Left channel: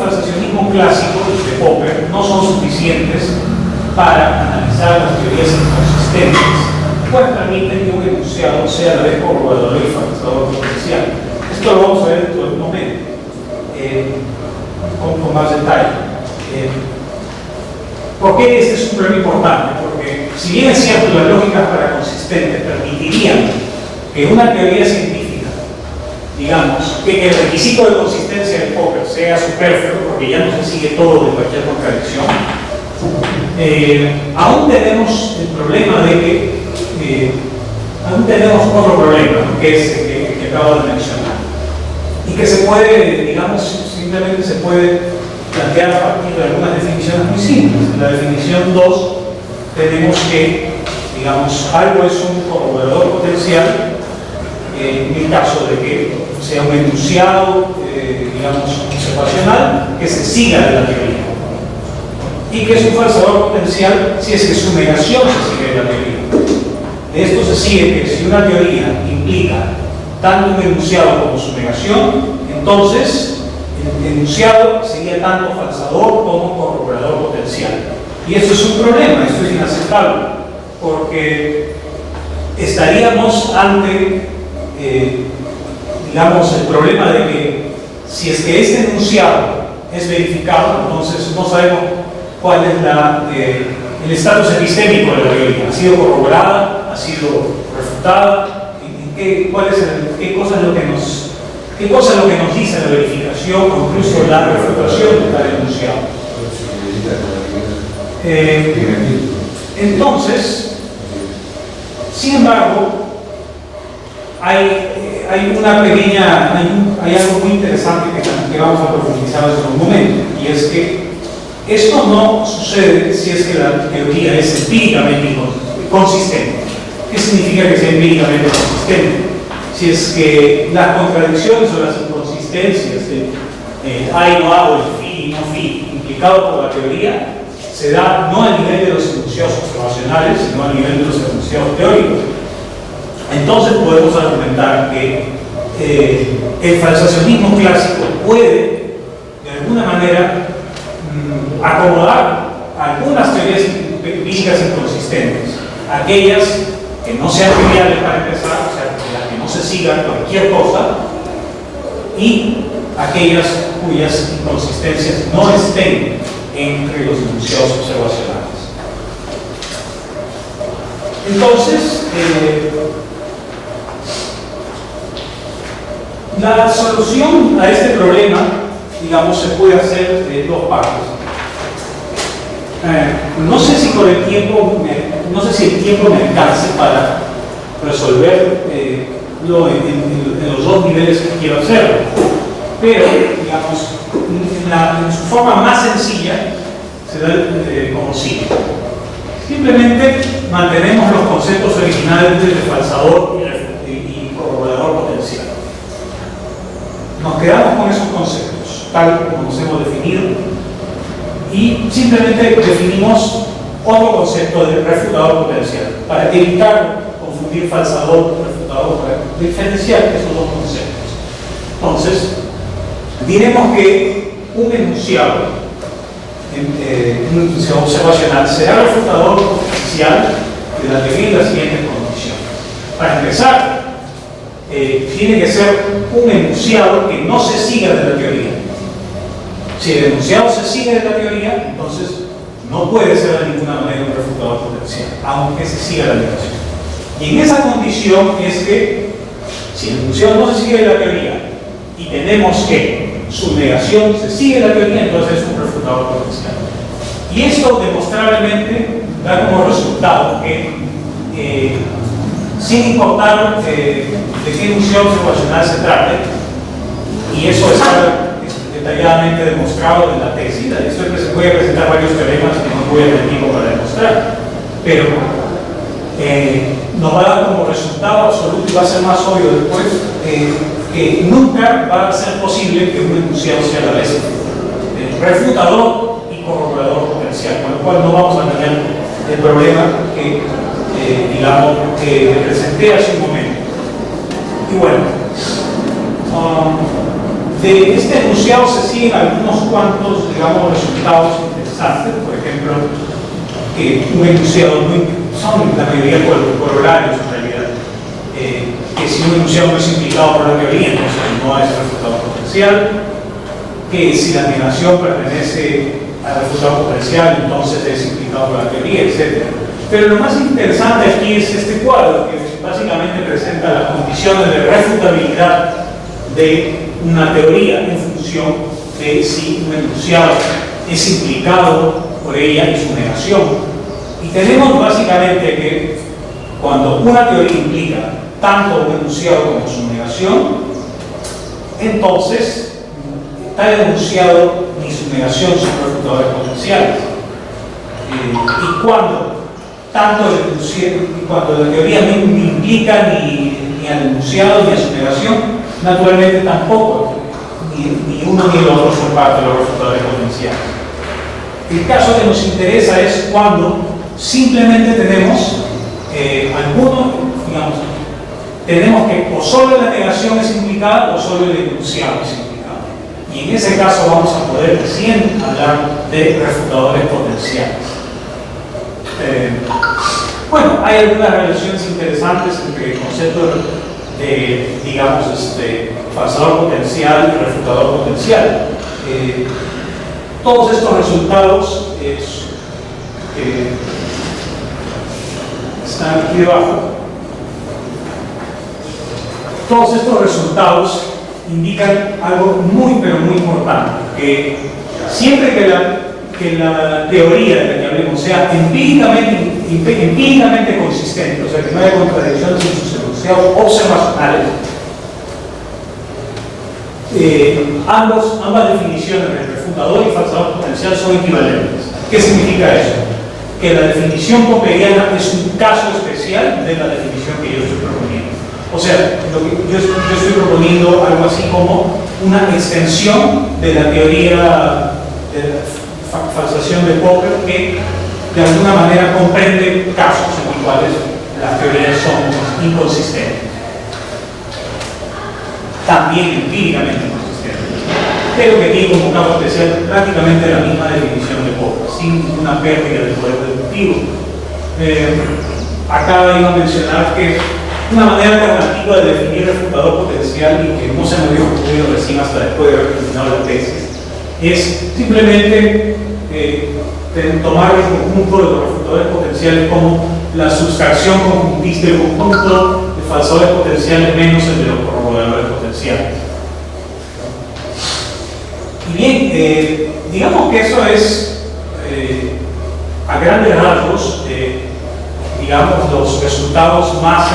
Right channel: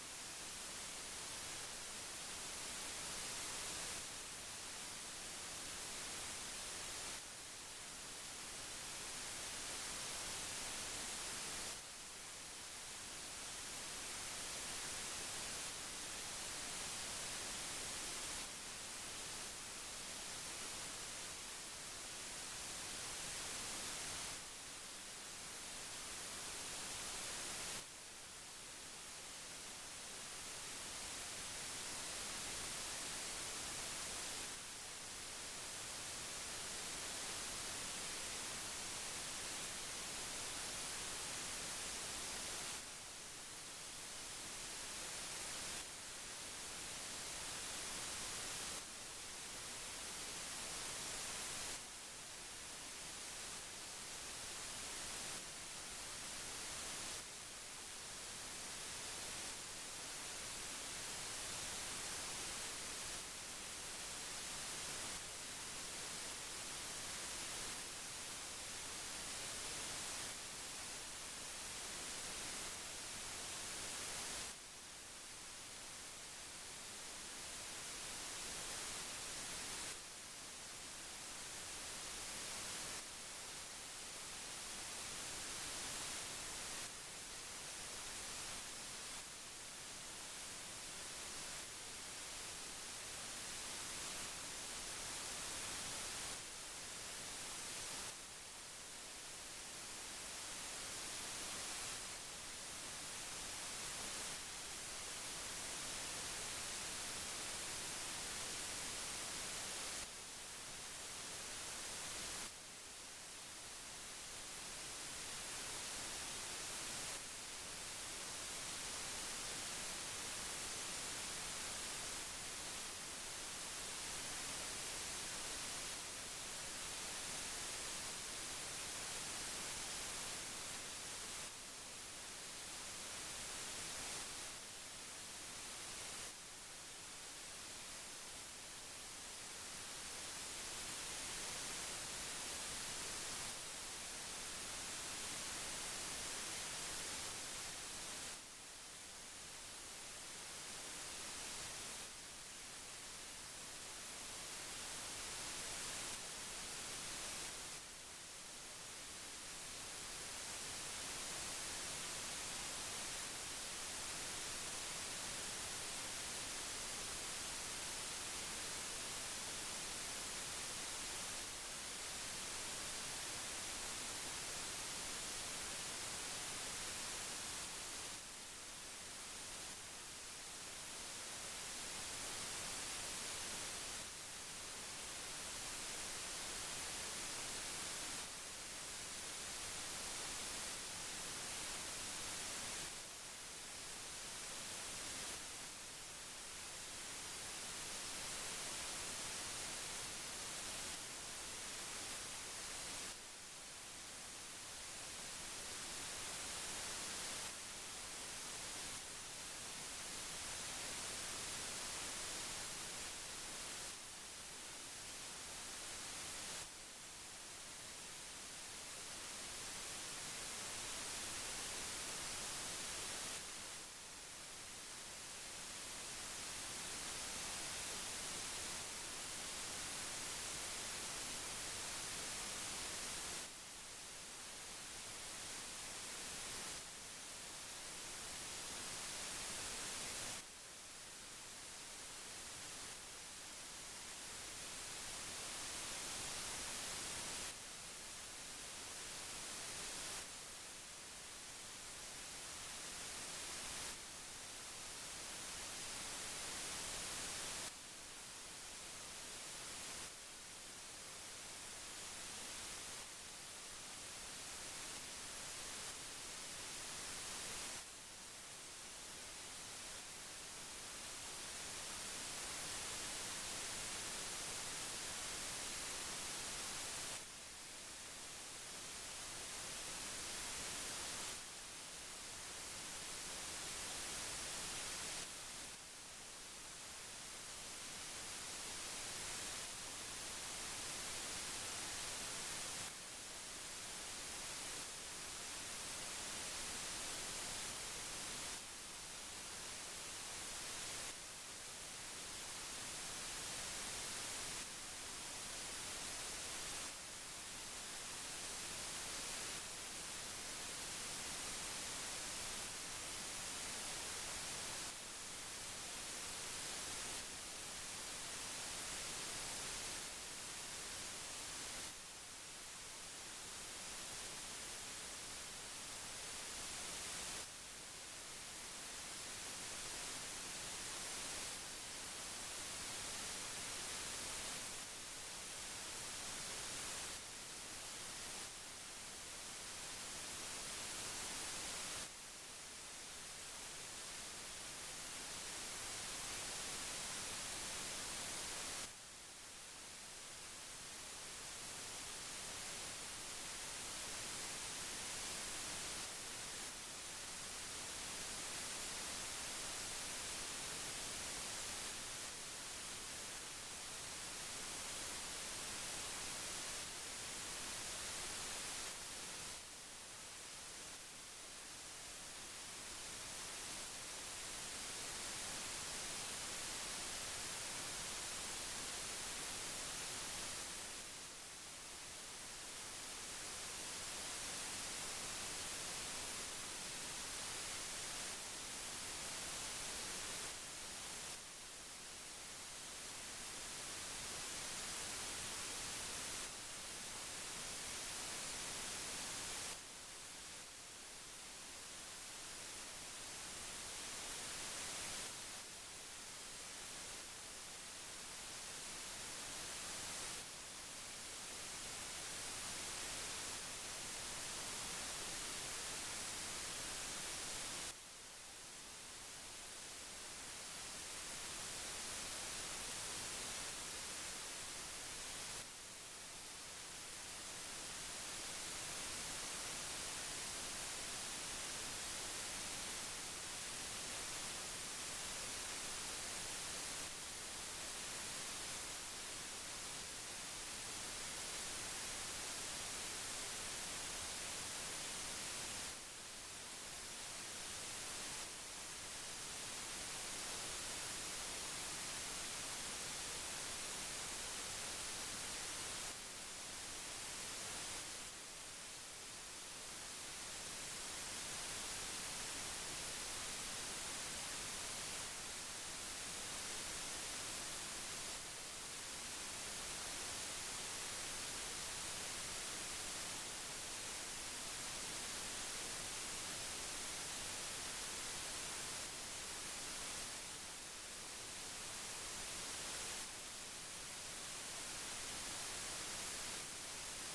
falsacionismo clásico de Popper no son suficientes para analizar las teorías inconsistentes, pues permiten que un enunciado sea a la vez corroborador y falsador potencial. Esto lo vamos a ver dentro de un momento, con más detalle. ¿Por qué este es un problema importante? Porque si bien es cierto, las lógicas paraconsistentes permitirían que una teoría científica, digamos, que el requisito de consistencia de Popper sea superfluo, porque ya no se sigue todo de cualquier contradicción, aún tenemos el problema de que aún tenemos otro problema, ¿no? Que es que acabo de mencionar, y que se puede, digamos, simplemente se puede plantear a partir de algunas definiciones muy simples. En la definición 2 tenemos que, digamos, algo es un corroborador potencial en el caso de que sea un enunciado, digamos, observacional que se siga de la teoría, y que es un falsador potencial si es que su negación se sigue de la teoría. De esto se sigue que si una teoría implica tanto un enunciado como su negación, entonces el enunciado sería tanto falsador como corroborador potencial. Y esto es un problema, esto es inaceptable, porque estaríamos ante, digamos, el problema de que si es que este enunciado es verificado, entonces no sabemos cuál es el estatus epistémico de la teoría. ¿Ha sido corroborada? ¿Ha sido refutada? ¿Qué cosa es lo que nos dice la verificación o incluso la refutación de tal enunciado? Entonces, sin embargo, hay algo muy interesante que vamos a profundizar en un momento, y es que esto no sucede si es que la teoría es empíricamente consistente. ¿Qué significa que sea empíricamente consistente? Si es que las contradicciones o las inconsistencias de hay, no hago, el fi y no fi, implicado por la teoría, se da no a nivel de los enunciados observacionales, sino a nivel de los enunciados teóricos. Entonces podemos argumentar que el falsacionismo clásico puede, de alguna manera, acomodar algunas teorías empíricas inconsistentes, aquellas que no sean triviales para empezar, o sea, las que no se sigan cualquier cosa, y aquellas cuyas inconsistencias no estén entre los enunciados observacionales. Entonces, la solución a este problema, digamos, se puede hacer de dos partes. No sé si por el tiempo, no sé si el tiempo me alcance para resolver en los dos niveles que quiero hacerlo, pero, digamos, en su forma más sencilla se da como sigue. Simplemente mantenemos los conceptos originales de falsador y corroborador potencial. Nos quedamos con esos conceptos, tal como los hemos definido, y simplemente definimos otro concepto de refutador potencial para evitar confundir falsador y refutador, para diferenciar esos dos conceptos. Entonces, diremos que un enunciado observacional será refutador potencial de la teoría en las siguientes condiciones. Para empezar, tiene que ser un enunciado que no se siga de la teoría. Si el enunciado se sigue de la teoría, entonces no puede ser de ninguna manera un refutador potencial, aunque se siga la negación. Y en esa condición es que, si el enunciado no se sigue de la teoría y tenemos que su negación se sigue de la teoría, entonces es un refutador potencial. Y esto demostrablemente da como resultado que, sin importar de qué enunciado observacional se trate, y eso está detalladamente demostrado en la tesis, se puede presentar varios teoremas que no voy a tener tiempo para demostrar, pero nos va a dar como resultado absoluto, y va a ser más obvio después, que nunca va a ser posible que un enunciado sea a la vez refutador y corroborador potencial, con lo cual no vamos a tener el problema que, digamos, que presenté hace un momento. Y bueno, De este enunciado se siguen algunos cuantos, digamos, resultados interesantes. Por ejemplo, que un enunciado son la mayoría corolarios en realidad. Que si un enunciado no es implicado por la teoría, entonces no es refutado potencial. Que si la negación pertenece al refutado potencial, entonces es implicado por la teoría, etc. Pero lo más interesante aquí es este cuadro, que básicamente presenta las condiciones de refutabilidad de una teoría en función de si un enunciado es implicado por ella y su negación. Y tenemos básicamente que cuando una teoría implica tanto un enunciado como su negación, entonces tal enunciado ni su negación son refutadores potenciales. Y cuando tanto el enunciado, cuando la teoría no implica ni al enunciado ni a su negación, naturalmente tampoco, ni uno ni el otro son parte de los refutadores potenciales. El caso que nos interesa es cuando simplemente tenemos tenemos que o solo la negación es implicada o solo el enunciado es implicado. Y en ese caso vamos a poder recién hablar de refutadores potenciales. Bueno, hay algunas relaciones interesantes entre el concepto de, digamos, falsador potencial y refutador potencial. Todos estos resultados están aquí debajo. Todos estos resultados indican algo muy, pero muy importante, que siempre que la teoría de la que hablemos sea empíricamente consistente, o sea, que no haya contradicciones en sus enunciados observacionales, ambas definiciones de refutador y falsador potencial son equivalentes. ¿Qué significa eso? Que la definición popperiana es un caso especial de la definición que yo estoy proponiendo. O sea, yo estoy proponiendo algo así como una extensión de la teoría de la falsación de Popper que de alguna manera comprende casos en los cuales las teorías son inconsistentes. También empíricamente inconsistentes. Pero que tiene como caso especial prácticamente la misma definición de Popper, sin ninguna pérdida del poder deductivo. Acá iba a mencionar que una manera alternativa de definir refutador potencial y que no se me había ocurrido recién hasta después de haber terminado la tesis es simplemente tomar el conjunto de los refutadores potenciales como la sustracción conjuntista del conjunto de falsadores potenciales menos el de los corroboradores potenciales. Y bien, digamos que eso es a grandes rasgos digamos, los resultados más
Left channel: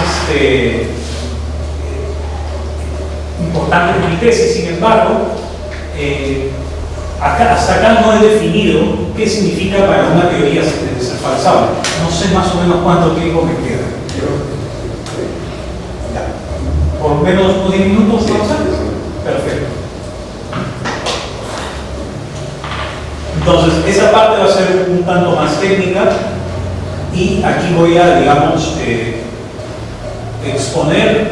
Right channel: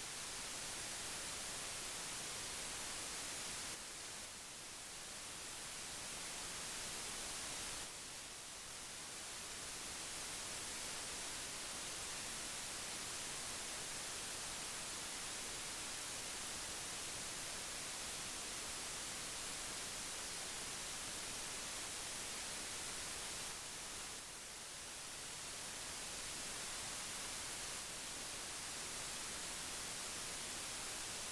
importantes de mi tesis. Sin embargo, hasta acá no he definido qué significa para una teoría ser falsable. No sé más o menos cuánto tiempo me queda. Por menos de 10 minutos, ¿no? Perfecto. Entonces, esa parte va a ser un tanto más técnica. Y aquí voy a, digamos, exponer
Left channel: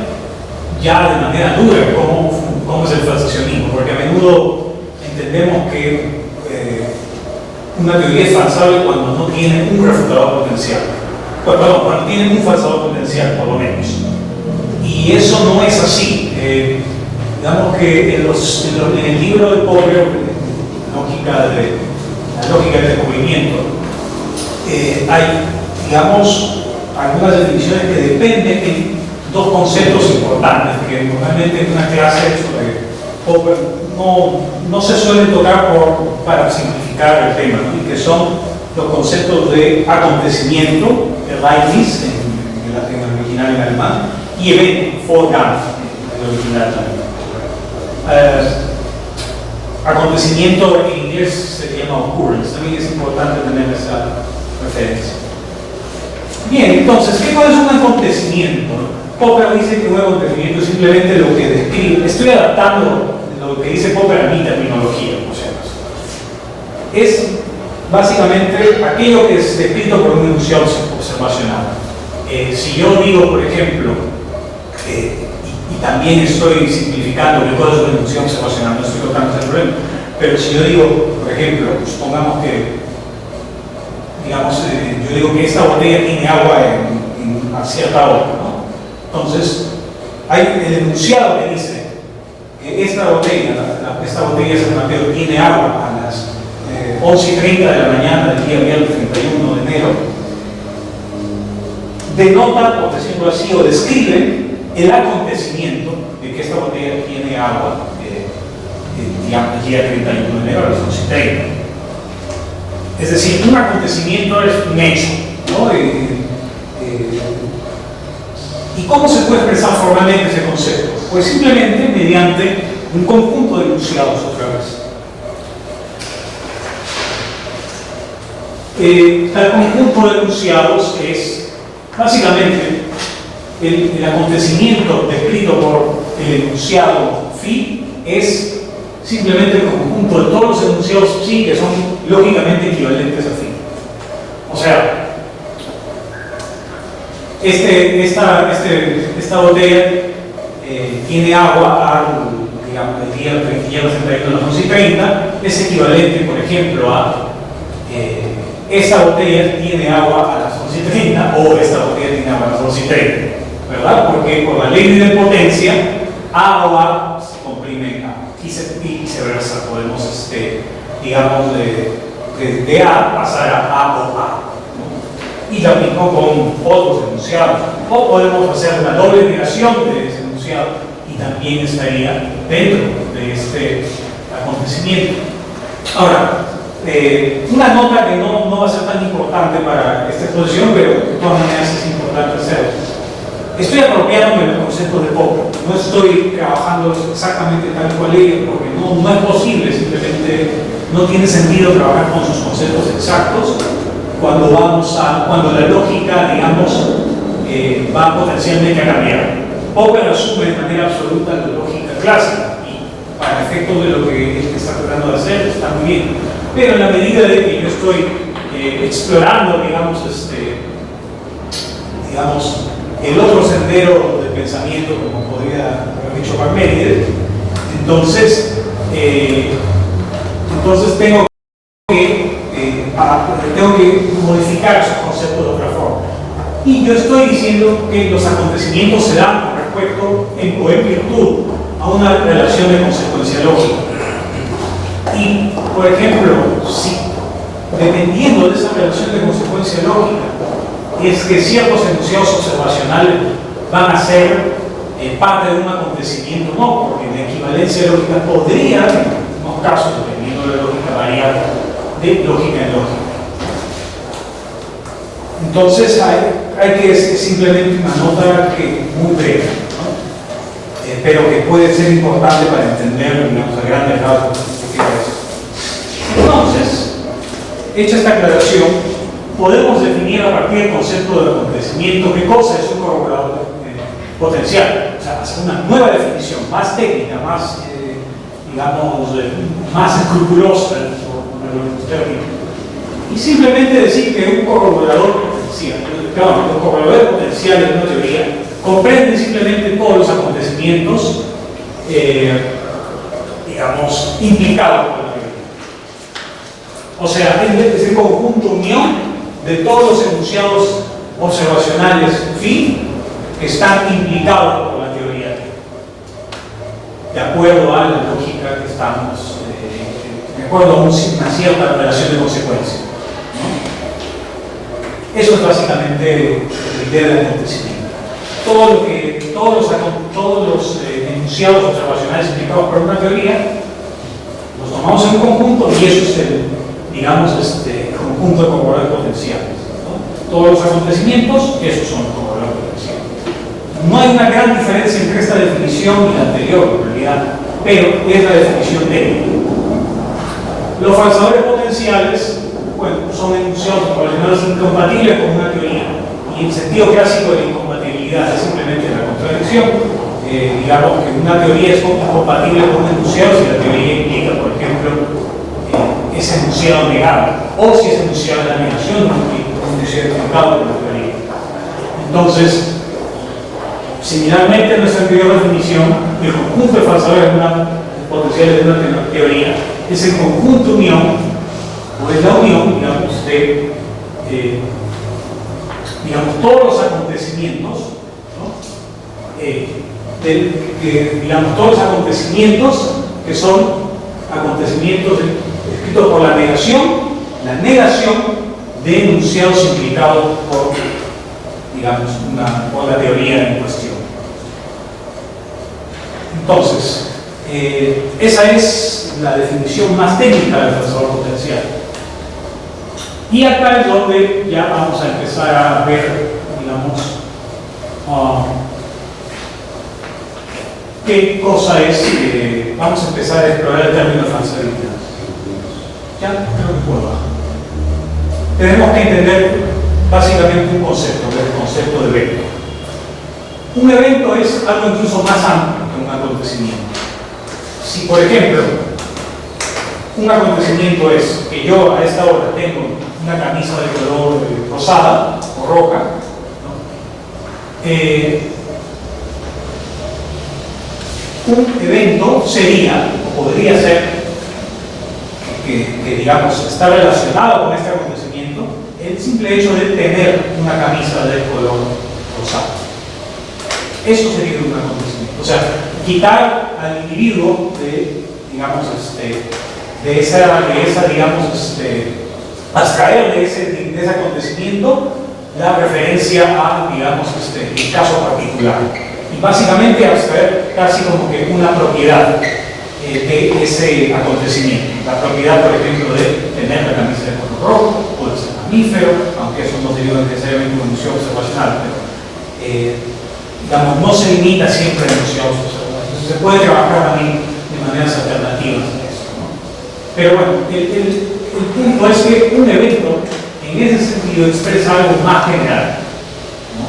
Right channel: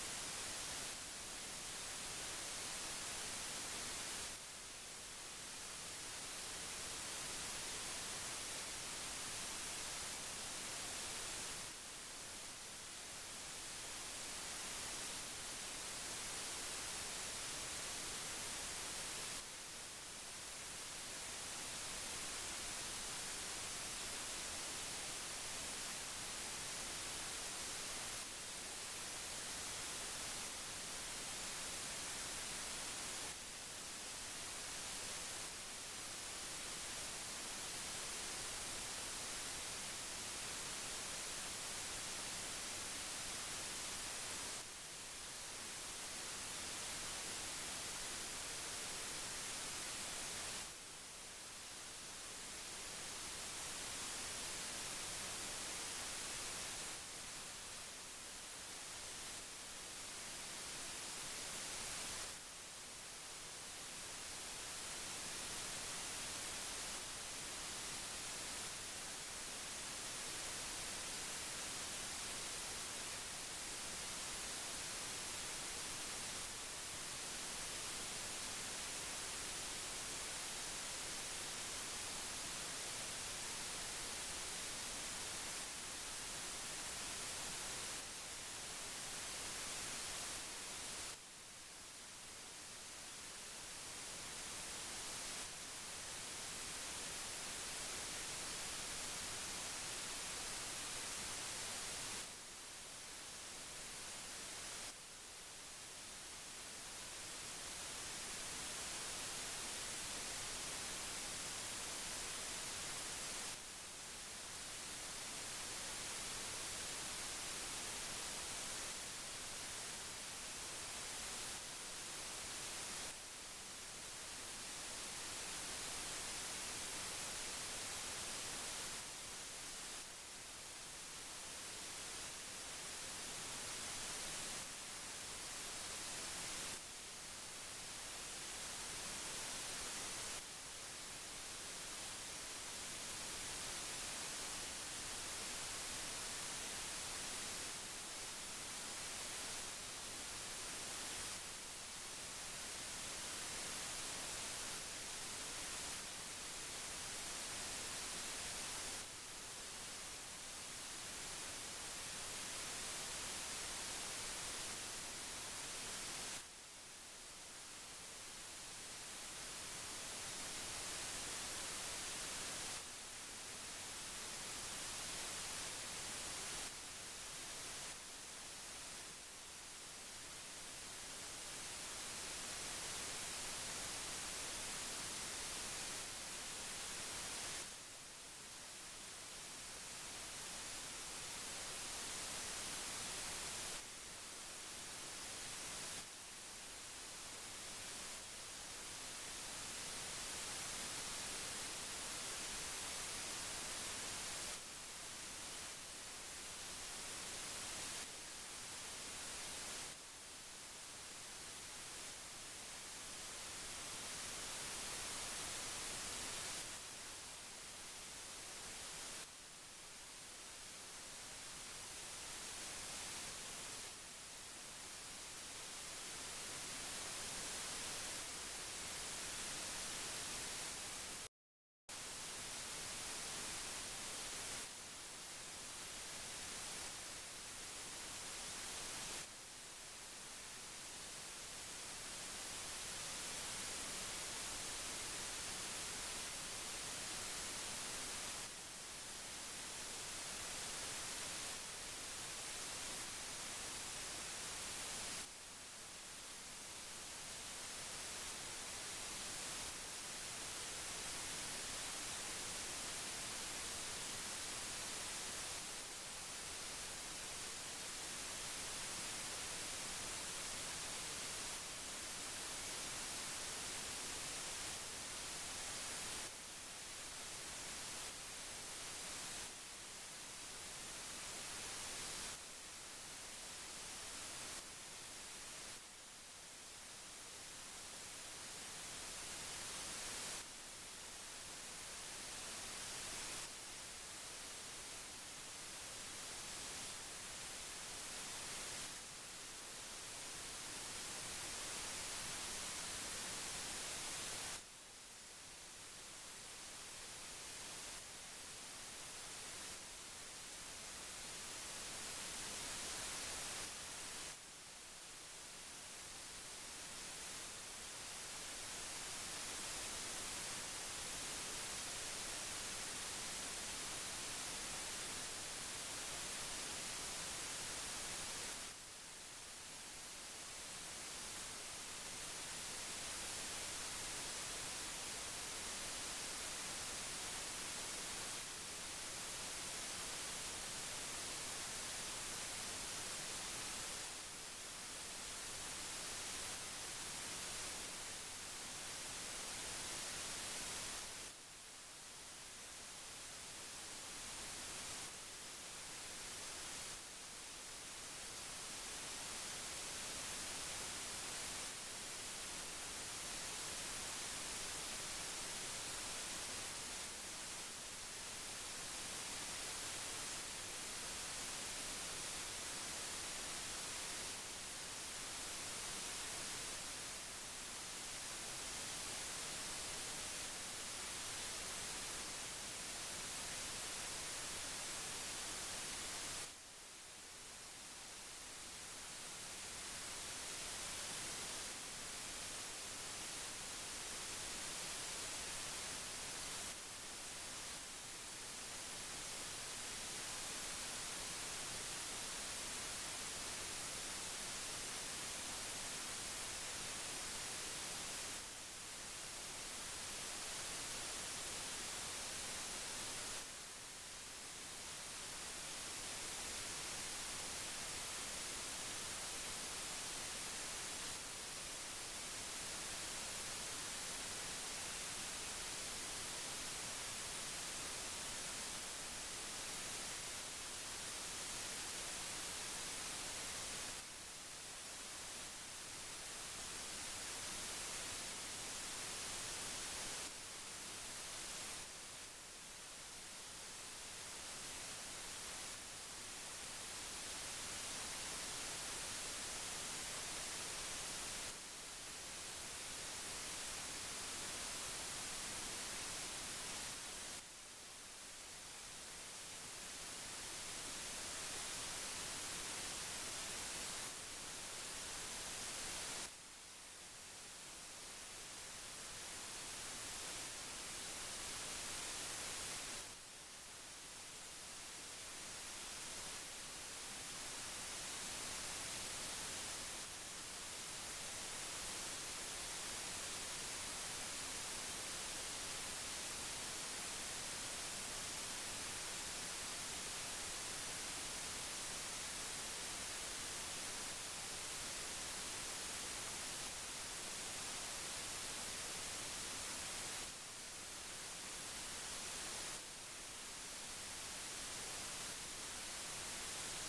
ya de manera dura cómo es el falsacionismo, porque a menudo entendemos que una teoría es falsable cuando no tiene un refutador potencial. Perdón, cuando tiene un falsador potencial, por lo menos. Y eso no es así. Digamos que en el libro de Popper, la lógica del descubrimiento, hay, digamos, algunas definiciones que dependen de dos conceptos importantes que normalmente en una clase sobre Popper no se suelen tocar para simplificar el tema, ¿no? Y que son los conceptos de acontecimiento, Ereignis en el original en alemán, y evento, Vorgang en el original alemán. Acontecimiento en inglés se llama occurrence, también es importante tener esa referencia. Bien, entonces, ¿qué es un acontecimiento? Popper dice que un acontecimiento es simplemente lo que describe. Estoy adaptando lo que dice Popper a mi terminología, o sea, es básicamente aquello que es descrito por un enunciado observacional. Si yo digo, por ejemplo, y también estoy simplificando el código de deducción observacional, no estoy tocando ese problema, pero si yo digo, por ejemplo, supongamos que, digamos, yo digo que esta botella tiene agua a cierta hora, ¿no? Entonces, hay el enunciado que dice que esta botella de San Mateo tiene agua a las 11:30 de la mañana del día viernes 31 de enero, denota, por decirlo así, o describe el acontecimiento de que esta botella tiene agua el día 31 de enero a las 11:30. Es decir, un acontecimiento es un hecho, ¿no? ¿Y cómo se puede expresar formalmente ese concepto? Pues simplemente mediante un conjunto de enunciados otra vez. El conjunto de enunciados es básicamente el acontecimiento descrito por el enunciado phi es simplemente el conjunto de todos los enunciados psi que son lógicamente equivalentes a phi. O sea, esta botella tiene agua digamos, el día 31 a las 11:30, es equivalente, por ejemplo, a esta botella tiene agua a las 11:30 o esta botella tiene agua a las 11:30, ¿verdad? Porque por la ley de idempotencia, agua se comprime a y viceversa. Podemos, digamos, de A pasar a o A, ¿no? Y lo aplico con otros enunciados. O podemos hacer una doble negación de ese enunciado y también estaría dentro de este acontecimiento. Ahora, una nota que no va a ser tan importante para esta exposición, pero de todas maneras es importante hacerlo. Estoy apropiándome del concepto de Popper. No estoy trabajando exactamente tal cual ellos, porque no es posible, simplemente no tiene sentido trabajar con sus conceptos exactos cuando la lógica, digamos, va potencialmente a cambiar. Popper asume de manera absoluta la lógica clásica y para efectos de lo que él está tratando de hacer está muy bien. Pero en la medida de que yo estoy explorando, digamos, el otro sendero de pensamiento, como podría haber dicho Parménides, entonces tengo que modificar esos conceptos de otra forma. Y yo estoy diciendo que los acontecimientos se dan con respecto o en virtud a una relación de consecuencia lógica. Y, por ejemplo, si dependiendo de esa relación de consecuencia lógica, es que ciertos enunciados observacionales van a ser parte de un acontecimiento, no, porque la equivalencia lógica podría, en algunos casos, dependiendo de la lógica, variar de lógica en lógica. Entonces, hay que es simplemente una nota muy breve, ¿no? Pero que puede ser importante para entender, digamos, a grandes rasgos qué es. Entonces, hecha esta aclaración, podemos definir a partir del concepto del acontecimiento qué cosa es un corroborador potencial. O sea, hacer una nueva definición, más técnica, más, digamos, más escrupulosa, por los términos. Y simplemente decir que un corroborador potencial, los corroboradores potenciales de una teoría comprenden simplemente todos los acontecimientos, digamos, implicados por la teoría. O sea, es el conjunto unión de todos los enunciados observacionales phi que están implicados por la teoría, de acuerdo a la lógica que estamos, de acuerdo a una cierta relación de consecuencia, ¿no? Eso es básicamente la idea del acontecimiento. Todos los enunciados observacionales implicados por una teoría los tomamos en un conjunto y eso es digamos, conjunto de corroboradores potenciales, ¿no? Todos los acontecimientos, esos son los corroboradores potenciales. No hay una gran diferencia entre esta definición y la anterior, en realidad, pero es la definición técnica. Los falsadores potenciales, bueno, son enunciados observacionales incompatibles con una teoría, y en sentido clásico de la incompatibilidad es simplemente la contradicción. Digamos que una teoría es incompatible con un enunciado si la teoría implica, por ejemplo, ese enunciado negado, o si ese enunciado es la negación de un enunciado negado por la teoría. Entonces, Similarmente, en nuestra anterior definición, el conjunto de falsadores potenciales de una teoría es el conjunto unión, o es la unión, digamos, de todos los acontecimientos, ¿no? Digamos, todos los acontecimientos que son acontecimientos descritos por la negación de enunciados implicados por, digamos, por la teoría en cuestión. Entonces, esa es la definición más técnica del falsador potencial. Y acá es donde ya vamos a empezar a ver, digamos, qué cosa es, vamos a empezar a explorar el término de falsabilidad. Ya creo que puedo bajar. Tenemos que entender básicamente un concepto, que es el concepto de evento. Un evento es algo incluso más amplio que un acontecimiento. Si, por ejemplo, un acontecimiento es que yo a esta hora tengo una camisa de color rosada o roja, ¿no? Un evento sería, o podría ser, que digamos está relacionado con este acontecimiento, el simple hecho de tener una camisa de color rosado. Eso sería un acontecimiento. O sea, quitar al individuo de, digamos, de esa digamos, abstraer de ese acontecimiento la referencia a, digamos, el caso particular. Y básicamente abstraer casi como que una propiedad de ese acontecimiento. La propiedad, por ejemplo, de tener la camisa de color rojo, puede ser mamífero, aunque eso no sería necesariamente una noción observacional, pero digamos, no se limita siempre a la noción observacional. Entonces se puede trabajar también de maneras alternativas a eso, ¿no? Pero bueno, el punto es que un evento, en ese sentido, expresa algo más general, ¿no?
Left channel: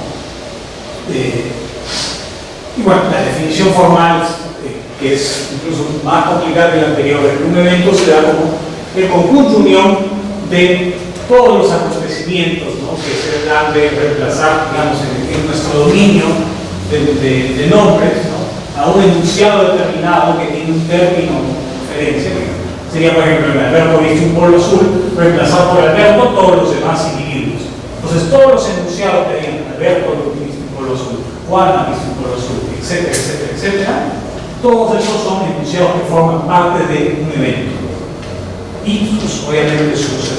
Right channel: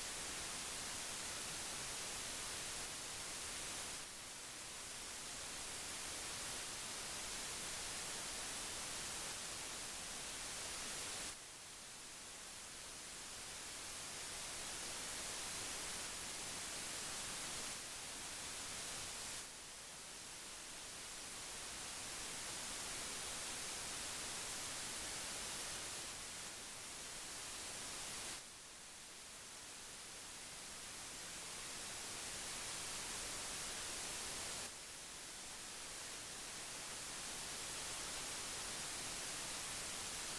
Y bueno, la definición formal, que es incluso más complicada que la anterior, un evento se da como el conjunto unión de todos los acontecimientos, ¿no? Que se dan de reemplazar, digamos, en nuestro dominio de nombres, ¿no? A un enunciado determinado que tiene un término de referencia, que sería, por ejemplo, el Alberto viste un polo azul, reemplazar por Alberto todos los demás individuos. Entonces, todos los enunciados que digan Alberto viste un polo azul, Juana viste un polo azul, etcétera, etcétera, etcétera, todos esos son enunciados que forman parte de un evento. Y obviamente sus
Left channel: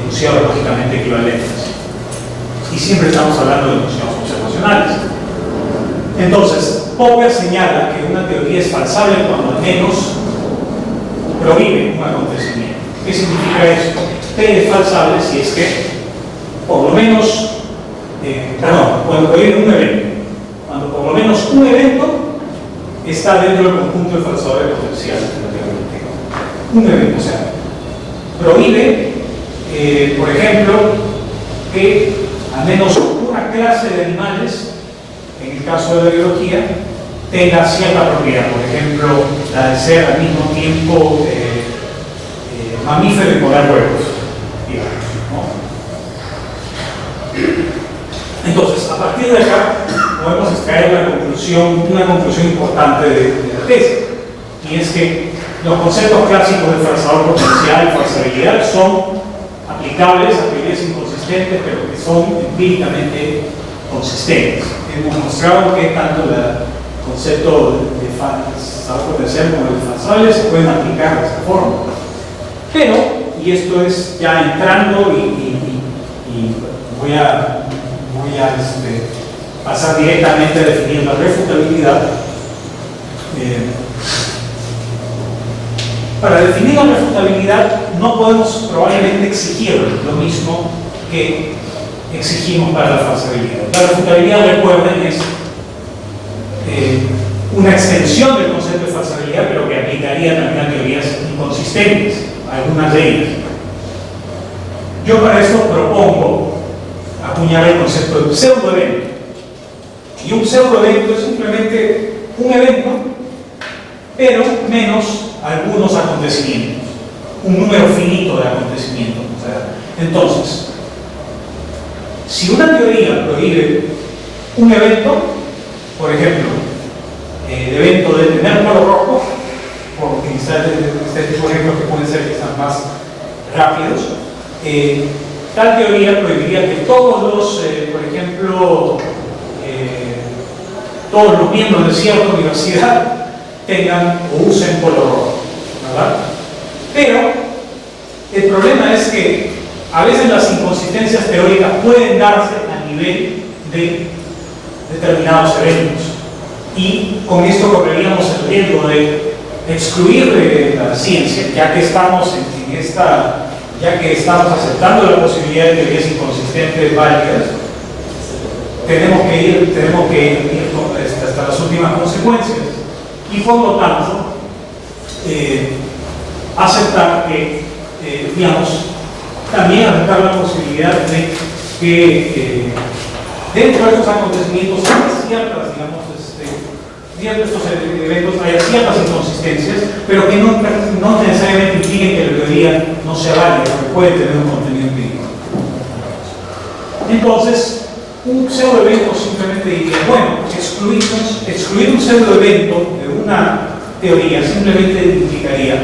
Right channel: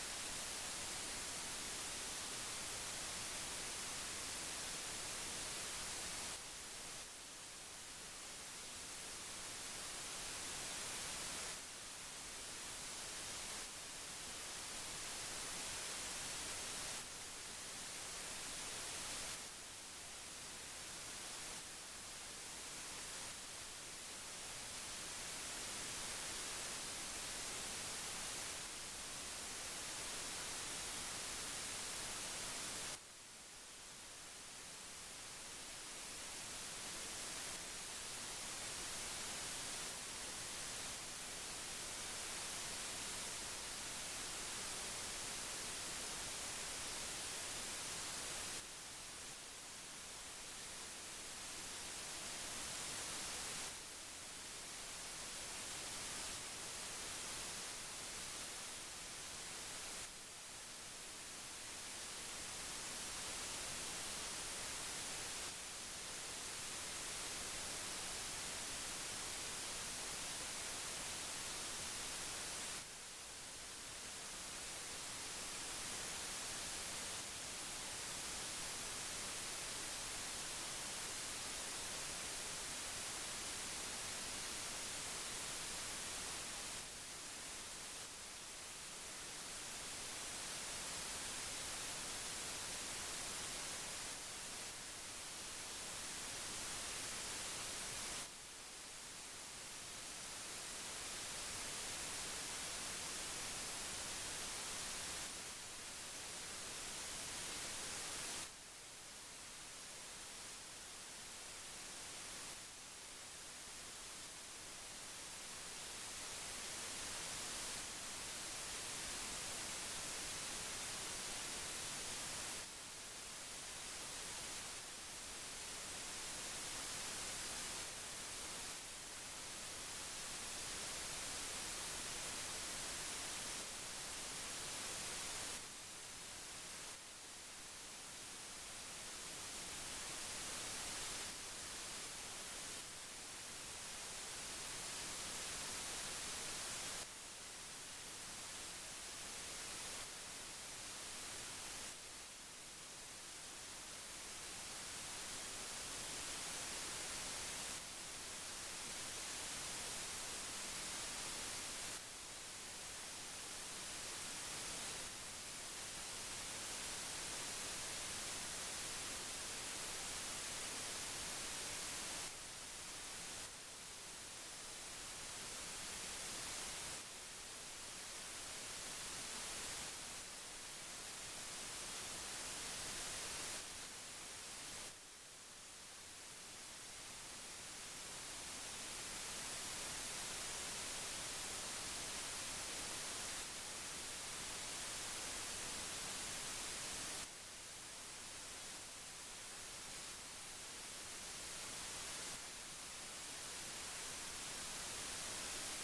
enunciados lógicamente equivalentes. Y siempre estamos hablando de enunciados observacionales. Entonces, Popper señala que una teoría es falsable cuando al menos prohíbe un acontecimiento. ¿Qué significa esto? P es falsable si es que, por lo menos, cuando prohíbe un evento. Cuando por lo menos un evento está dentro del conjunto de falsadores potenciales de la teoría. Un evento, o sea, prohíbe, por ejemplo, que al menos una clase de animales, en el caso de la biología, tenga cierta propiedad. Por ejemplo, la de ser al mismo tiempo mamífero y poner huevos, digamos, ¿no? Entonces, a partir de acá, podemos extraer una conclusión importante de la tesis, y es que los conceptos clásicos de falsador potencial y falsabilidad son aplicables a teorías inconsistentes, pero que son empíricamente consistentes. Hemos mostrado que tanto el concepto de falsador potencial como el de falsable se pueden aplicar de esta forma. Pero, y esto es ya entrando y voy a pasar directamente a definir la refutabilidad. Para definir la refutabilidad no podemos probablemente exigir lo mismo que exigimos para la falsabilidad. La refutabilidad, recuerden, es una extensión del concepto de falsabilidad, pero que aplicaría también a teorías inconsistentes, algunas de ellas. Yo para esto propongo acuñar el concepto de pseudoevento. Y un pseudoevento es simplemente un evento, pero menos algunos acontecimientos, un número finito de acontecimientos. O sea, entonces, si una teoría prohíbe un evento, por ejemplo, el evento de tener polo rojo, por utilizar este tipo de ejemplos que pueden ser quizás más rápidos, tal teoría prohibiría que todos los, por ejemplo, todos los miembros de cierta universidad tengan o usen polo rojo, ¿verdad? Pero el problema es que a veces las inconsistencias teóricas pueden darse a nivel de determinados eventos, y con esto correríamos el riesgo de excluir de la ciencia, ya que estamos ya que estamos aceptando la posibilidad de teorías inconsistentes válidas. Tenemos que ir hasta las últimas consecuencias, y por lo tanto aceptar que, digamos, también aceptar la posibilidad de que dentro de estos acontecimientos hay ciertas, digamos, dentro de estos eventos hay ciertas inconsistencias, pero que no necesariamente impliquen que la teoría no sea válida, porque puede tener un contenido empírico. Entonces, un pseudoevento simplemente diría, bueno, excluir un pseudoevento de una teoría simplemente implicaría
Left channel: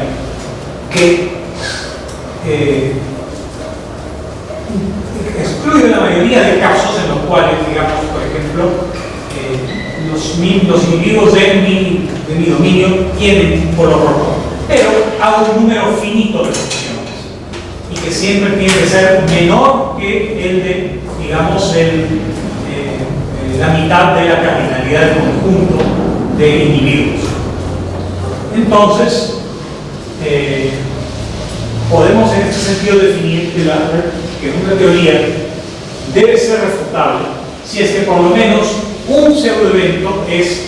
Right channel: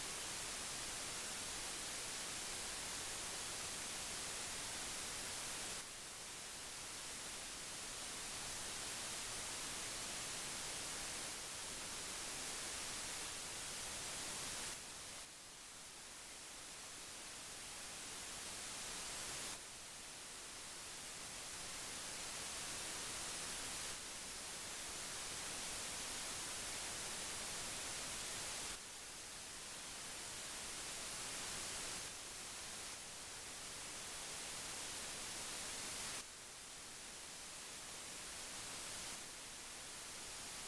que excluye la mayoría de casos en los cuales, digamos, por ejemplo, los individuos de mi dominio tienen un polo rojo, pero a un número finito de opciones, y que siempre tiene que ser menor que el de, digamos, la mitad de la cardinalidad del conjunto de individuos. Entonces, podemos en este sentido definir que una teoría debe ser refutable si es que por lo menos un pseudoevento es,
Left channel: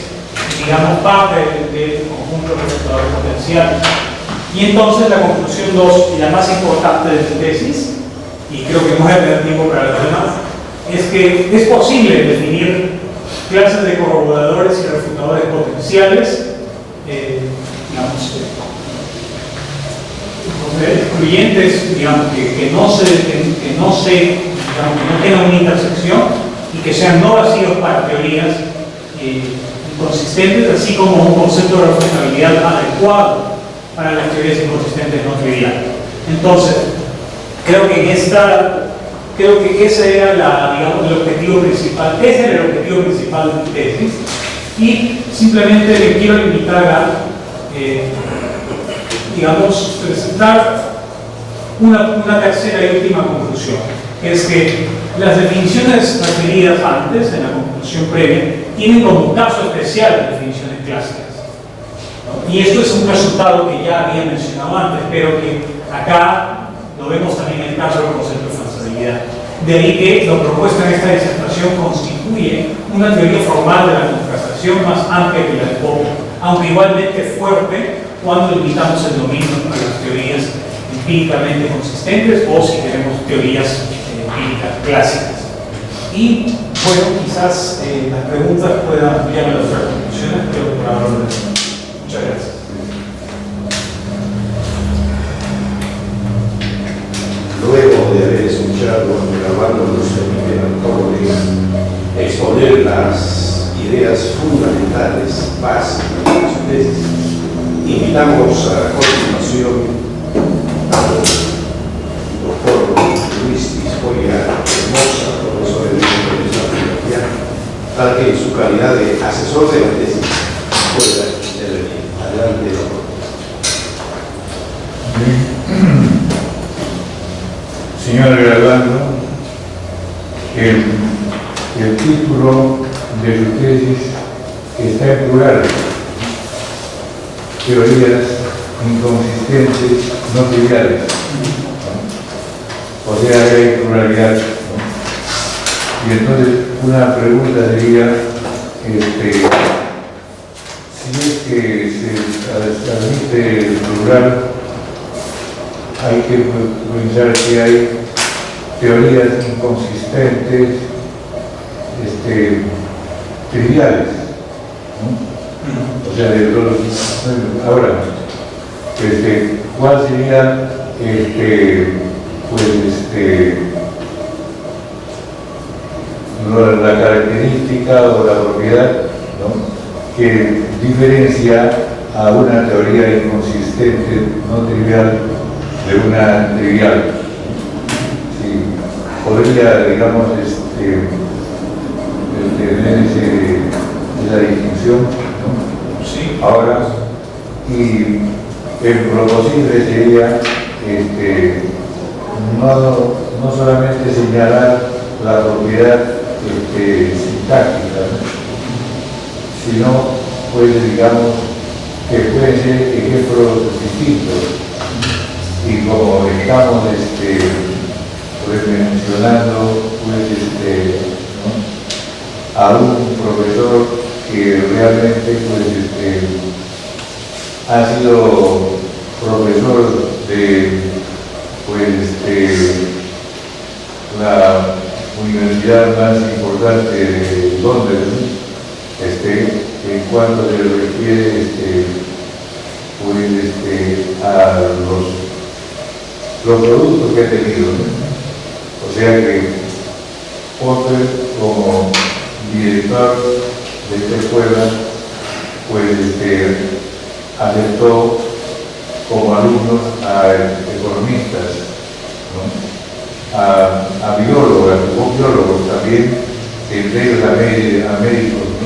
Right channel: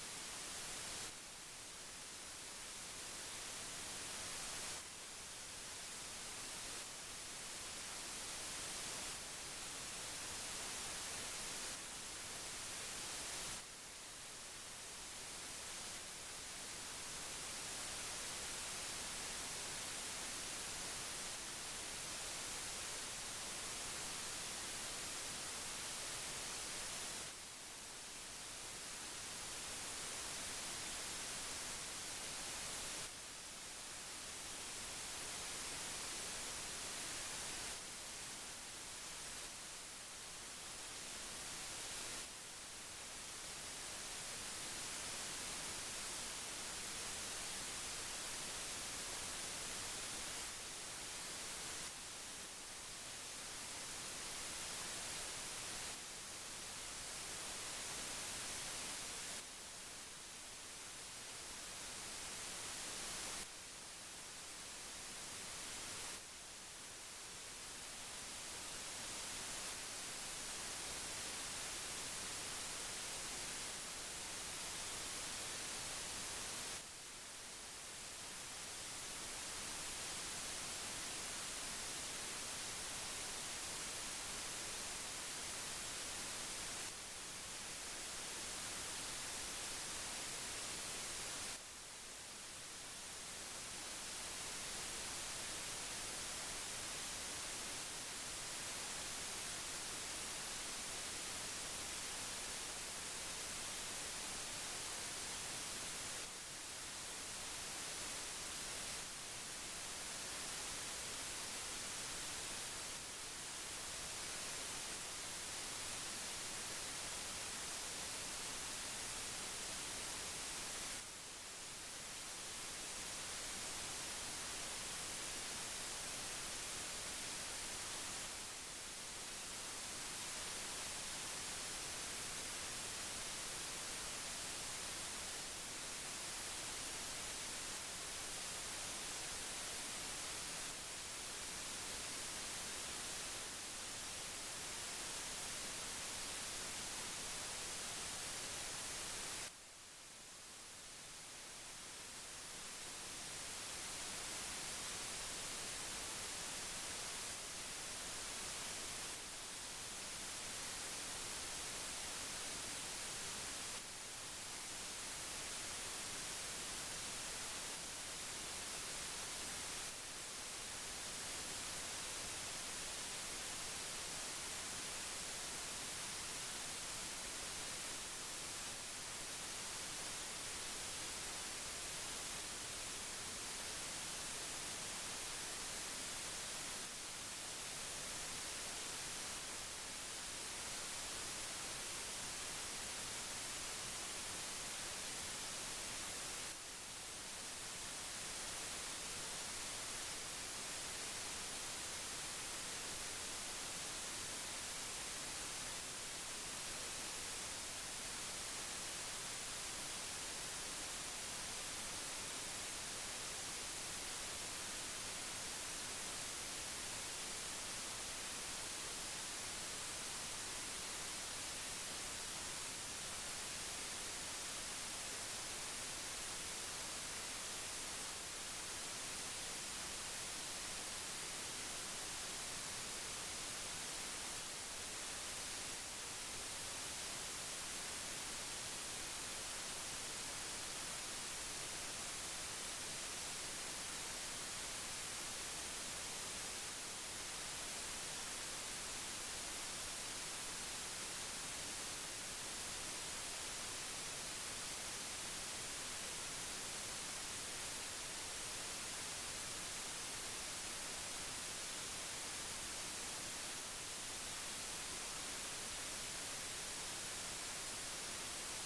digamos, parte del conjunto refutador potencial. Y entonces la conclusión 2, y la más importante de mi tesis, y creo que no voy a tener tiempo para los demás, es que es posible definir clases de corroboradores y refutadores potenciales, digamos, excluyentes, digamos, que no tengan una intersección y que sean no vacíos para teorías inconsistentes, así como un concepto de refutabilidad adecuado para las teorías inconsistentes no triviales. Entonces, creo que ese era digamos, el objetivo principal. Ese era el objetivo principal de mi tesis, y simplemente le quiero limitar a digamos, presentar una tercera y última conclusión, que es que las definiciones referidas antes, en la conclusión previa, tienen como un caso especial de definiciones clásicas, ¿no? Y esto es un resultado que ya había mencionado antes, pero que acá lo vemos también en el caso del concepto de falsabilidad. De ahí que lo propuesto en esta disertación constituye una teoría formal de la contrastación más amplia que la de Popper, aunque igualmente fuerte cuando limitamos el dominio a las teorías empíricamente consistentes, o si queremos teorías empíricas clásicas. Y bueno, quizás las preguntas puedan ampliar las otras conclusiones, pero por ahora lo dejo. Muchas gracias. Luego de haber escuchado a Armando Luciano Antoro exponer las ideas fundamentales básicas de su tesis, invitamos a continuación al doctor Luis Tiscoya Hermosa, profesor de Filosofía, para que en su calidad de asesor de la tesis pueda intervenir. Adelante, doctor. Señor graduando, el título de su tesis está en plural: teorías inconsistentes no triviales, ¿no? O sea, hay pluralidad, ¿no? Y entonces una pregunta sería, si es que se admite el plural, hay que pensar que hay teorías inconsistentes triviales, ¿no? O sea, de todos. Ahora, ¿cuál sería la característica o la propiedad, ¿no?, ¿no?, que diferencia a una teoría inconsistente, no trivial, de una trivial. Sí, podría, digamos, tener esa distinción, ¿no? Sí. Ahora, y lo posible sería no solamente señalar la propiedad sintáctica, ¿no?, sino, pues, digamos, que pueden ser ejemplos distintos. Y como estamos pues, mencionando pues, ¿no?, a un profesor que realmente pues, ha sido profesor de pues, la universidad más importante de Londres, ¿no?, en cuanto se refiere pues, a los productos que ha tenido, ¿no? O sea que Popper, como director de esta escuela, pues aceptó como alumnos a economistas, ¿no?, a biólogos también, entre ellos a médicos, ¿no?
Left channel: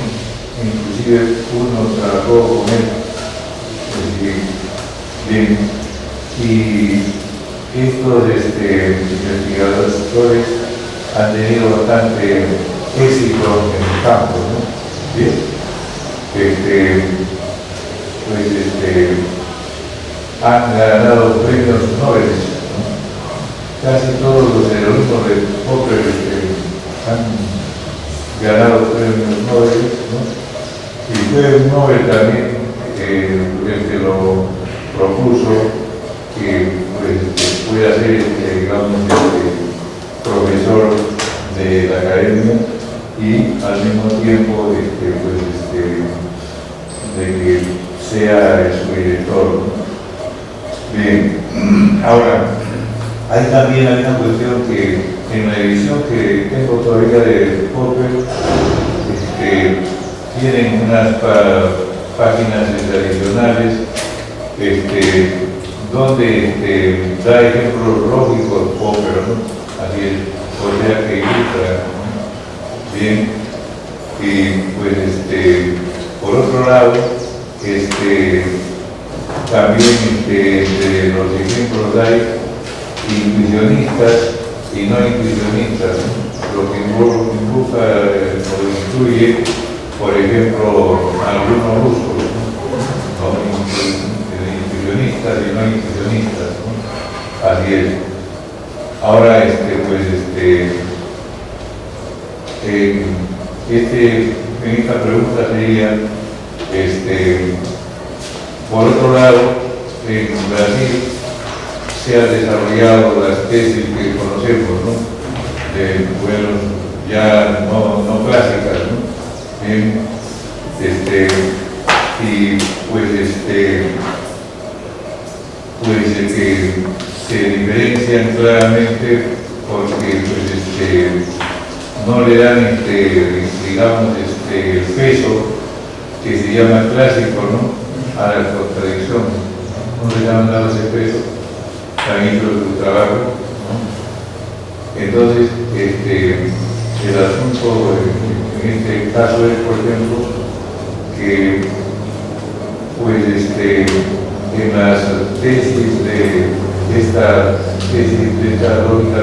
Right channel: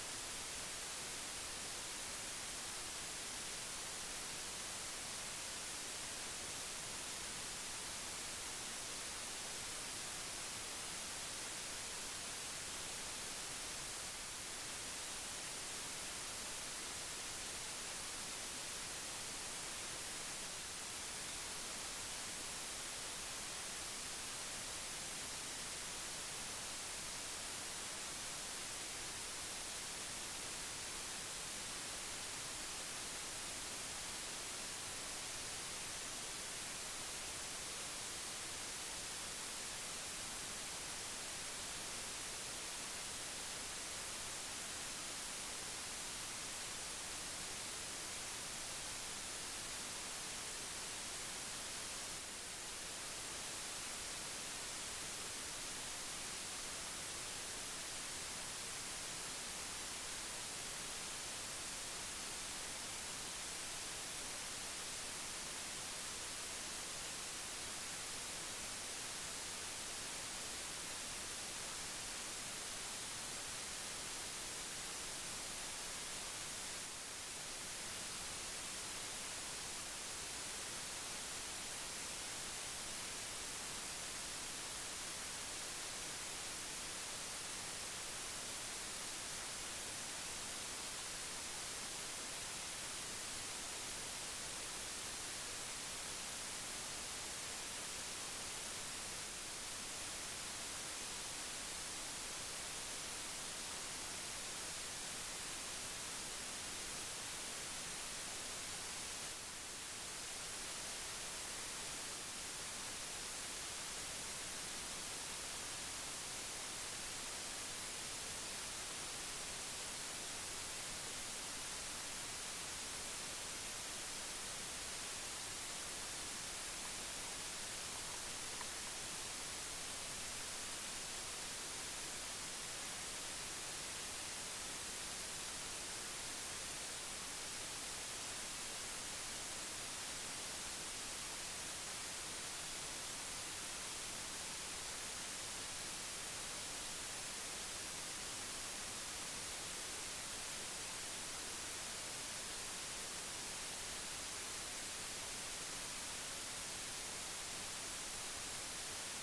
Inclusive uno trabajó con él. Bien, y estos investigadores han tenido bastante éxito en el campo, ¿no? Bien, pues han ganado premios Nobel, ¿no? Casi todos los alumnos de Popper han ganado premios Nobel, ¿no? Y fue Nobel también el que lo propuso, que pues, pueda ser, digamos, profesor de la academia y al mismo tiempo pues, de que sea su director, ¿no? Bien, ahora, hay también una cuestión que en la edición que tengo todavía de Popper, tienen unas páginas adicionales donde da ejemplos lógicos Popper, ¿no? Así es, o sea que ilustra, ¿no? Bien, y pues por otro lado, también entre los ejemplos hay intuicionistas y no intuicionistas, ¿no? Lo que involucra o incluye, por ejemplo, algunos rusos, ¿no? Intuicionistas y no intuicionistas, ¿no? Así es. Ahora, pues, en esta pregunta sería, por otro lado, en Brasil se han desarrollado las tesis que conocemos, ¿no? Bueno, ya no clásicas, ¿no? Bien, y pues que se diferencian claramente porque pues no le dan digamos el peso que se llama clásico, ¿no?, a la contradicción, no le han dado ese peso, han hecho su trabajo, ¿no? Entonces el asunto en este caso es, por ejemplo, que pues en las tesis de esta lógica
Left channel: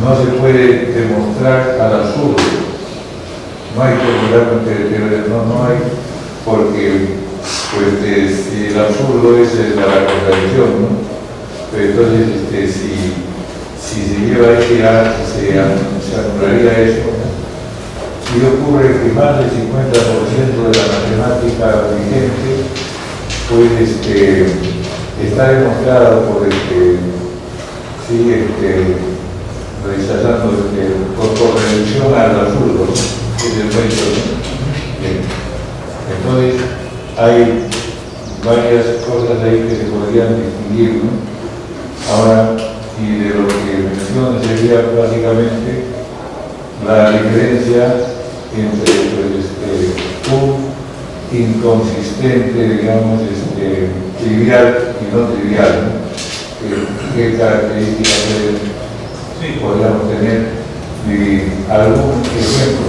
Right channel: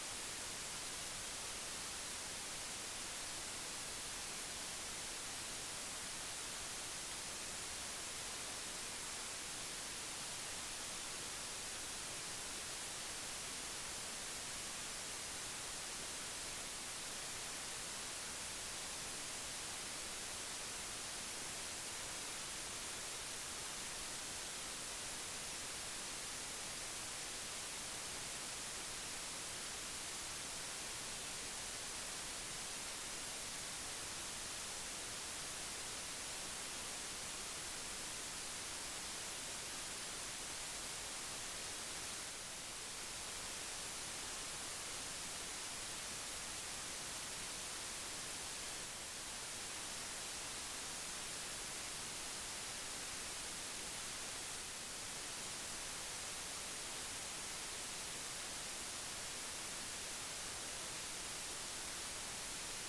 no se puede demostrar al absurdo. No hay que no hay, porque pues si el absurdo es la contradicción, ¿no? Pero entonces si se lleva se anularía eso. Y ocurre que más del 50% de la matemática vigente pues está demostrado por rechazando por reducción al absurdo, que es el hecho, ¿no? Bien. Entonces hay varias cosas ahí que se podrían distinguir, ¿no? Ahora, y de lo que menciono sería básicamente la diferencia entre inconsistente, digamos, trivial y no trivial, ¿no? ¿Qué características podríamos tener? Y algún ejemplo,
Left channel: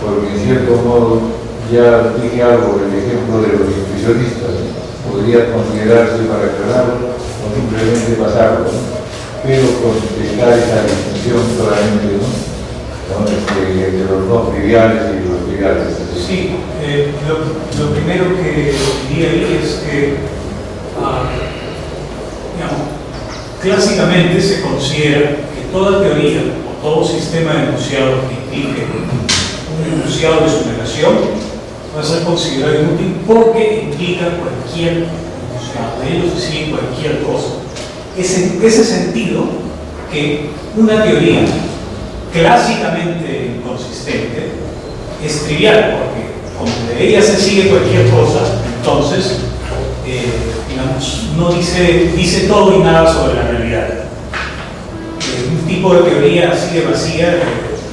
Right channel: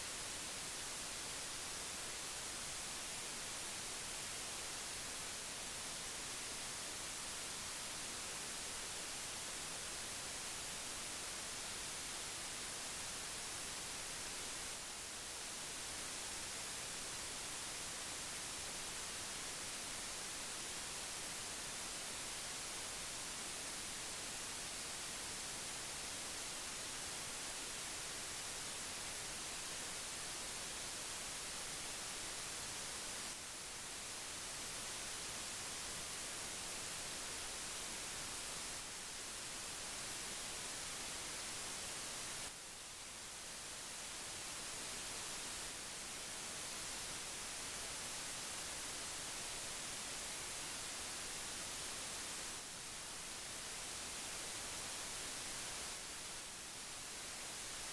porque en cierto modo ya dije algo, el ejemplo de los impresionistas, ¿no? Podría considerarse para aclararlo o simplemente pasarlo, ¿no? Pero con dejar esa distinción solamente, ¿no? Entre los no triviales y los triviales. Sí, lo primero que diría ahí es que, digamos, clásicamente se considera que toda teoría o todo sistema de enunciados que implique un enunciado de su negación va a ser considerado inútil porque implica cualquier enunciado, de ellos sí cualquier cosa. Es en ese sentido que una teoría clásicamente inconsistente es trivial, porque como de ella se sigue cualquier cosa, entonces digamos, no dice todo y nada sobre la realidad. Un tipo de teoría así de vacía,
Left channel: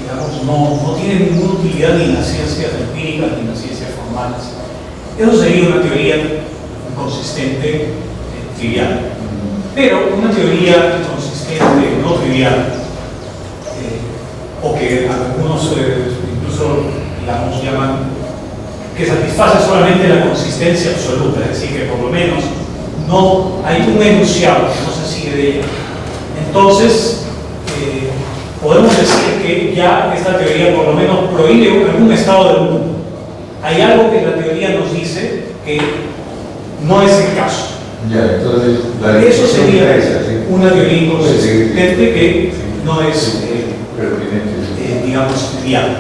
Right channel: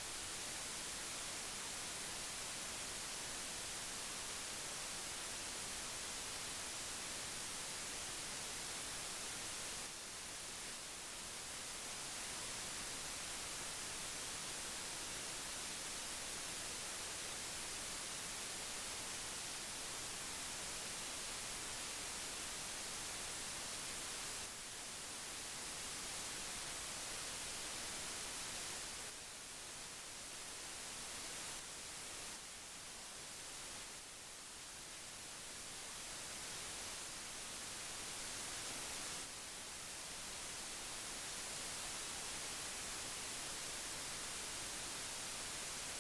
digamos, no tiene ninguna utilidad ni en las ciencias empíricas ni en las ciencias formales. Eso sería una teoría inconsistente, trivial. Pero una teoría inconsistente, no trivial, o que algunos incluso, digamos, llaman que satisface solamente la consistencia absoluta, es decir, que por lo menos no hay un enunciado que no se sigue de ella. Entonces, podemos decir que ya esta teoría por lo menos prohíbe algún estado del mundo. Hay algo que la teoría nos dice que no es el caso. Ya, entonces, eso sería esa, ¿sí? una teoría inconsistente que sí. no es, pertinente, digamos, trivial.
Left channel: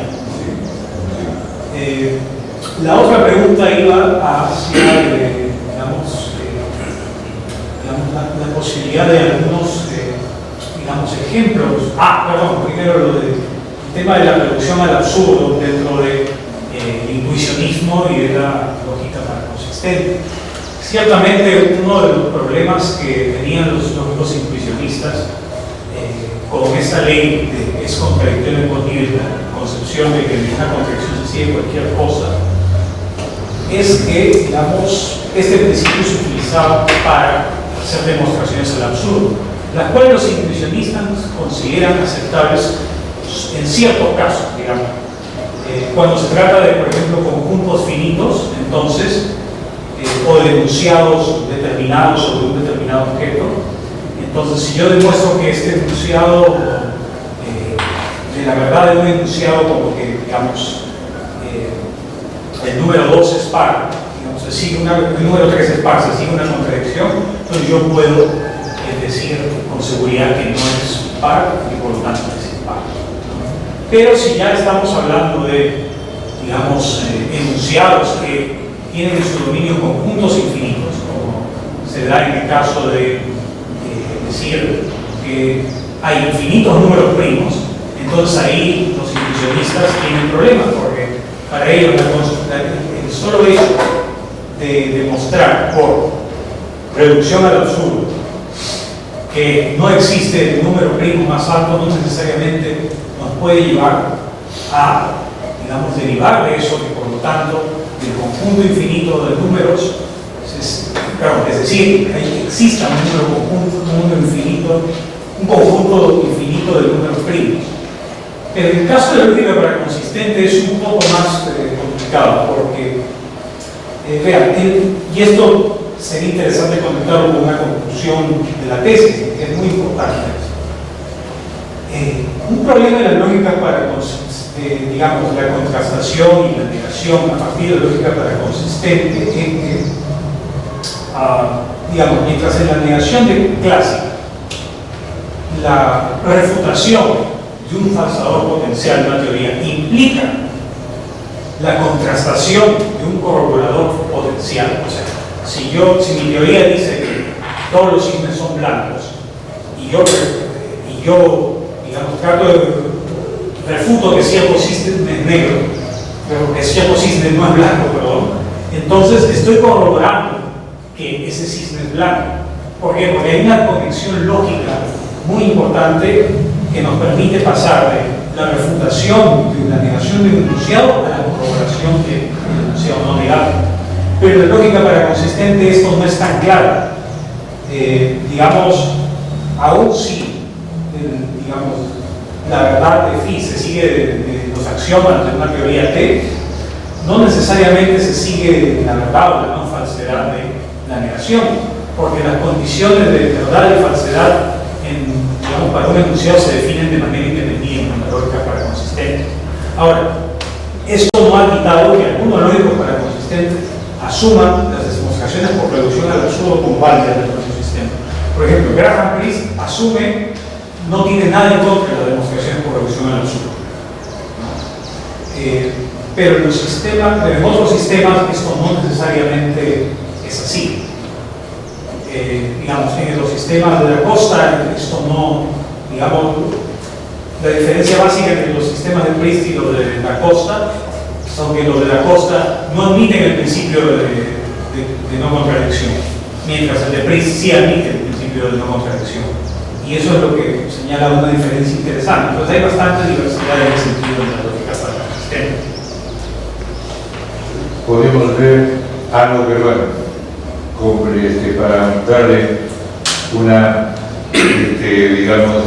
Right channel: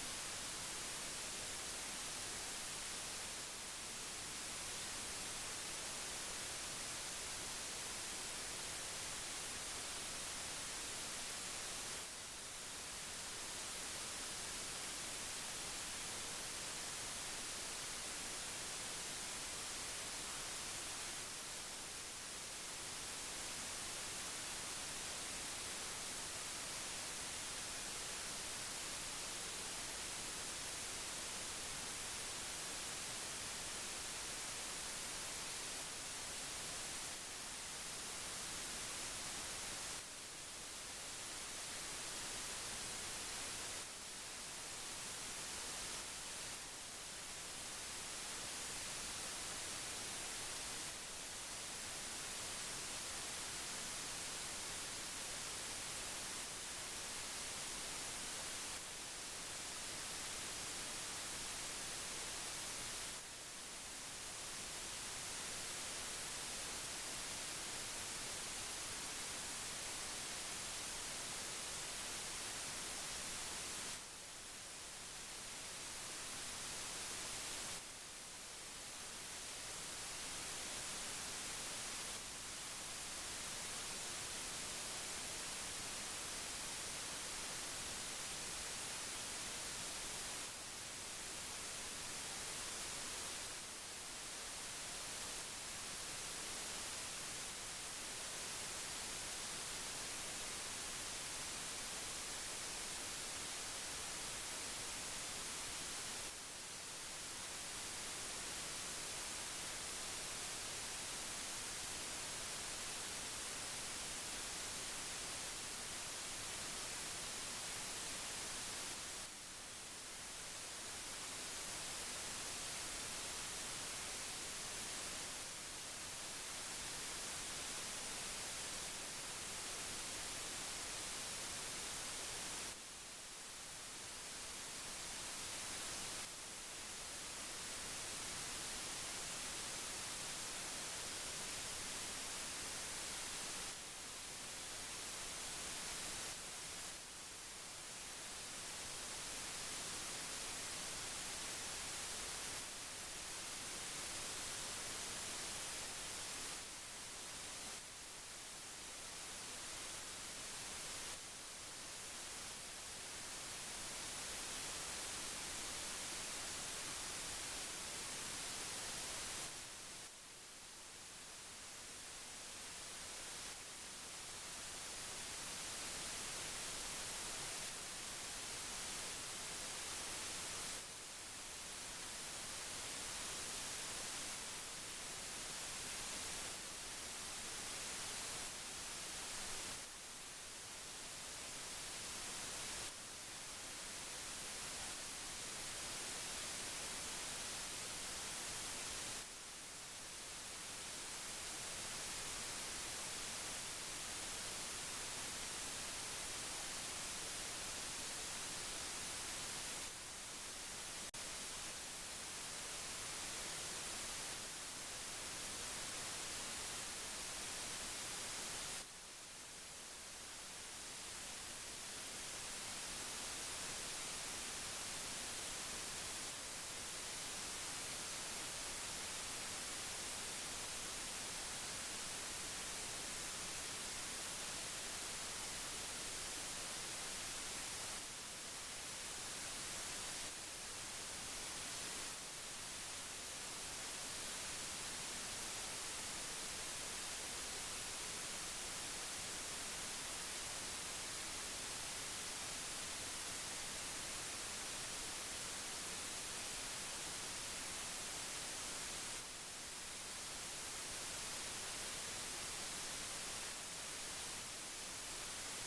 La otra pregunta iba hacia, digamos, la posibilidad de algunos, digamos, ejemplos. Perdón, primero lo del tema de la reducción al absurdo dentro del intuicionismo y de la lógica paraconsistente. Ciertamente uno de los problemas que tenían los lógicos intuicionistas con esta ley de es contradictorio en la concepción de que en una contradicción se sigue cualquier cosa, es que, digamos, este principio se utilizaba para hacer demostraciones al absurdo, las cuales los intuicionistas consideran aceptables en ciertos casos, digamos. Cuando se trata de, por ejemplo, conjuntos finitos, entonces, o de enunciados determinados sobre un determinado objeto, entonces si yo demuestro que este enunciado, de la verdad de un enunciado como que, digamos, el número 2 es par, digamos, el número 3 es par, se sigue una contradicción, entonces yo puedo decir con seguridad que no es par y por lo tanto es impar. Pero si ya estamos hablando de, digamos, enunciados que tienen en su dominio conjuntos infinitos, como se da en el caso de decir que hay infinitos números primos, entonces ahí los intuicionistas tienen problemas, porque para ellos el solo hecho de demostrar por reducción al absurdo que no existe el número primo más alto no necesariamente nos puede llevar a, digamos, derivar de eso, que por lo tanto el conjunto infinito de números, es decir, que exista un conjunto infinito de números primos. Pero en el caso de la lógica paraconsistente es un poco más complicado, porque, vean, y esto sería interesante conectarlo con una conclusión de la tesis, que es muy importante. Un problema de la lógica paraconsistente, digamos, la contrastación y la negación a partir de la lógica paraconsistente, es que, digamos, mientras en la negación de clásica, la refutación de un falsador potencial de una teoría implica la contrastación de un corroborador potencial. O sea, si mi teoría dice que todos los cisnes son blancos y yo digamos, trato de refuto que cierto cisne es negro, pero que cierto cisne no es blanco, perdón, entonces estoy corroborando que ese cisne es blanco. ¿Por qué? Porque hay una conexión lógica muy importante que nos permite pasar de la refutación de la negación de un enunciado a la corroboración del enunciado. sea o no negado. Pero en lógica para consistente esto no es tan claro. Digamos, aún si la verdad de phi se sigue de los axiomas de una teoría T, no necesariamente se sigue la verdad o la no falsedad de la negación, porque las condiciones de verdad y falsedad para un enunciado se definen de manera independiente en la lógica para consistente. Ahora, esto no ha quitado que algunos lógicos para consistentes asuman las demostraciones por reducción al absurdo como válidas del propio sistema. Por ejemplo, Graham Priest asume, no tiene nada en contra de las demostraciones por reducción al absurdo. Pero en otros sistemas esto no necesariamente es así. Digamos, en los sistemas de Da Costa, esto no, digamos, la diferencia básica entre los sistemas de Priest y los de Da Costa son que los de Da Costa no admiten el principio de no contradicción, mientras el de Priest sí admite el principio de no contradicción. Y eso es lo que señala una diferencia interesante. Entonces hay bastante diversidad en ese sentido en la lógica para el sistema. Podemos ver algo peruano para darle una, digamos,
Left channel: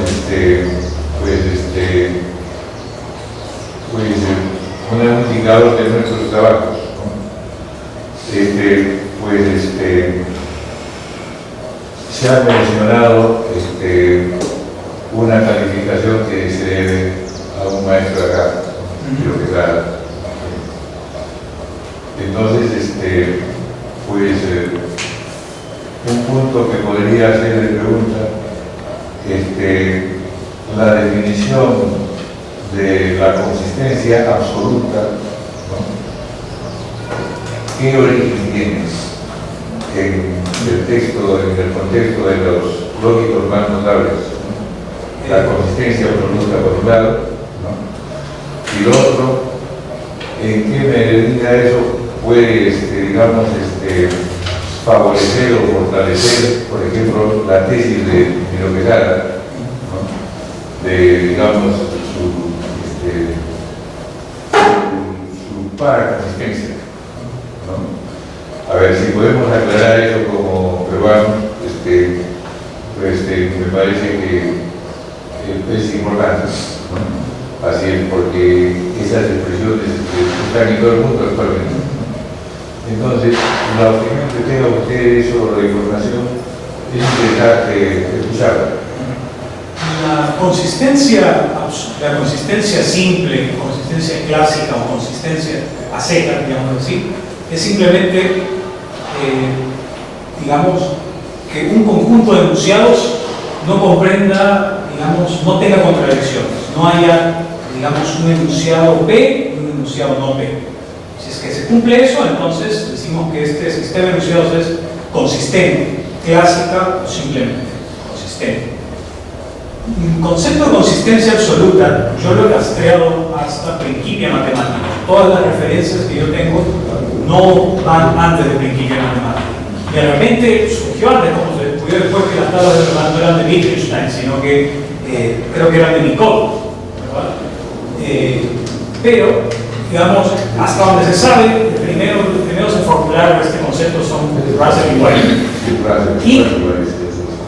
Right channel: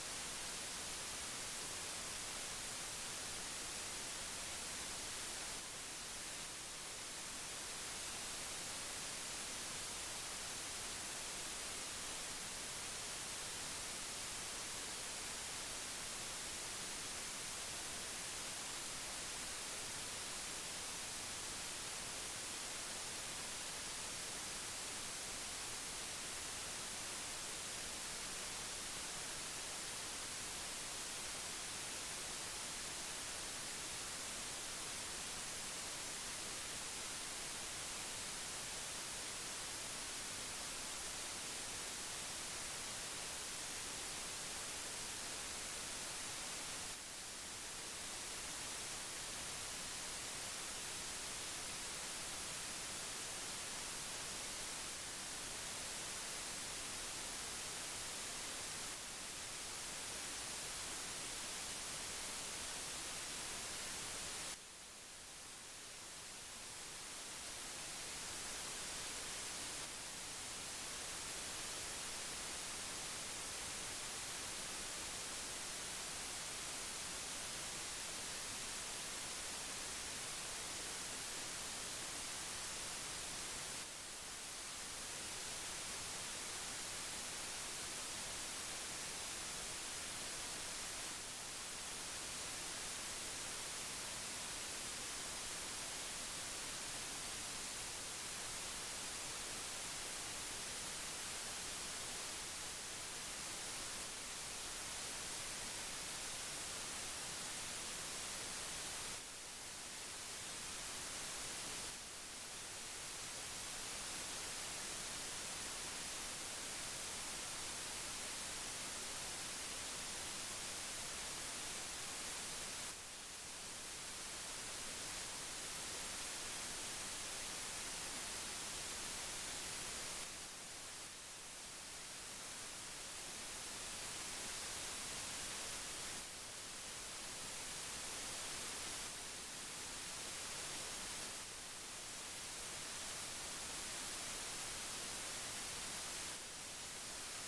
un indicador de nuestros trabajos, ¿no? Se ha mencionado una calificación que se debe a un maestro acá, creo que está. Entonces, un punto que podría hacer de pregunta, la definición de la consistencia absoluta, ¿no? ¿Qué origen tiene en el texto, en el contexto de los lógicos más notables, ¿no? La consistencia absoluta por un lado, ¿no? Y lo otro, ¿en qué medida eso puede, digamos, favorecer o fortalecer, por ejemplo, la tesis de Miro Quezada, ¿no? De, digamos, su paraconsistencia, ¿no? A ver si podemos aclarar eso como peruano, me parece que es importante, ¿no? Así es, porque esas expresiones están en todo el mundo actualmente. Entonces, la opinión que tenga usted sobre la información es interesante escucharla. La consistencia simple, consistencia clásica o consistencia a secas, digamos así, es simplemente, digamos, que un conjunto de enunciados no comprenda, digamos, no tenga contradicciones, no haya, digamos, un enunciado P y un enunciado no P. Si es que se cumple eso, entonces decimos que este sistema de enunciados es consistente, clásica o simplemente consistente. El concepto de consistencia absoluta yo lo he rastreado hasta Principia Matemática. Todas las referencias que yo tengo no van antes de Principia Matemática. Y de repente surgió antes, como se descubrió después que las tablas de Rolando eran de Wittgenstein, sino que creo que eran de Nicole, ¿verdad? Pero, digamos, hasta donde se sabe, los primeros en formular este concepto son Russell y White. ¿Y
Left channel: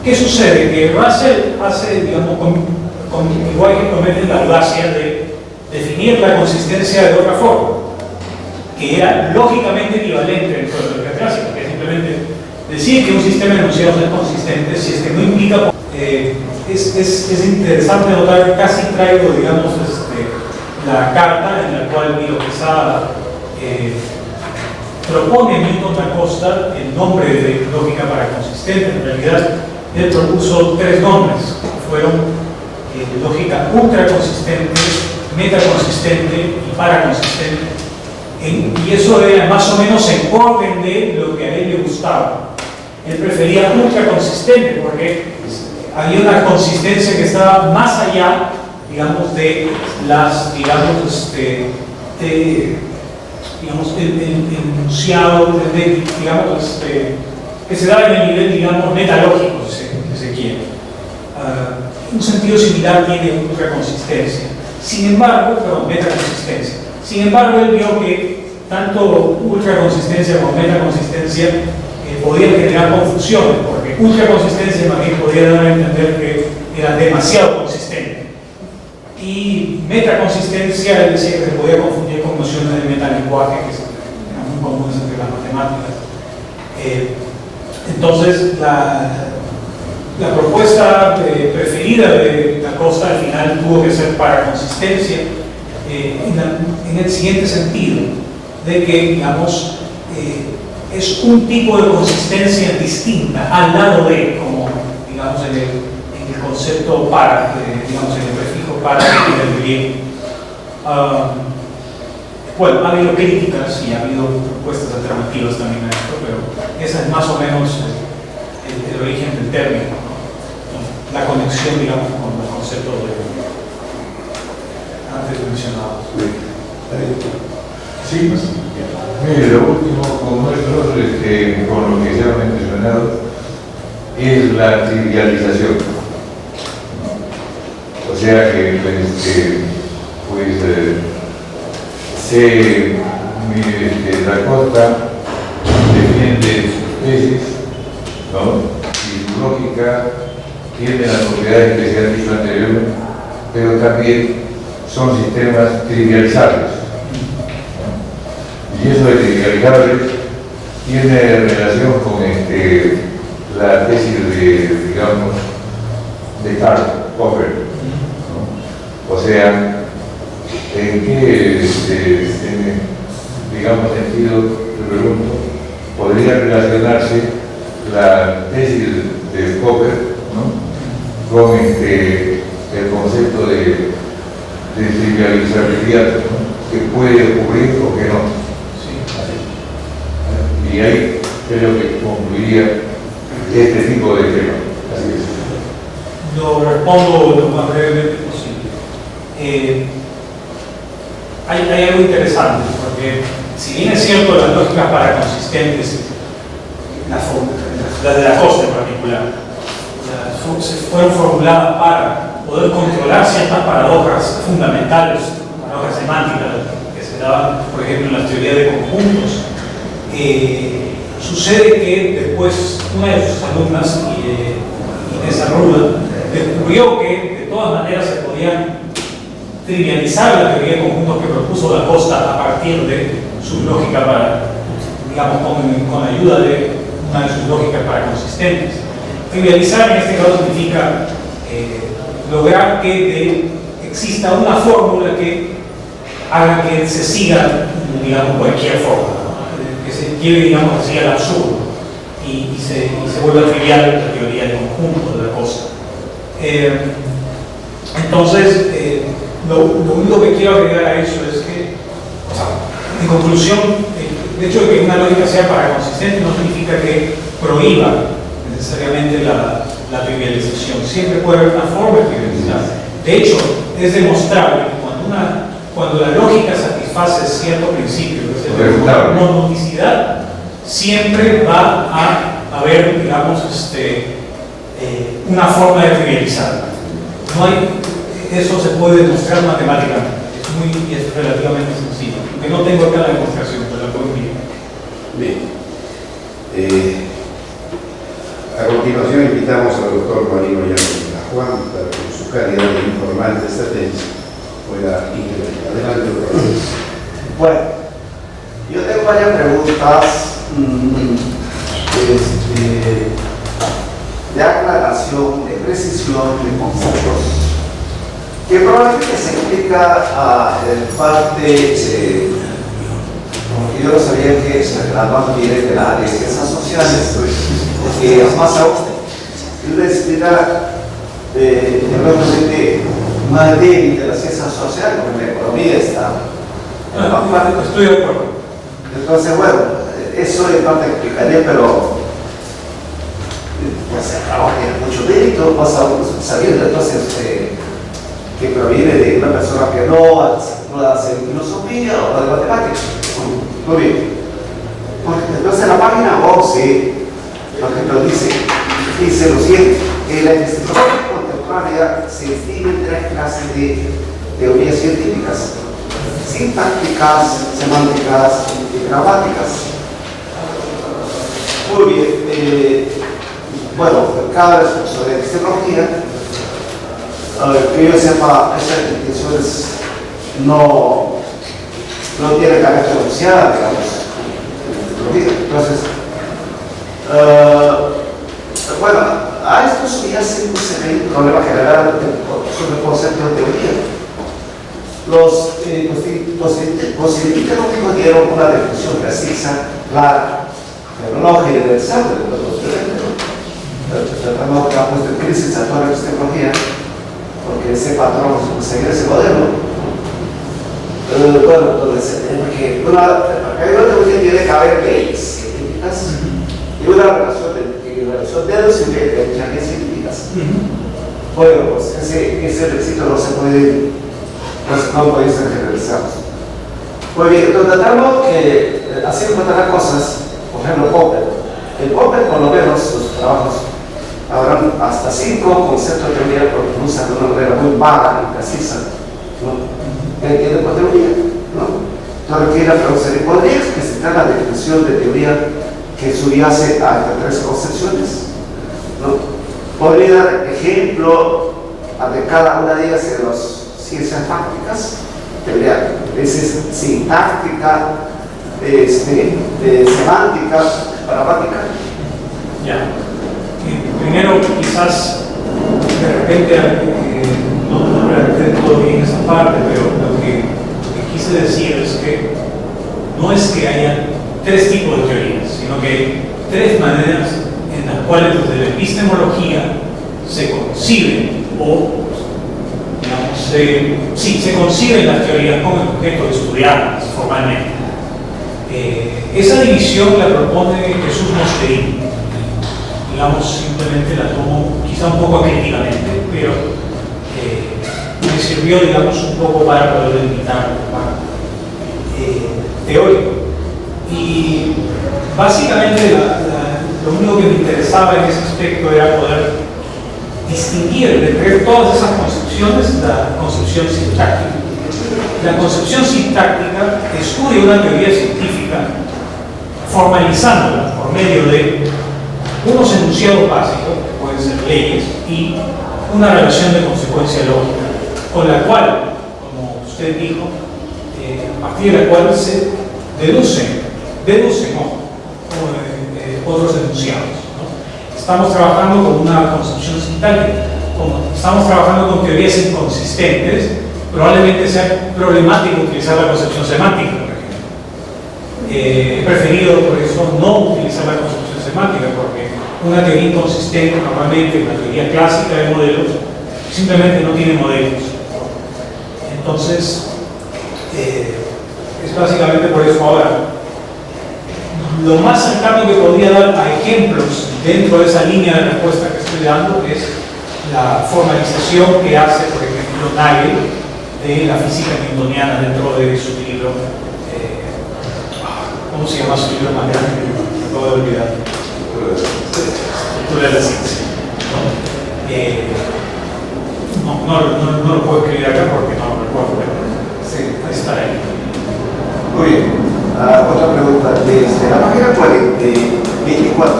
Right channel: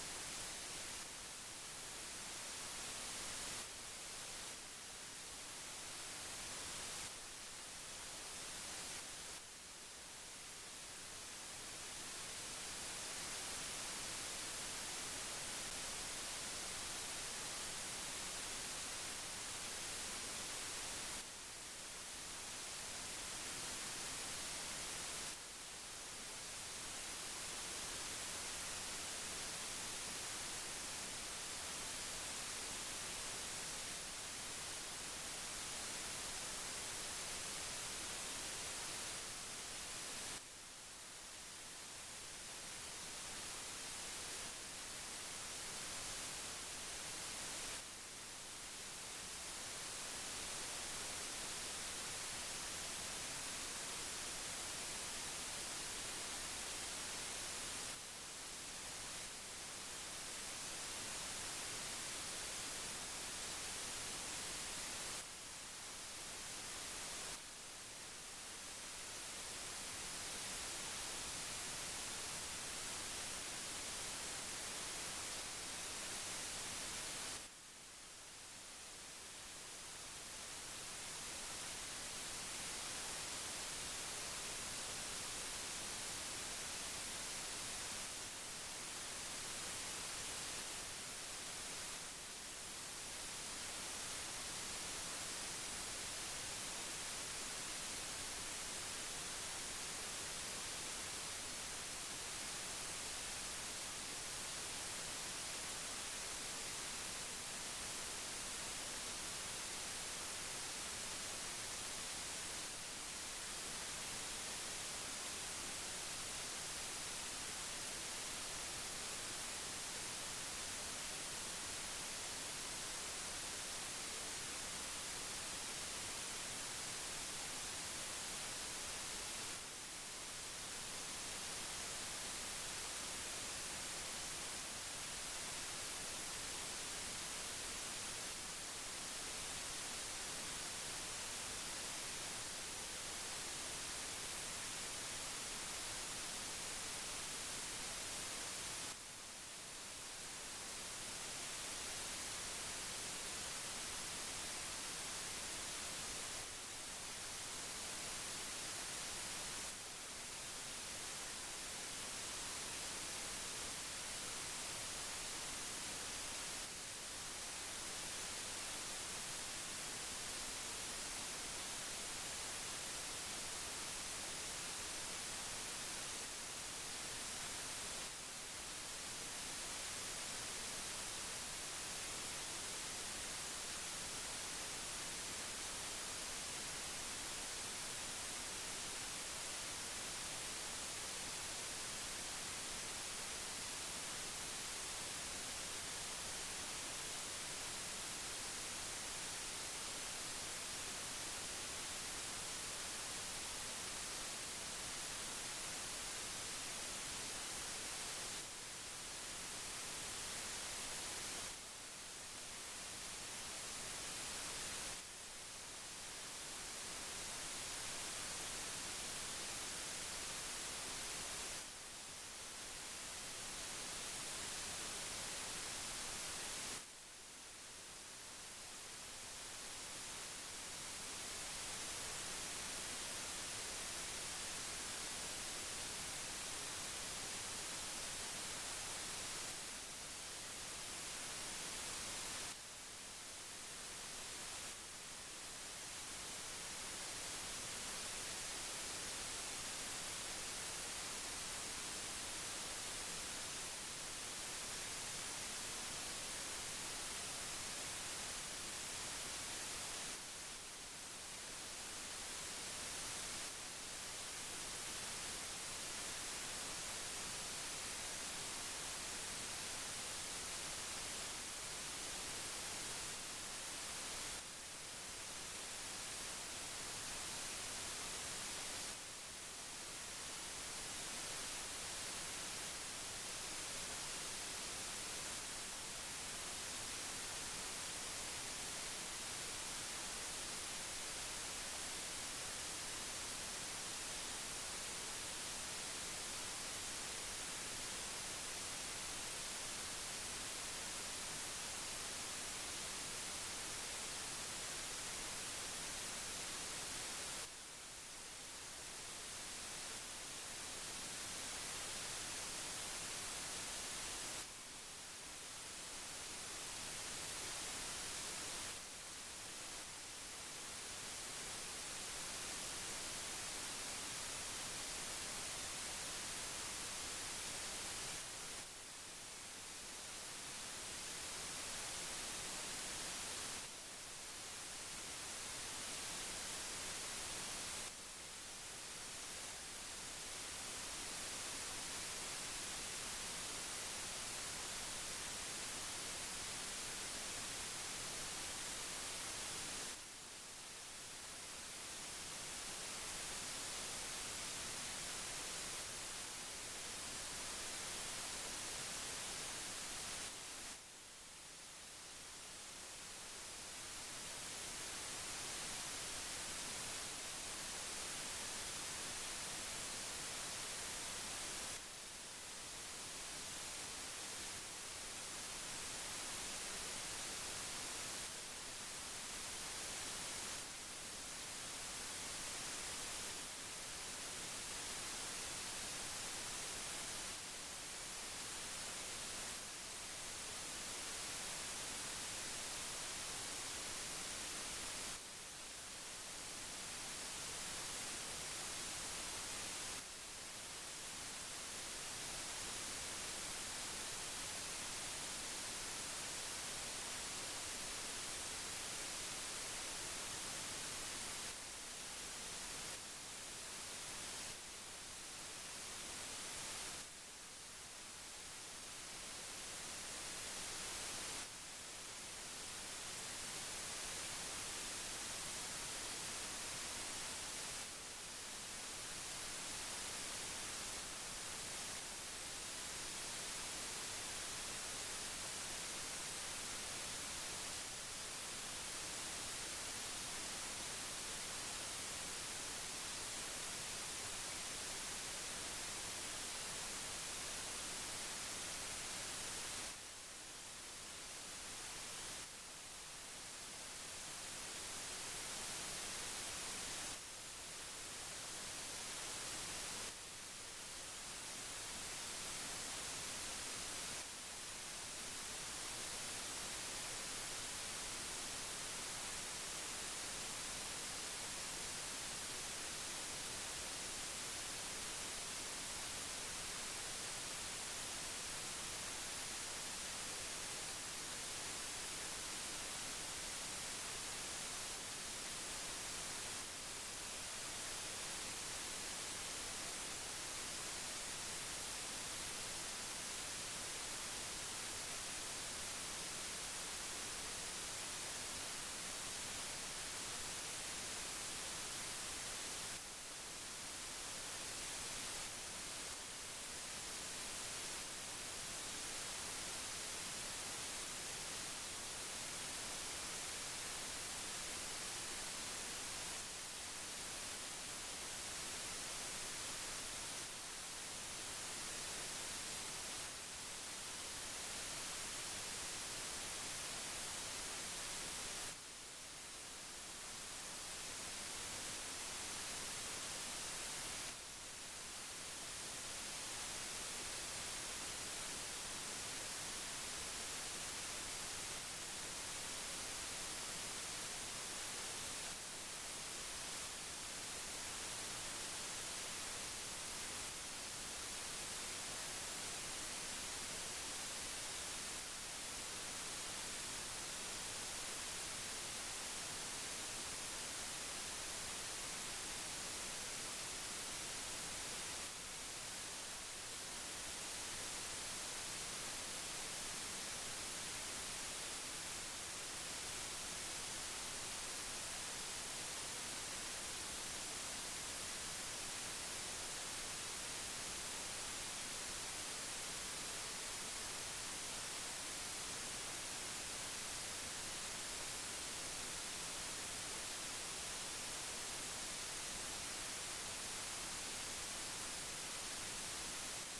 qué sucede? Que Russell hace, digamos, igual que comete la audacia de definir la consistencia de otra forma, que era lógicamente equivalente dentro de la lógica clásica, que es simplemente decir que un sistema de enunciados es consistente si es que no implica. Es interesante notar que casi traigo, digamos, la carta en la cual Miro Quezada propone a Milton Da Costa el nombre de lógica para consistente. En realidad, él propuso tres nombres, que fueron lógica ultraconsistente, metaconsistente y paraconsistente. Y eso era más o menos en orden de lo que a él le gustaba. Él prefería ultraconsistente porque había una consistencia que estaba más allá, digamos, de las, digamos, el enunciado, digamos, que se da en el nivel, digamos, metalógico, si se quiere. Un sentido similar tiene ultraconsistencia. Sin embargo, perdón, metaconsistencia. Sin embargo, él vio que tanto ultraconsistencia como metaconsistencia podían generar confusiones, porque ultraconsistencia más bien podía dar a entender que era demasiado consistente. Y metaconsistencia decía que se podía confundir con nociones de metalenguaje que eran muy comunes entre las matemáticas. Entonces, la propuesta preferida de Da Costa al final tuvo que ser para consistencia, en el siguiente sentido, de que, digamos, es un tipo de consistencia distinta al lado de, como, digamos, en el concepto para, digamos, en el prefijo para del griego. Bueno, ha habido críticas y ha habido propuestas alternativas también a esto, pero esa es más o menos el origen del término, ¿no? La conexión, digamos, con los conceptos antes mencionados. Sí, mire, lo último con nosotros, con lo que se ha mencionado, es la trivialización. O sea que, Da Costa defiende su tesis, ¿no? Y su lógica tiene las propiedades que se han dicho anteriormente, pero también son sistemas trivializables. Y eso de trivializables tiene relación con la tesis de, digamos, de Karl Popper, ¿no? O sea, ¿en qué, digamos, sentido, te pregunto, podría relacionarse la tesis de Popper, ¿no? Con el concepto de trivializabilidad, ¿no? Que puede ocurrir o que no? Y ahí creo que concluiría este tipo de tema. Así es. Lo respondo lo más brevemente posible. Hay algo interesante, porque si bien es cierto las lógicas paraconsistentes, las de Da Costa en particular, fueron formuladas para poder controlar ciertas paradojas fundamentales, paradojas semánticas que se daban, por ejemplo, en las teorías de conjuntos. Sucede que después una de sus alumnas, Inés Arruda, descubrió que de todas maneras se podían trivializar la teoría de conjuntos que propuso Da Costa a partir de su lógica para, digamos, con ayuda de una de sus lógicas para consistentes. Trivializar en este caso significa lograr que exista una fórmula que haga que se siga, digamos, cualquier fórmula, que se lleve, digamos, así al absurdo y se vuelva trivial la teoría de conjuntos de Da Costa. Entonces, lo único que quiero agregar a eso es que, o sea, en conclusión, el hecho de que una lógica sea paraconsistente no significa que prohíba necesariamente la trivialización. Siempre puede haber una forma de trivializar. De hecho, es demostrable que cuando la lógica satisface cierto principio, que es la monodicidad, siempre va a haber, digamos, una forma de trivializar. Eso se puede demostrar matemáticamente. Es relativamente sencillo. Aunque no tengo acá la demostración, pero la puedo enviar. Bien. A continuación invitamos al doctor Marino Llanos Juan para que en su calidad de informante de esta tesis pueda intervenir. Adelante, doctor. Bueno, yo tengo varias preguntas de aclaración, de precisión de conceptos que probablemente se explica en parte, como yo no sabía que la más viene de las ciencias sociales, que es más aún, y la explica probablemente más débil de la ciencia social, porque la economía está en la más parte. Estoy de acuerdo. Entonces, bueno, eso en parte explicaría, pero pues claro, tiene mucho mérito, vas a sabiendo entonces que proviene de una persona que no hace filosofía o de matemáticas. Muy bien. Entonces en la página 11, por ejemplo, dice lo siguiente, que la investigación contemporánea se distingue en tres clases de teorías científicas. sintácticas, semánticas y gramáticas. Muy bien, bueno, cada responsable de epistemología, que yo sepa, estas definiciones no tiene carácter oficial, digamos. Entonces, bueno, a esto subyace un problema general sobre el concepto de teoría. Los positivistas dieron una definición precisa, clara, pero no generalizable de los tratamos que ha puesto en crisis a toda la epistemología, porque ese patrón, seguir ese modelo. Bueno, entonces, porque hay una teoría tiene que haber leyes científicas y una relación de los científicas científicas. Bueno, pues ese requisito no puede ser generalizado. Muy bien, entonces tratamos que así encontrarán cosas, por ejemplo, Popper. En Popper, por lo menos, los trabajos habrán hasta 5 conceptos de teoría, porque lo usan de una manera muy vaga y precisa, ¿no? ¿Qué entiende por teoría? ¿No? Entonces, aquí la pregunta sería, ¿podría explicitar la definición de teoría que subyace a estas 3 concepciones? ¿No? ¿Podría dar ejemplo de cada una de ellas de las ciencias fácticas? Teoría sintáctica, semántica, gramática. Ya. Primero, quizás de repente no redacté todo bien esa parte, pero lo que quise decir es que no es que haya 3 tipos de teorías, sino que hay 3 maneras en las cuales desde la epistemología se conciben o, digamos, se conciben las teorías con el objeto de estudiarlas formalmente. Esa división la propone Jesús Moscherini. Digamos, simplemente la tomo quizá un poco críticamente, pero me sirvió, digamos, un poco para poder delimitar teórico. Y básicamente lo único que me interesaba en ese aspecto era poder distinguir entre todas esas concepciones la concepción sintáctica. La concepción sintáctica estudia una teoría científica formalizándola por medio de unos enunciados básicos, que pueden ser leyes, y una relación de consecuencia lógica, con la cual, como usted dijo, a partir de la cual se deducen otros enunciados, ¿no? Estamos trabajando con una concepción sintáctica, como estamos trabajando con teorías inconsistentes, probablemente sea problemático utilizar la concepción semántica, por ejemplo. He preferido, por eso, no utilizar la concepción semántica, porque una teoría inconsistente, normalmente una teoría clásica de modelos, simplemente no tiene modelos. Entonces, es básicamente por eso. Ahora, lo más cercano que podría dar a ejemplos dentro de esa línea de respuesta que estoy dando es la formalización que hace, por ejemplo, Nagel de la física newtoniana dentro de su libro. ¿Cómo se llama su libro más grande? Me acabo de olvidar. Estructura de la ciencia. No lo puedo escribir acá porque no lo recuerdo. Sí, ahí está ahí. Muy bien. Otra pregunta. La página 24,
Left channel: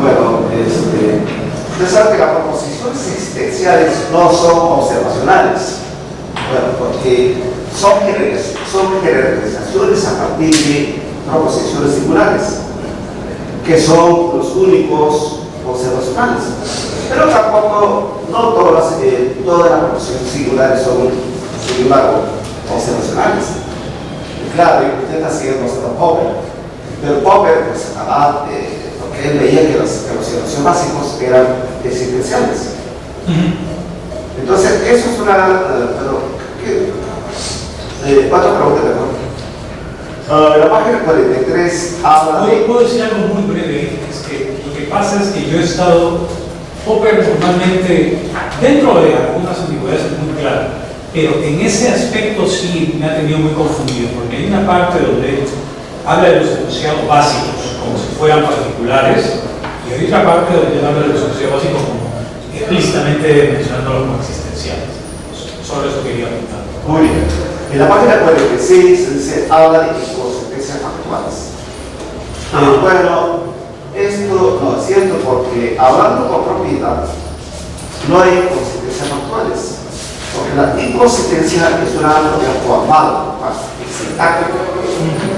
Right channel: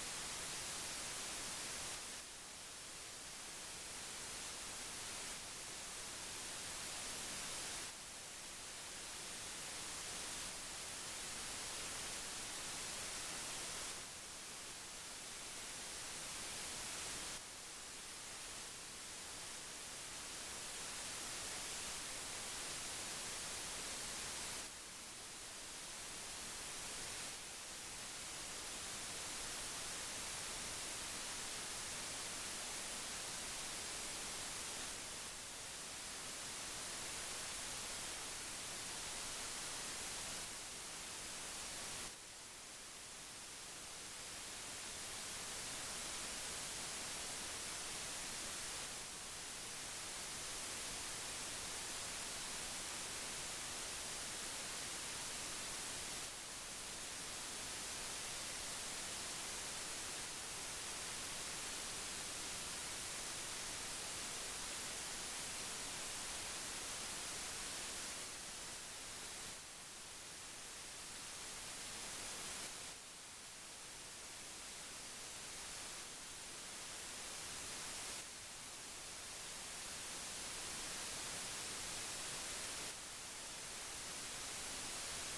bueno, usted sabe que las proposiciones existenciales no son observacionales. Bueno, porque son generalizaciones a partir de proposiciones singulares, que son los únicos observacionales. Pero tampoco, no todas las proposiciones singulares son, sin embargo, observacionales. Y claro, usted está siguiendo a Popper, pero Popper, pues, porque él veía que los observaciones básicos eran existenciales. Entonces, eso es una... ¿Cuántas preguntas, perdón? La página 43 habla de... ¿Puedo decir algo muy breve? Es que lo que pasa es que yo he estado... Popper normalmente, dentro de algunas ambigüedades es muy claro, pero en ese aspecto sí me ha tenido muy confundido, porque hay una parte donde habla de los enunciados básicos como si fueran particulares, y hay otra parte donde habla de los enunciados básicos como explícitamente mencionándolos como existenciales. Sobre eso quería comentar. Muy bien. En la página 46 se dice, habla de inconsistencias factuales. Bueno, esto no es cierto porque hablando con propiedad no hay inconsistencias factuales. Porque la inconsistencia es una propiedad formal, sintáctica,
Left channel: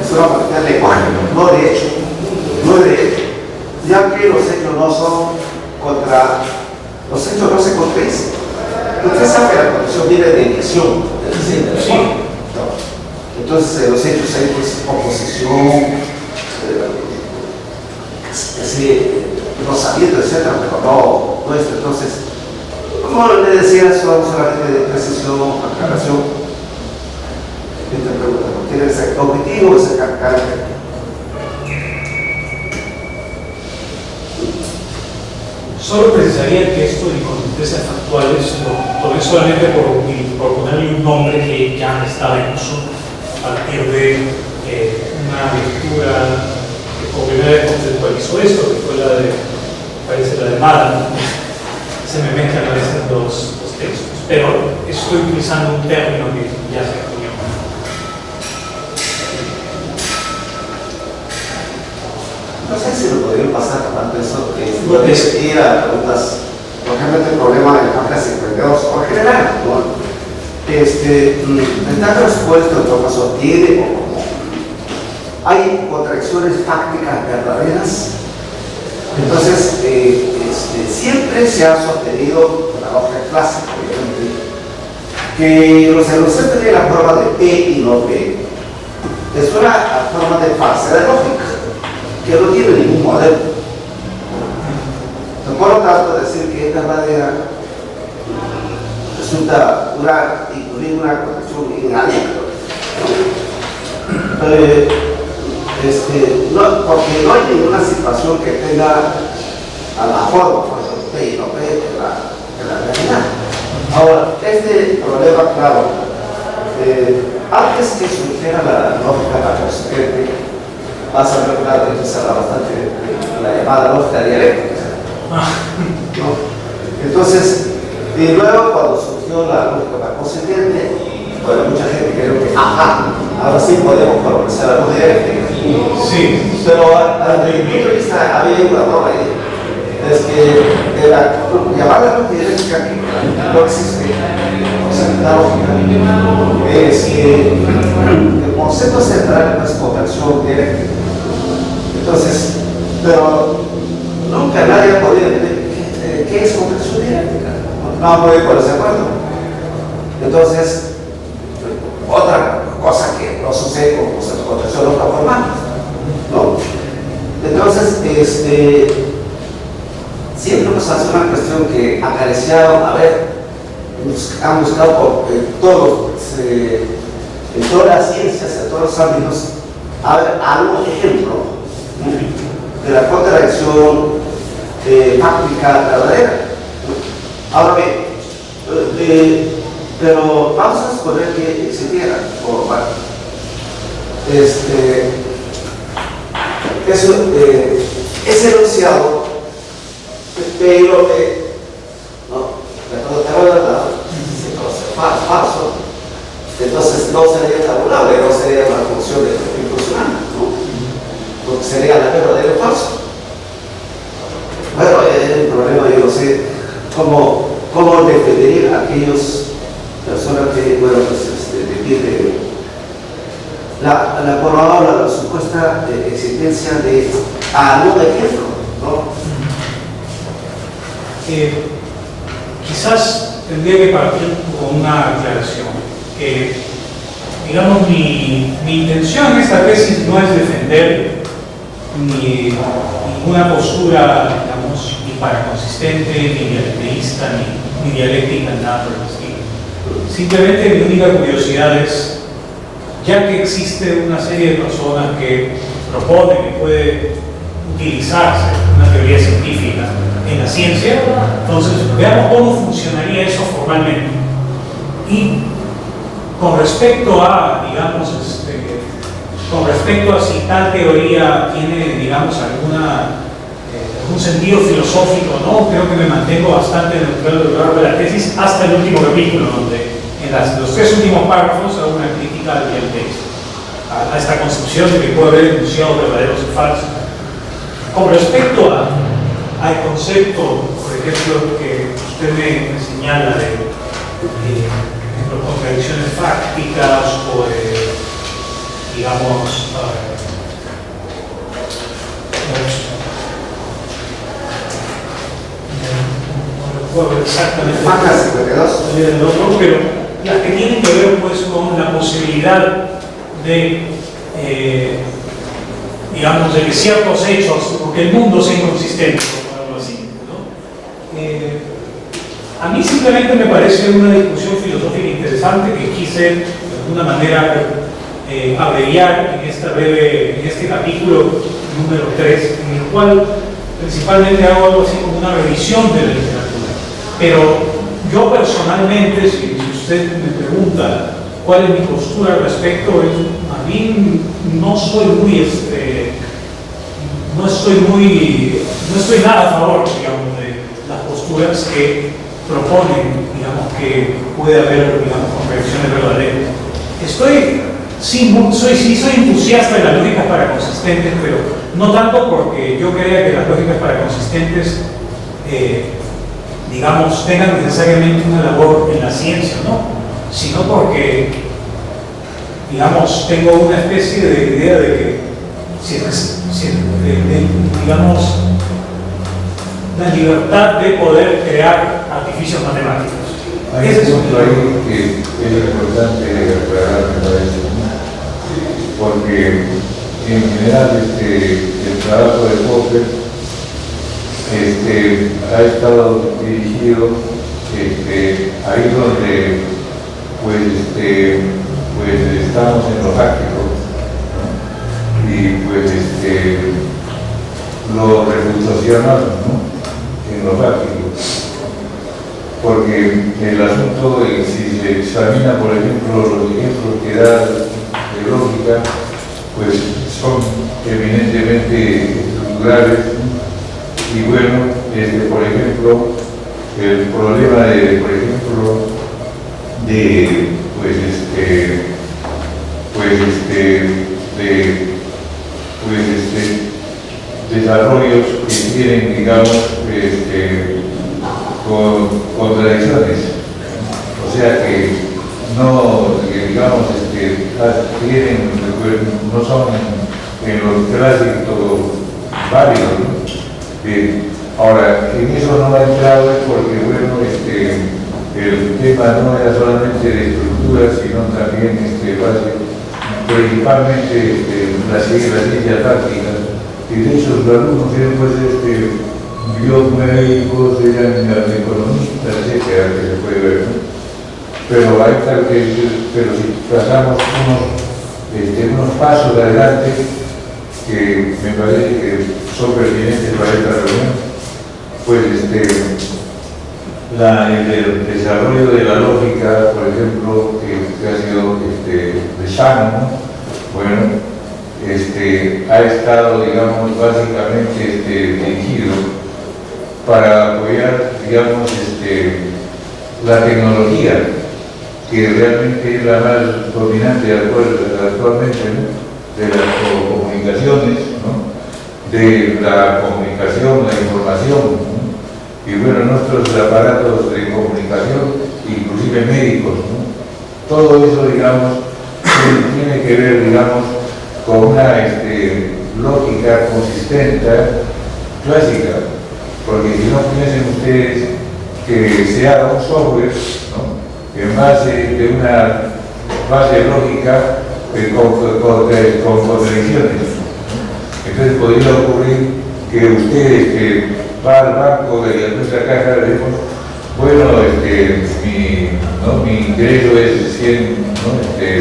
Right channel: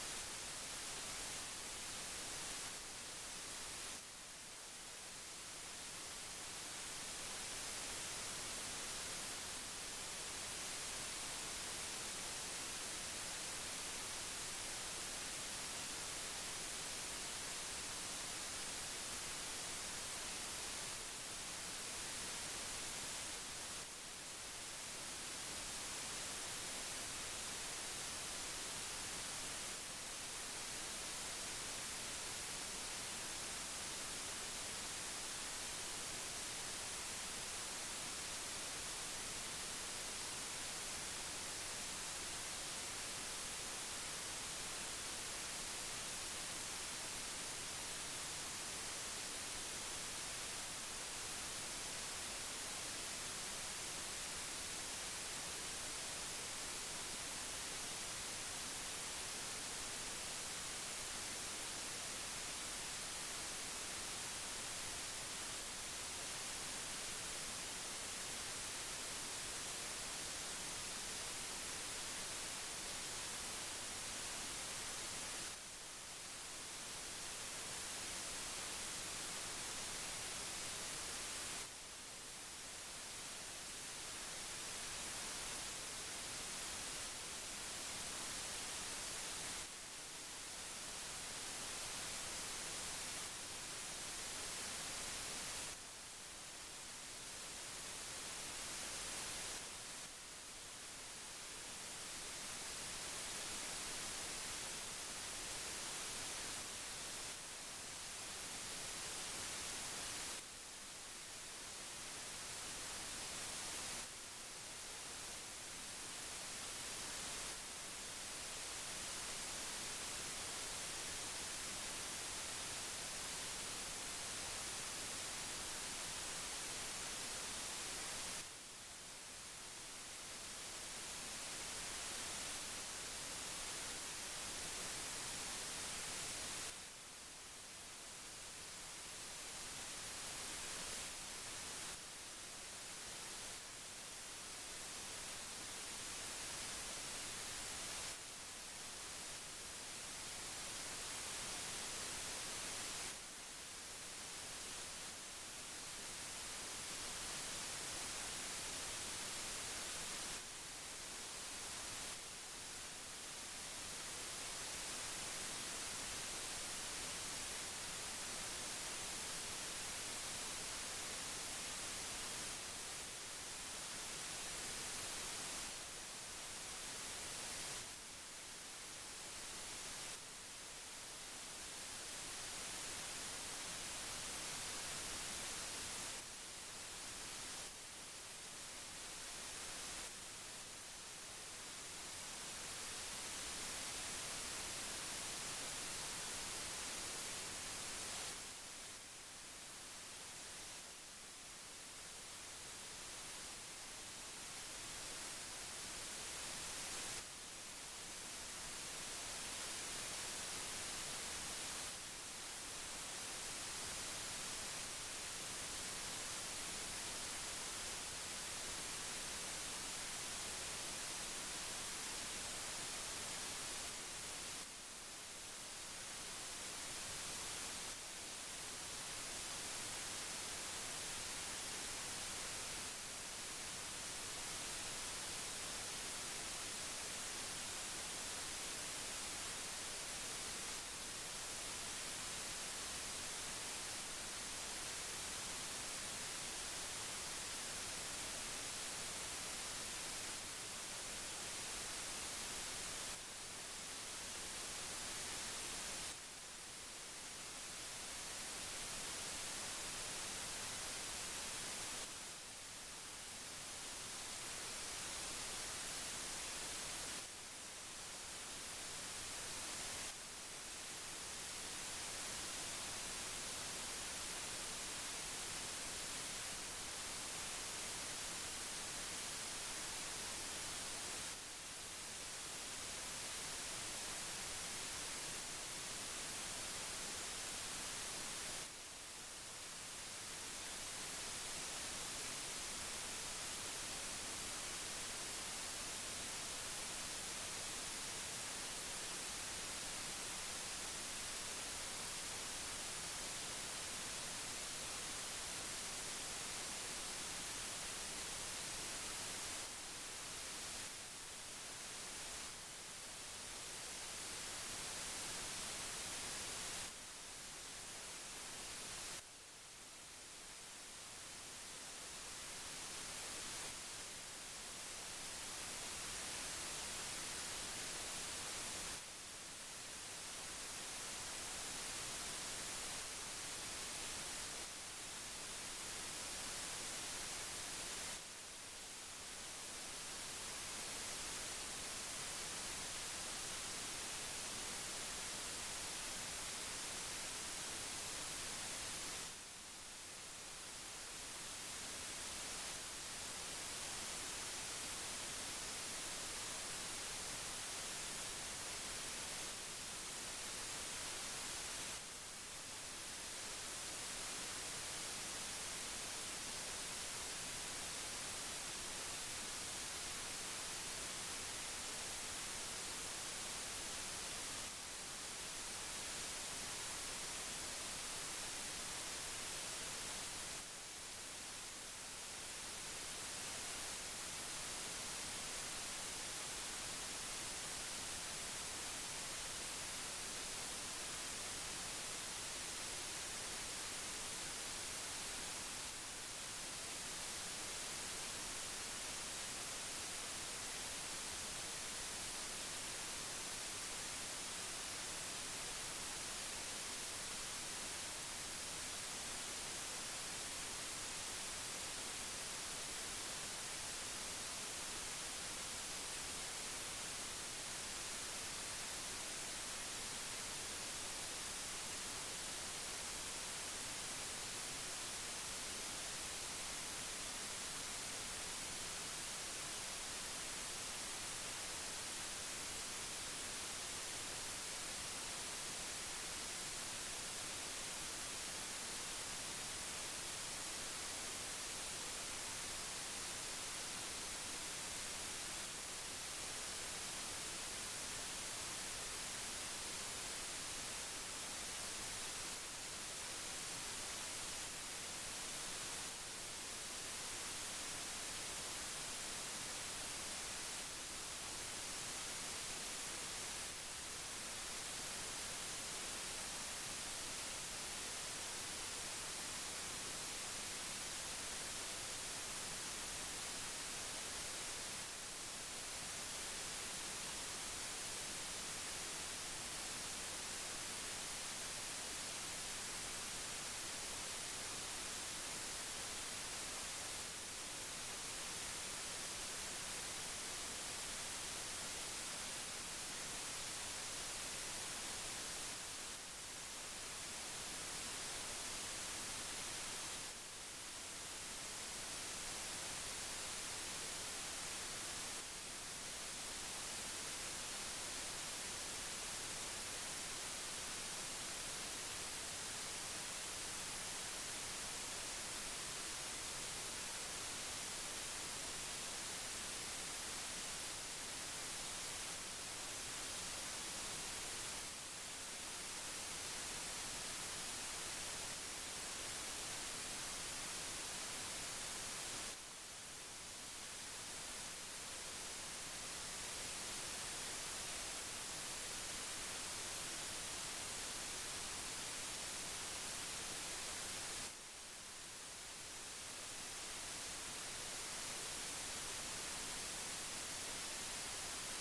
es una propiedad de lenguaje, no de hecho. No de hecho, ya que los hechos no son contra, los hechos no se contradicen. Usted sabe que la condición viene de edición, sí. Entonces, los hechos hay pues, oposición, rozamiento, etc., pero no esto. Entonces, como le decía, son solamente de precisión, aclaración. Esta pregunta no tiene ese objetivo, ese carácter. Solo precisaría que esto de inconsistencias factuales lo tomé solamente por ponerle un nombre que ya estaba en uso a partir de una lectura que por primera vez conceptualizó esto, que fue la de, parece la de Madden. Se me mezclan a veces los textos, pero estoy utilizando un término que ya se acuñó. No sé si lo podrían pasar tanto eso, ir a preguntas, por ejemplo, el problema de la página 52, por general, ¿no? Está respuesto, en todo caso, tiene o no. Hay contradicciones fácticas verdaderas. Entonces, siempre se ha sostenido la lógica clásica, obviamente, que los enunciados tienen la forma de P y no P. Es una forma de falsedad lógica que no tiene ningún modelo. Por lo tanto, decir que es verdadera resulta incluir una contradicción inalegre. Porque no hay ninguna situación que tenga a la forma, por ejemplo, P y no P, de la realidad. Ahora, este problema, claro, antes que surgiera la lógica de la consecuente, vas a ver, claro, que se habla bastante de la llamada lógica dialéctica, ¿no? Entonces, y luego cuando surgió la lógica consistente, bueno, mucha gente creyó que, ahora sí podemos progresar la lógica dialéctica. Sí. Pero desde mi punto de vista había una broma ahí. Es que la llamada lógica dialéctica no existe. O sea, la lógica es que el concepto central es conversión dialéctica. Entonces, pero nunca nadie ha podido entender qué es conversión dialéctica. No han podido ponerse de acuerdo. Entonces, otra cosa que no sucede con conversión lógica formal, ¿no? Entonces, siempre nos hace una cuestión que acariciaron, han buscado en todas las ciencias, en todos los ámbitos, algún ejemplo de la contradicción fáctica verdadera. Ahora bien, pero vamos a suponer que existiera, ese enunciado, pero ¿no? Cuando te verdad, falso, entonces no sería tabulable, no sería una función de efecto funcional, ¿no? Porque sería la verdadera o falso. Bueno, el problema, yo no sé cómo defender a aquellas personas que, bueno, pues, defienden la probable, la supuesta existencia de algún ejemplo, ¿no? Quizás tendría que partir con una aclaración. Digamos, mi intención en esta tesis no es defender ninguna postura, digamos, ni paraconsistente, ni dialectista, ni dialéctica, nada por el estilo. Simplemente mi única curiosidad es, ya que existe una serie de personas que proponen que puede utilizarse una teoría científica en la ciencia, entonces veamos cómo funcionaría eso formalmente. Y con respecto a, digamos, con respecto a si tal teoría tiene, digamos, algún sentido filosófico o no, creo que me mantengo bastante neutral a lo largo de la tesis hasta el último capítulo, donde en los 3 últimos párrafos hago una crítica al texto, a esta concepción de que puede haber enunciados verdaderos y falsos. Con respecto al concepto, por ejemplo, que usted me señala de contradicciones fácticas o de, digamos, no recuerdo exactamente, pero las que tienen que ver pues con la posibilidad de, digamos, de que ciertos hechos, porque el mundo sea inconsistente, por algo así, ¿no? A mí simplemente me parece una discusión filosófica interesante que quise de alguna manera abreviar en este capítulo número 3, en el cual principalmente hago algo así como una revisión de la literatura. Pero yo personalmente, si usted me pregunta cuál es mi postura al respecto, a mí no estoy nada a favor, digamos, de las posturas que proponen, digamos, que puede haber, digamos, contradicciones verdaderas. Soy entusiasta de las lógicas paraconsistentes, pero no tanto porque yo crea que las lógicas paraconsistentes, digamos, tengan necesariamente una labor en la ciencia, ¿no? Sino porque, digamos, tengo una especie de idea de que, digamos, la libertad de poder crear artificios matemáticos. Hay un punto ahí que es importante aclarar, me parece, porque en general el trabajo de Popper ha estado dirigido ahí donde pues estamos en lo práctico, ¿no? Y pues lo reputacional, ¿no? En lo práctico, porque el asunto, si se examina por ejemplo los ejemplos que da de lógica, pues son eminentemente estructurales, y bueno, por ejemplo, el problema de, por ejemplo, de desarrollos que tienen, digamos, contradicciones, o sea que no, digamos, tienen, no son en los clásicos válidos, ¿no? Ahora, en eso no ha entrado es porque, bueno, el tema no era solamente de estructura, sino también principalmente la ciencia táctica, y de hecho los alumnos tienen pues biomédicos, economistas, etcétera, que se puede ver, ¿no? Pero si pasamos unos pasos adelante que me parece que son pertinentes para esta reunión, pues el desarrollo de la lógica, por ejemplo, que ha sido de Shannon, ¿no? Bueno, ha estado, digamos, básicamente dirigido para apoyar, digamos, la tecnología, que realmente es la más dominante actualmente, ¿no? De las comunicaciones, ¿no? De la comunicación, la información, ¿no? Y bueno, nuestros aparatos de comunicación, inclusive médicos, ¿no? Todo eso, digamos, tiene que ver, digamos, con una lógica consistente, clásica, porque si no piensen ustedes que se haga un software, ¿no? En base de una base lógica con contradicciones. Entonces podría ocurrir que usted va al banco de nuestra caja de teléfono, bueno, mi ingreso es 100, ¿no?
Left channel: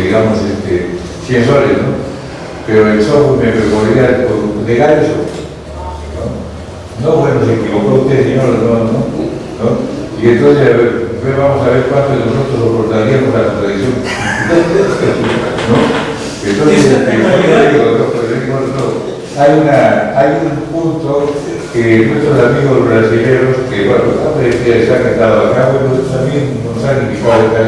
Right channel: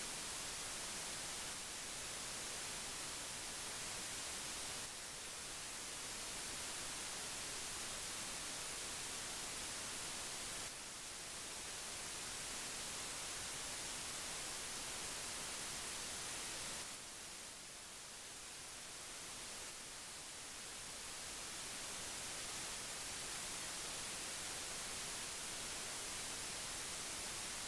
Digamos, 100 soles, ¿no? Pero el software me podría negar eso, ¿no? No, bueno, se equivocó usted, señor, ¿no? Y entonces, vamos a ver cuánto de nosotros soportaríamos la contradicción. ¿No? Entonces, hay un punto que nuestros amigos brasileños, que bueno, se han quedado acá, bueno, también nos han invitado acá,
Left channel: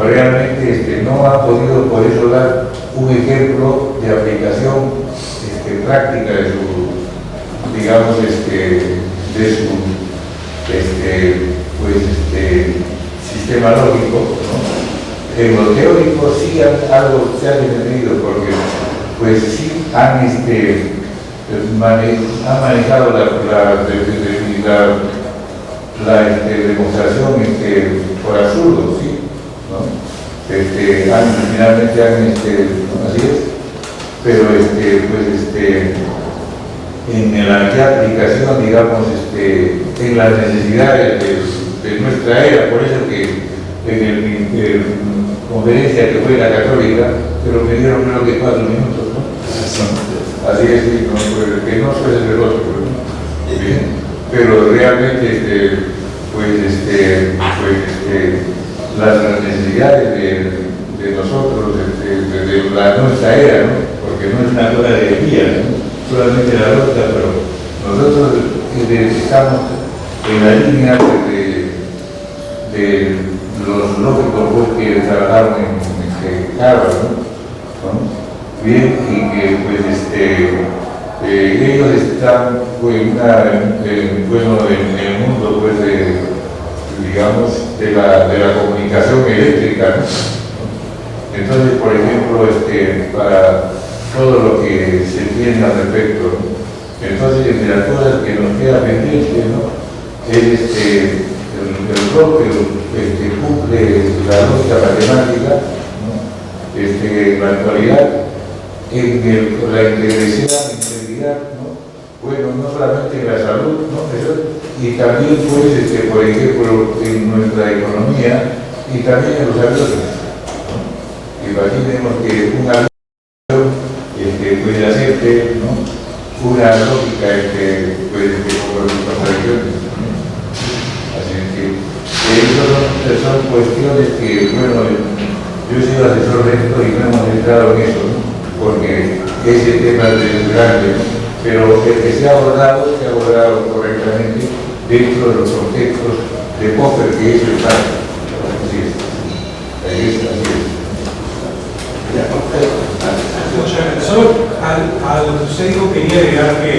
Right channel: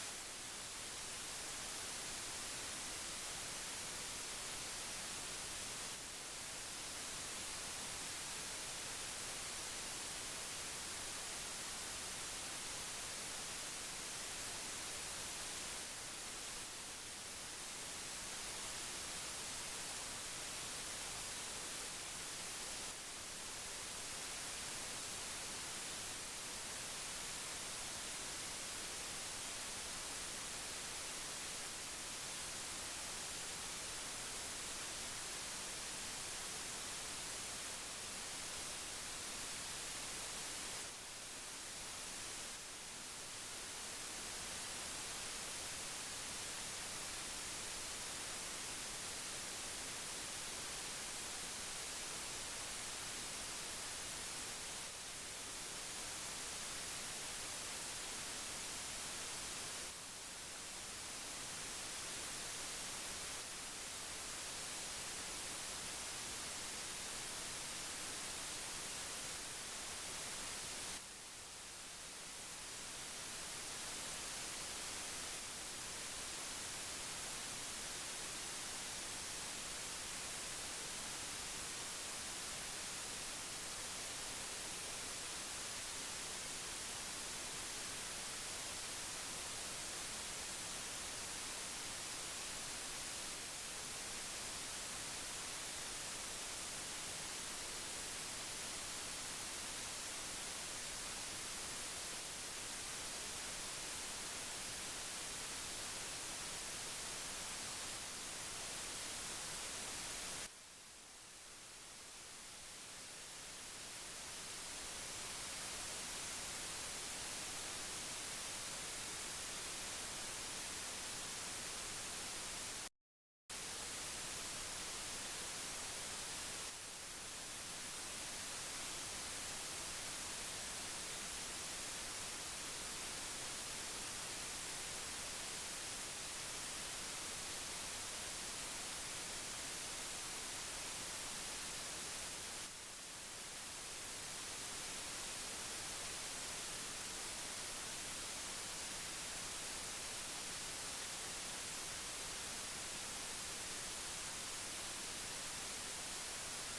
realmente no ha podido por eso dar un ejemplo de aplicación práctica de su, digamos, de su sistema lógico, ¿no? En lo teórico sí algo se ha defendido, porque pues sí han manejado la demostración por absurdo, ¿sí? ¿No? Finalmente así es, pero en la aplicación, digamos, en las necesidades de nuestra era, por eso que en la conferencia que fue la católica, pero me dieron creo que 4 minutos, ¿no? Así es, sí, ¿no? Pues, que no soy el veloz, ¿no? Bien. Pero realmente, las necesidades de nosotros, de nuestra era, ¿no? Porque no es una cosa de guía, ¿no? Solamente la lógica, pero nosotros estamos en la línea de los lógicos pues, que trabajaron en Harvard, ¿no? Bien, y que pues ellos están pues, en el mundo pues, digamos, de la comunicación eléctrica, ¿no? Entonces, por ejemplo, para todo lo que se tiene al respecto, ¿no? Entonces, entre las cosas que nos queda pendiente, ¿no? Es el rol que cumple la lógica matemática, ¿no? En la actualidad, en la integridad, ¿no? Bueno, no solamente en la salud, ¿no? Y también, pues, por ejemplo, en nuestra economía y también en los aviones, ¿no? Imaginemos que un avión puede hacerte, ¿no? Una lógica pues, como las contradicciones, ¿no? Así que son cuestiones que, bueno, yo he sido asesor de esto y no hemos entrado en eso, ¿no? Porque ese tema es grande, ¿no? Pero el que se ha abordado correctamente dentro de los contextos de Popper, que es el caso. Así es. Así es. Solo a lo que usted dijo quería agregar que,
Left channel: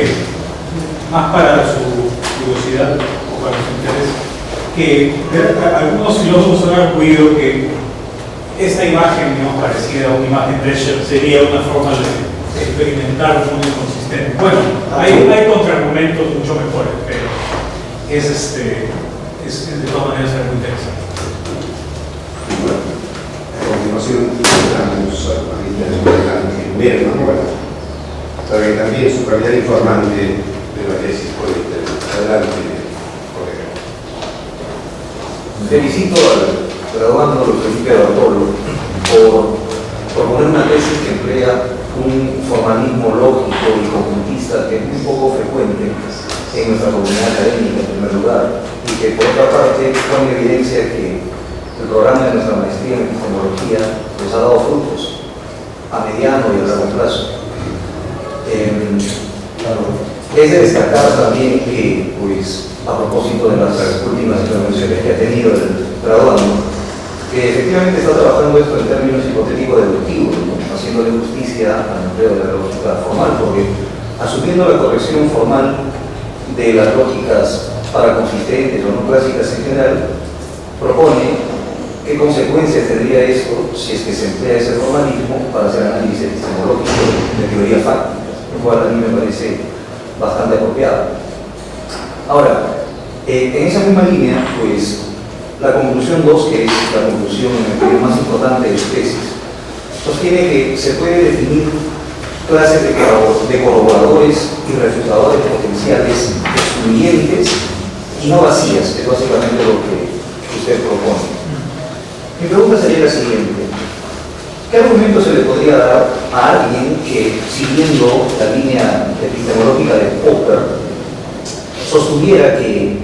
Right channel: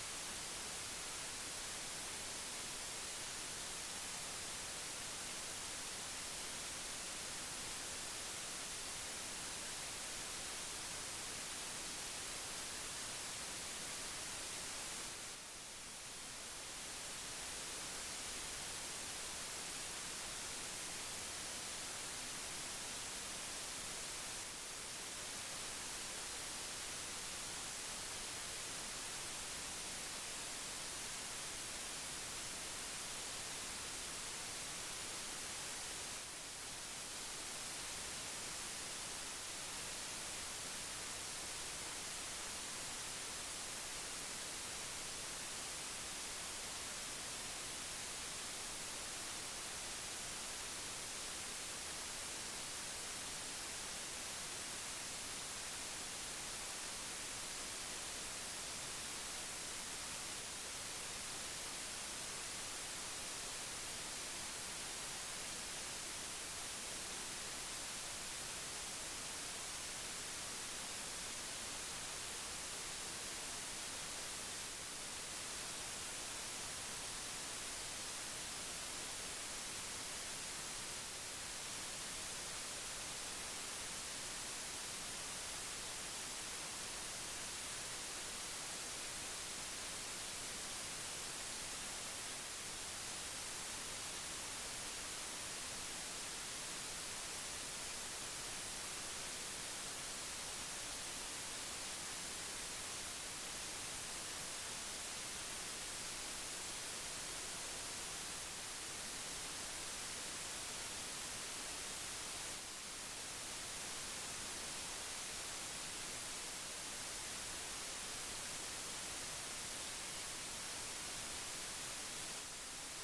más para su curiosidad o para su interés, que algunos filósofos han arguido que esta imagen, digamos, parecida a una imagen de Escher, sería una forma de experimentar un mundo inconsistente. Bueno, hay contraargumentos mucho mejores, pero es de todas maneras algo interesante. Bueno, a continuación entramos a la primera manual, para que también su calidad informante de la tesis puede intervenir. Adelante, colega. Felicito al graduando Felipe Bartolo por proponer una tesis que emplea un formalismo lógico y conjuntista que es muy poco frecuente en nuestra comunidad académica, en primer lugar, y que por otra parte pone en evidencia que el programa de nuestra maestría en epistemología nos ha dado frutos a mediano y a largo plazo. Es de destacar también que, pues, a propósito de las últimas intervenciones que ha tenido el graduando, que efectivamente está trabajando esto en términos hipotético-deductivos, ¿no? Haciéndole justicia al empleo de la lógica formal, porque asumiendo la corrección formal de las lógicas paraconsistentes o no clásicas en general, propone qué consecuencias tendría esto si es que se emplea ese formalismo para hacer análisis epistemológico de teoría fáctica, lo cual a mí me parece bastante apropiado. Ahora, en esa misma línea, pues, la conclusión 2, que es la conclusión más importante de su tesis, sostiene que se puede definir clases de colaboradores y refutadores potenciales excluyentes y no vacías, que es básicamente lo que usted propone. Mi pregunta sería la siguiente: ¿qué argumento se le podría dar a alguien que, siguiendo la línea epistemológica de Popper, sostuviera que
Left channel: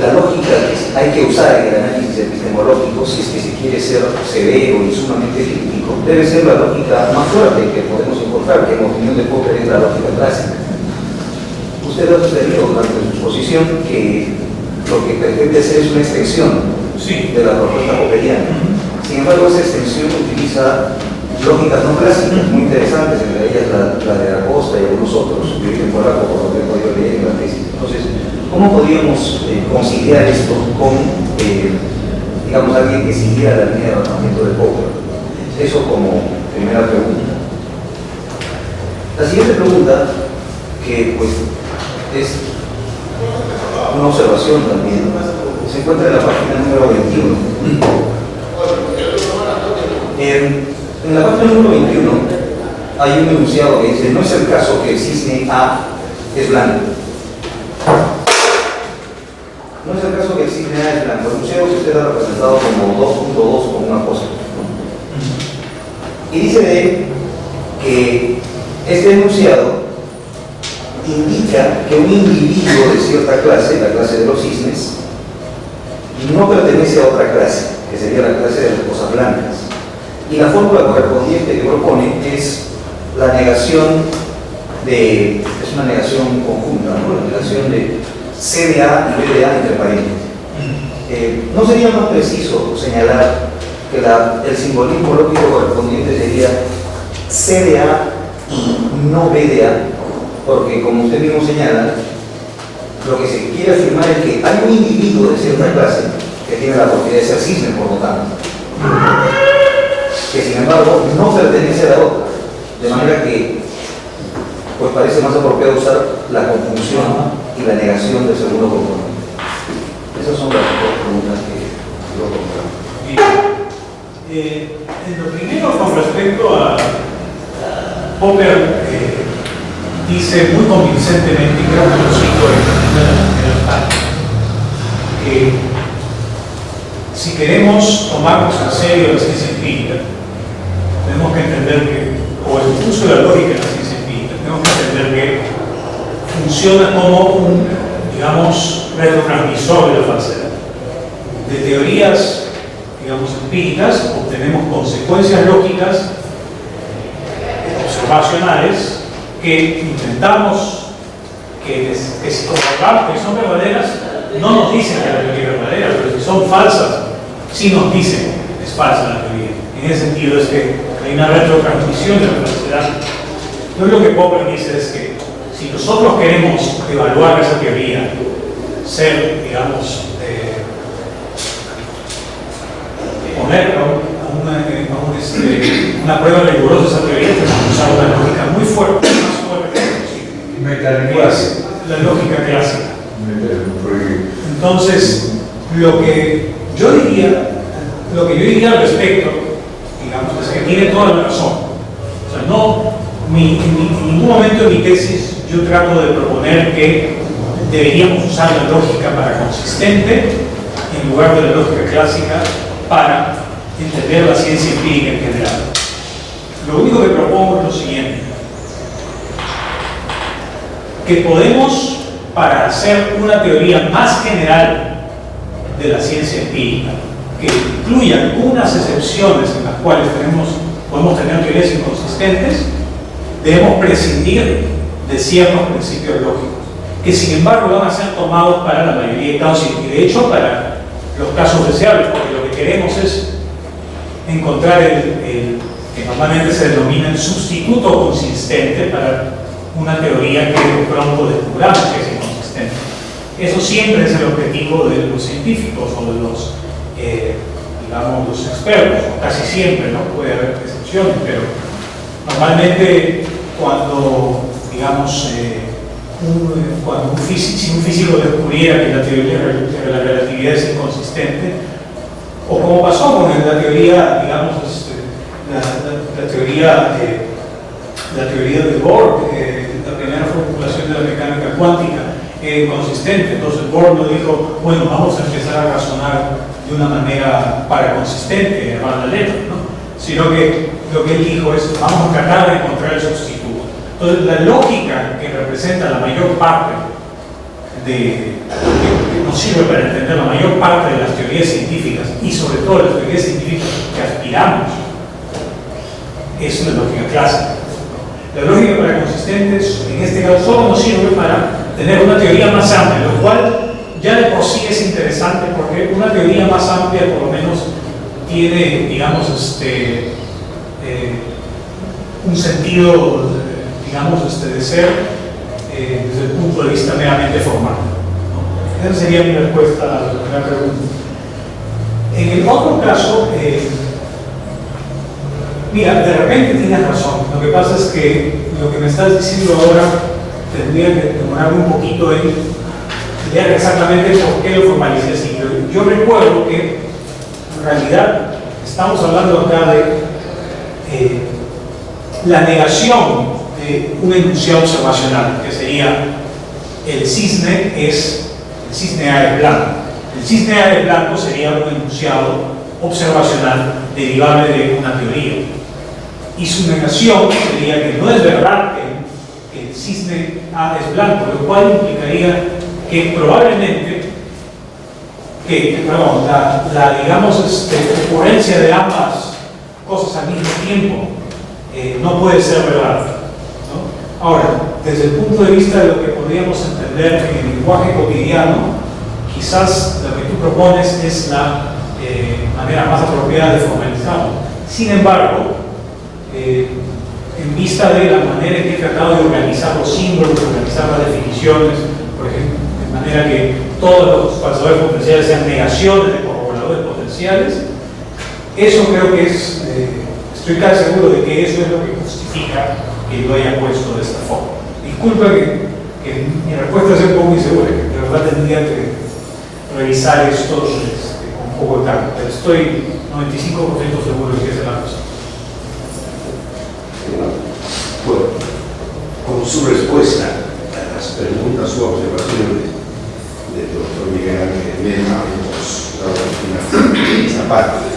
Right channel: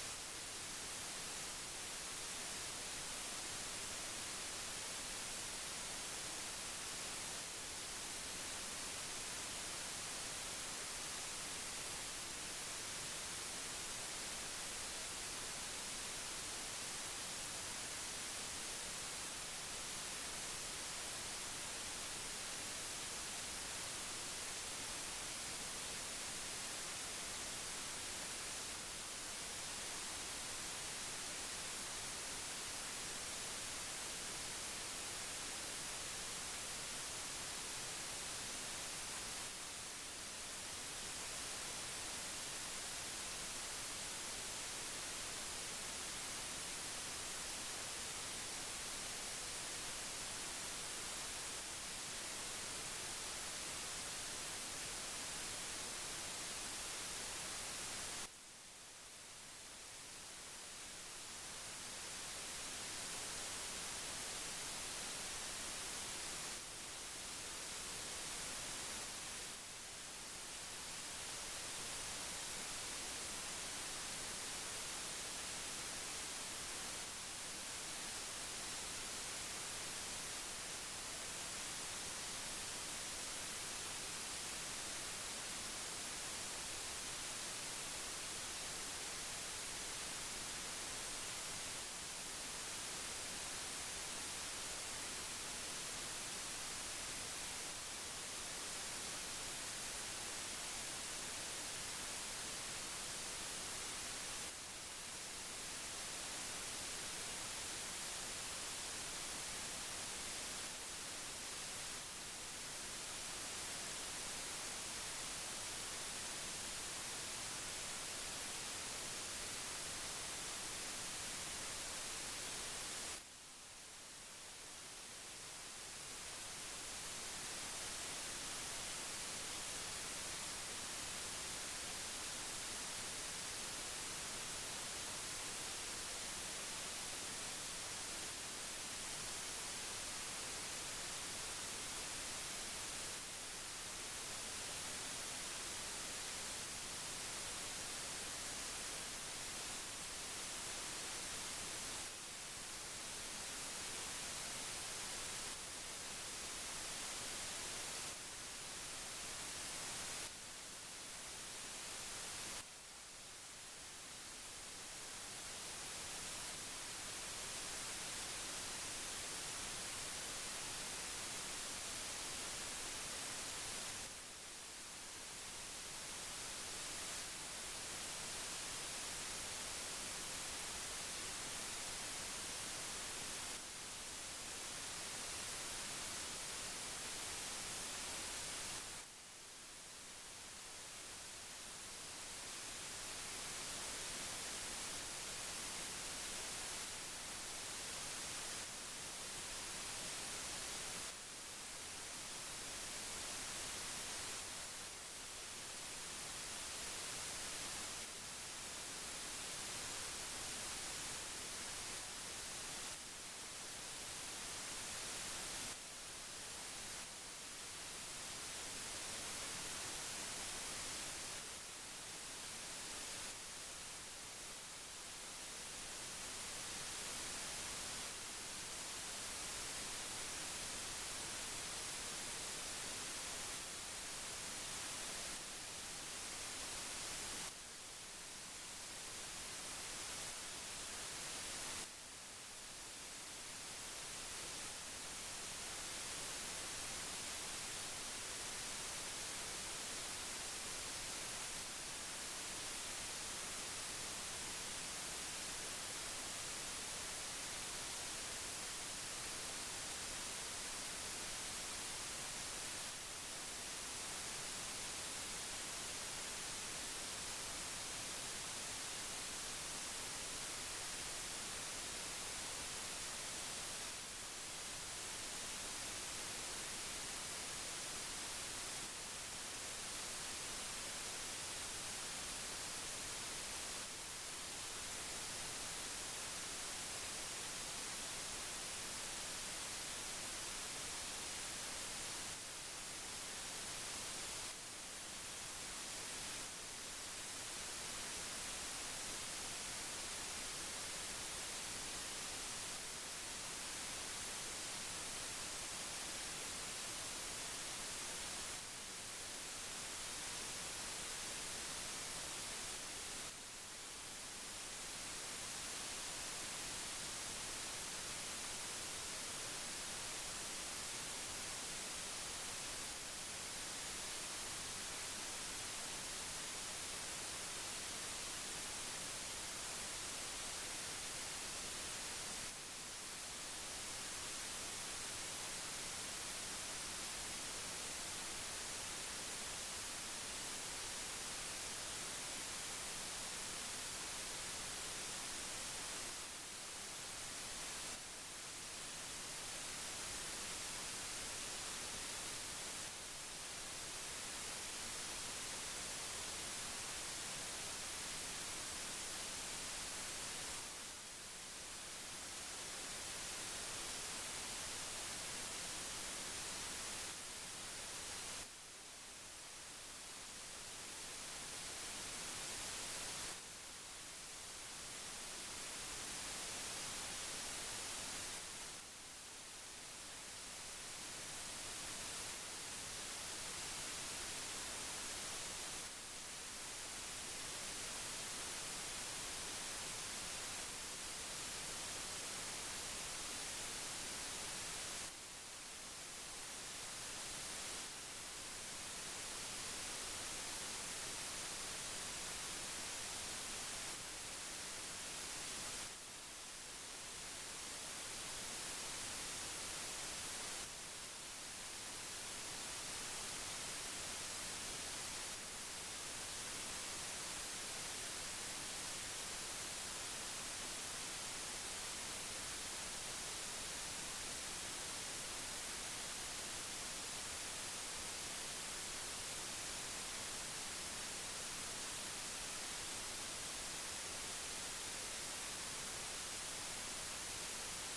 la lógica que hay que usar en el análisis epistemológico, si es que se quiere ser severo y sumamente crítico, debe ser la lógica más fuerte que podemos encontrar, que en opinión de Popper es la lógica clásica? Usted ha sugerido durante su exposición que lo que pretende hacer es una extensión de la propuesta popperiana. Sin embargo, esa extensión utiliza lógicas no clásicas muy interesantes, entre ellas la de Acosta y algunos otros, de origen polaco, por lo que he podido leer en la tesis. Entonces, ¿cómo podríamos conciliar esto con, digamos, alguien que siguiera la línea de razonamiento de Popper? Eso como primera pregunta. La siguiente pregunta, que pues es una observación también, se encuentra en la página número 21. En la página número 21 hay un enunciado que dice: no es el caso que el cisne A es blanco. No es el caso que el cisne A es blanco. El enunciado que usted ha representado como 2.2 con un apóstrofe, ¿no? Y dice de él que este enunciado indica que un individuo de cierta clase, la clase de los cisnes, no pertenece a otra clase, que sería la clase de las cosas blancas. Y la fórmula correspondiente que propone es la negación de, es una negación conjunta, ¿no? La negación de C de A y B de A entre paréntesis. ¿No sería más preciso señalar que el simbolismo lógico correspondiente sería C de A y no B de A? Porque, como usted mismo señala, lo que se quiere afirmar es que hay un individuo de cierta clase que tiene la propiedad de ser cisne, por lo tanto, que sin embargo no pertenece a la otra, de manera que pues parece más apropiado usar la conjunción y la negación del segundo componente. Esas son las dos preguntas que yo propongo. En lo primero, con respecto a Popper, dice muy convincentemente, y creo que lo cito en el párrafo, que si queremos tomarnos en serio la ciencia empírica, tenemos que entender que, o el uso de la lógica de la ciencia empírica, tenemos que entender que funciona como un, digamos, retrotransmisor de la falsedad. De teorías, digamos, empíricas, obtenemos consecuencias lógicas observacionales que intentamos que si comprobamos que son verdaderas, no nos dicen que la teoría es verdadera, pero si son falsas, sí nos dicen que es falsa la teoría. En ese sentido es que hay una retrotransmisión de la falsedad. Entonces lo que Popper dice es que si nosotros queremos evaluar esa teoría, ser, digamos, poner una prueba rigurosa de esa teoría, tenemos que usar una lógica muy fuerte, más fuerte que es la lógica clásica. Entonces, lo que yo diría al respecto, digamos, es que tiene toda la razón. O sea, en ningún momento en mi tesis yo trato de proponer que deberíamos usar la lógica para consistente en lugar de la lógica clásica para entender la ciencia empírica en general. Lo único que propongo es lo siguiente: que podemos, para hacer una teoría más general de la ciencia empírica, que incluya algunas excepciones en las cuales podemos tener teorías inconsistentes, debemos prescindir de ciertos principios lógicos, que sin embargo van a ser tomados para la mayoría de casos y de hecho para los casos deseables, porque lo que queremos es encontrar que normalmente se denomina el sustituto consistente para una teoría que de pronto descubramos que es inconsistente. Eso siempre es el objetivo de los científicos o de los, digamos, los expertos, o casi siempre, ¿no? Puede haber excepciones, pero normalmente cuando, digamos, si un físico descubriera que la teoría de la relatividad es inconsistente, o como pasó con la teoría, digamos, la teoría de Bohr, la primera formulación de la mecánica cuántica, consistente. Entonces Bohr no dijo, bueno, vamos a empezar a razonar de una manera paraconsistente, llamarla letra, ¿no? Sino que lo que él dijo es, vamos a tratar de encontrar el sustituto. Entonces la lógica que representa la mayor parte que nos sirve para entender la mayor parte de las teorías científicas y sobre todo las teorías científicas que aspiramos es una lógica clásica. La lógica paraconsistente en este caso solo nos sirve para tener una teoría más amplia, lo cual ya de por sí es interesante porque una teoría más amplia por lo menos tiene, digamos, un sentido, digamos, de ser desde el punto de vista meramente formal, ¿no? Esa sería mi respuesta a la primera pregunta. En el otro caso, mira, de repente tienes razón. Lo que pasa es que lo que me estás diciendo ahora tendría que demorarme un poquito en ver exactamente por qué lo formalicé así. Pero yo recuerdo que en realidad estamos hablando acá de la negación de un enunciado observacional, que sería el cisne A es blanco. El cisne A es blanco sería un enunciado observacional derivable de una teoría. Y su negación sería que no es verdad que el cisne A es blanco, lo cual implicaría que probablemente digamos, ocurrencia de ambas cosas al mismo tiempo no puede ser verdad, ¿no? Ahora, desde el punto de vista de lo que podríamos entender en el lenguaje cotidiano, quizás lo que tú propones es la manera más apropiada de formalizarlo. Sin embargo, en vista de la manera en que he tratado de organizar los símbolos, de organizar las definiciones, por ejemplo, de manera que todos los falsadores potenciales sean negaciones de corroboradores potenciales, eso creo que es, estoy casi seguro de que eso es lo que justifica que lo haya puesto de esta forma. Disculpa que mi respuesta sea un poco insegura, que de verdad tendría que revisar esto con un poco de calma, pero estoy 95% seguro de que esa es la cosa. Bueno, con su respuesta a las preguntas o observaciones del doctor Miguel Ángel Lerma, hemos dado esta parte.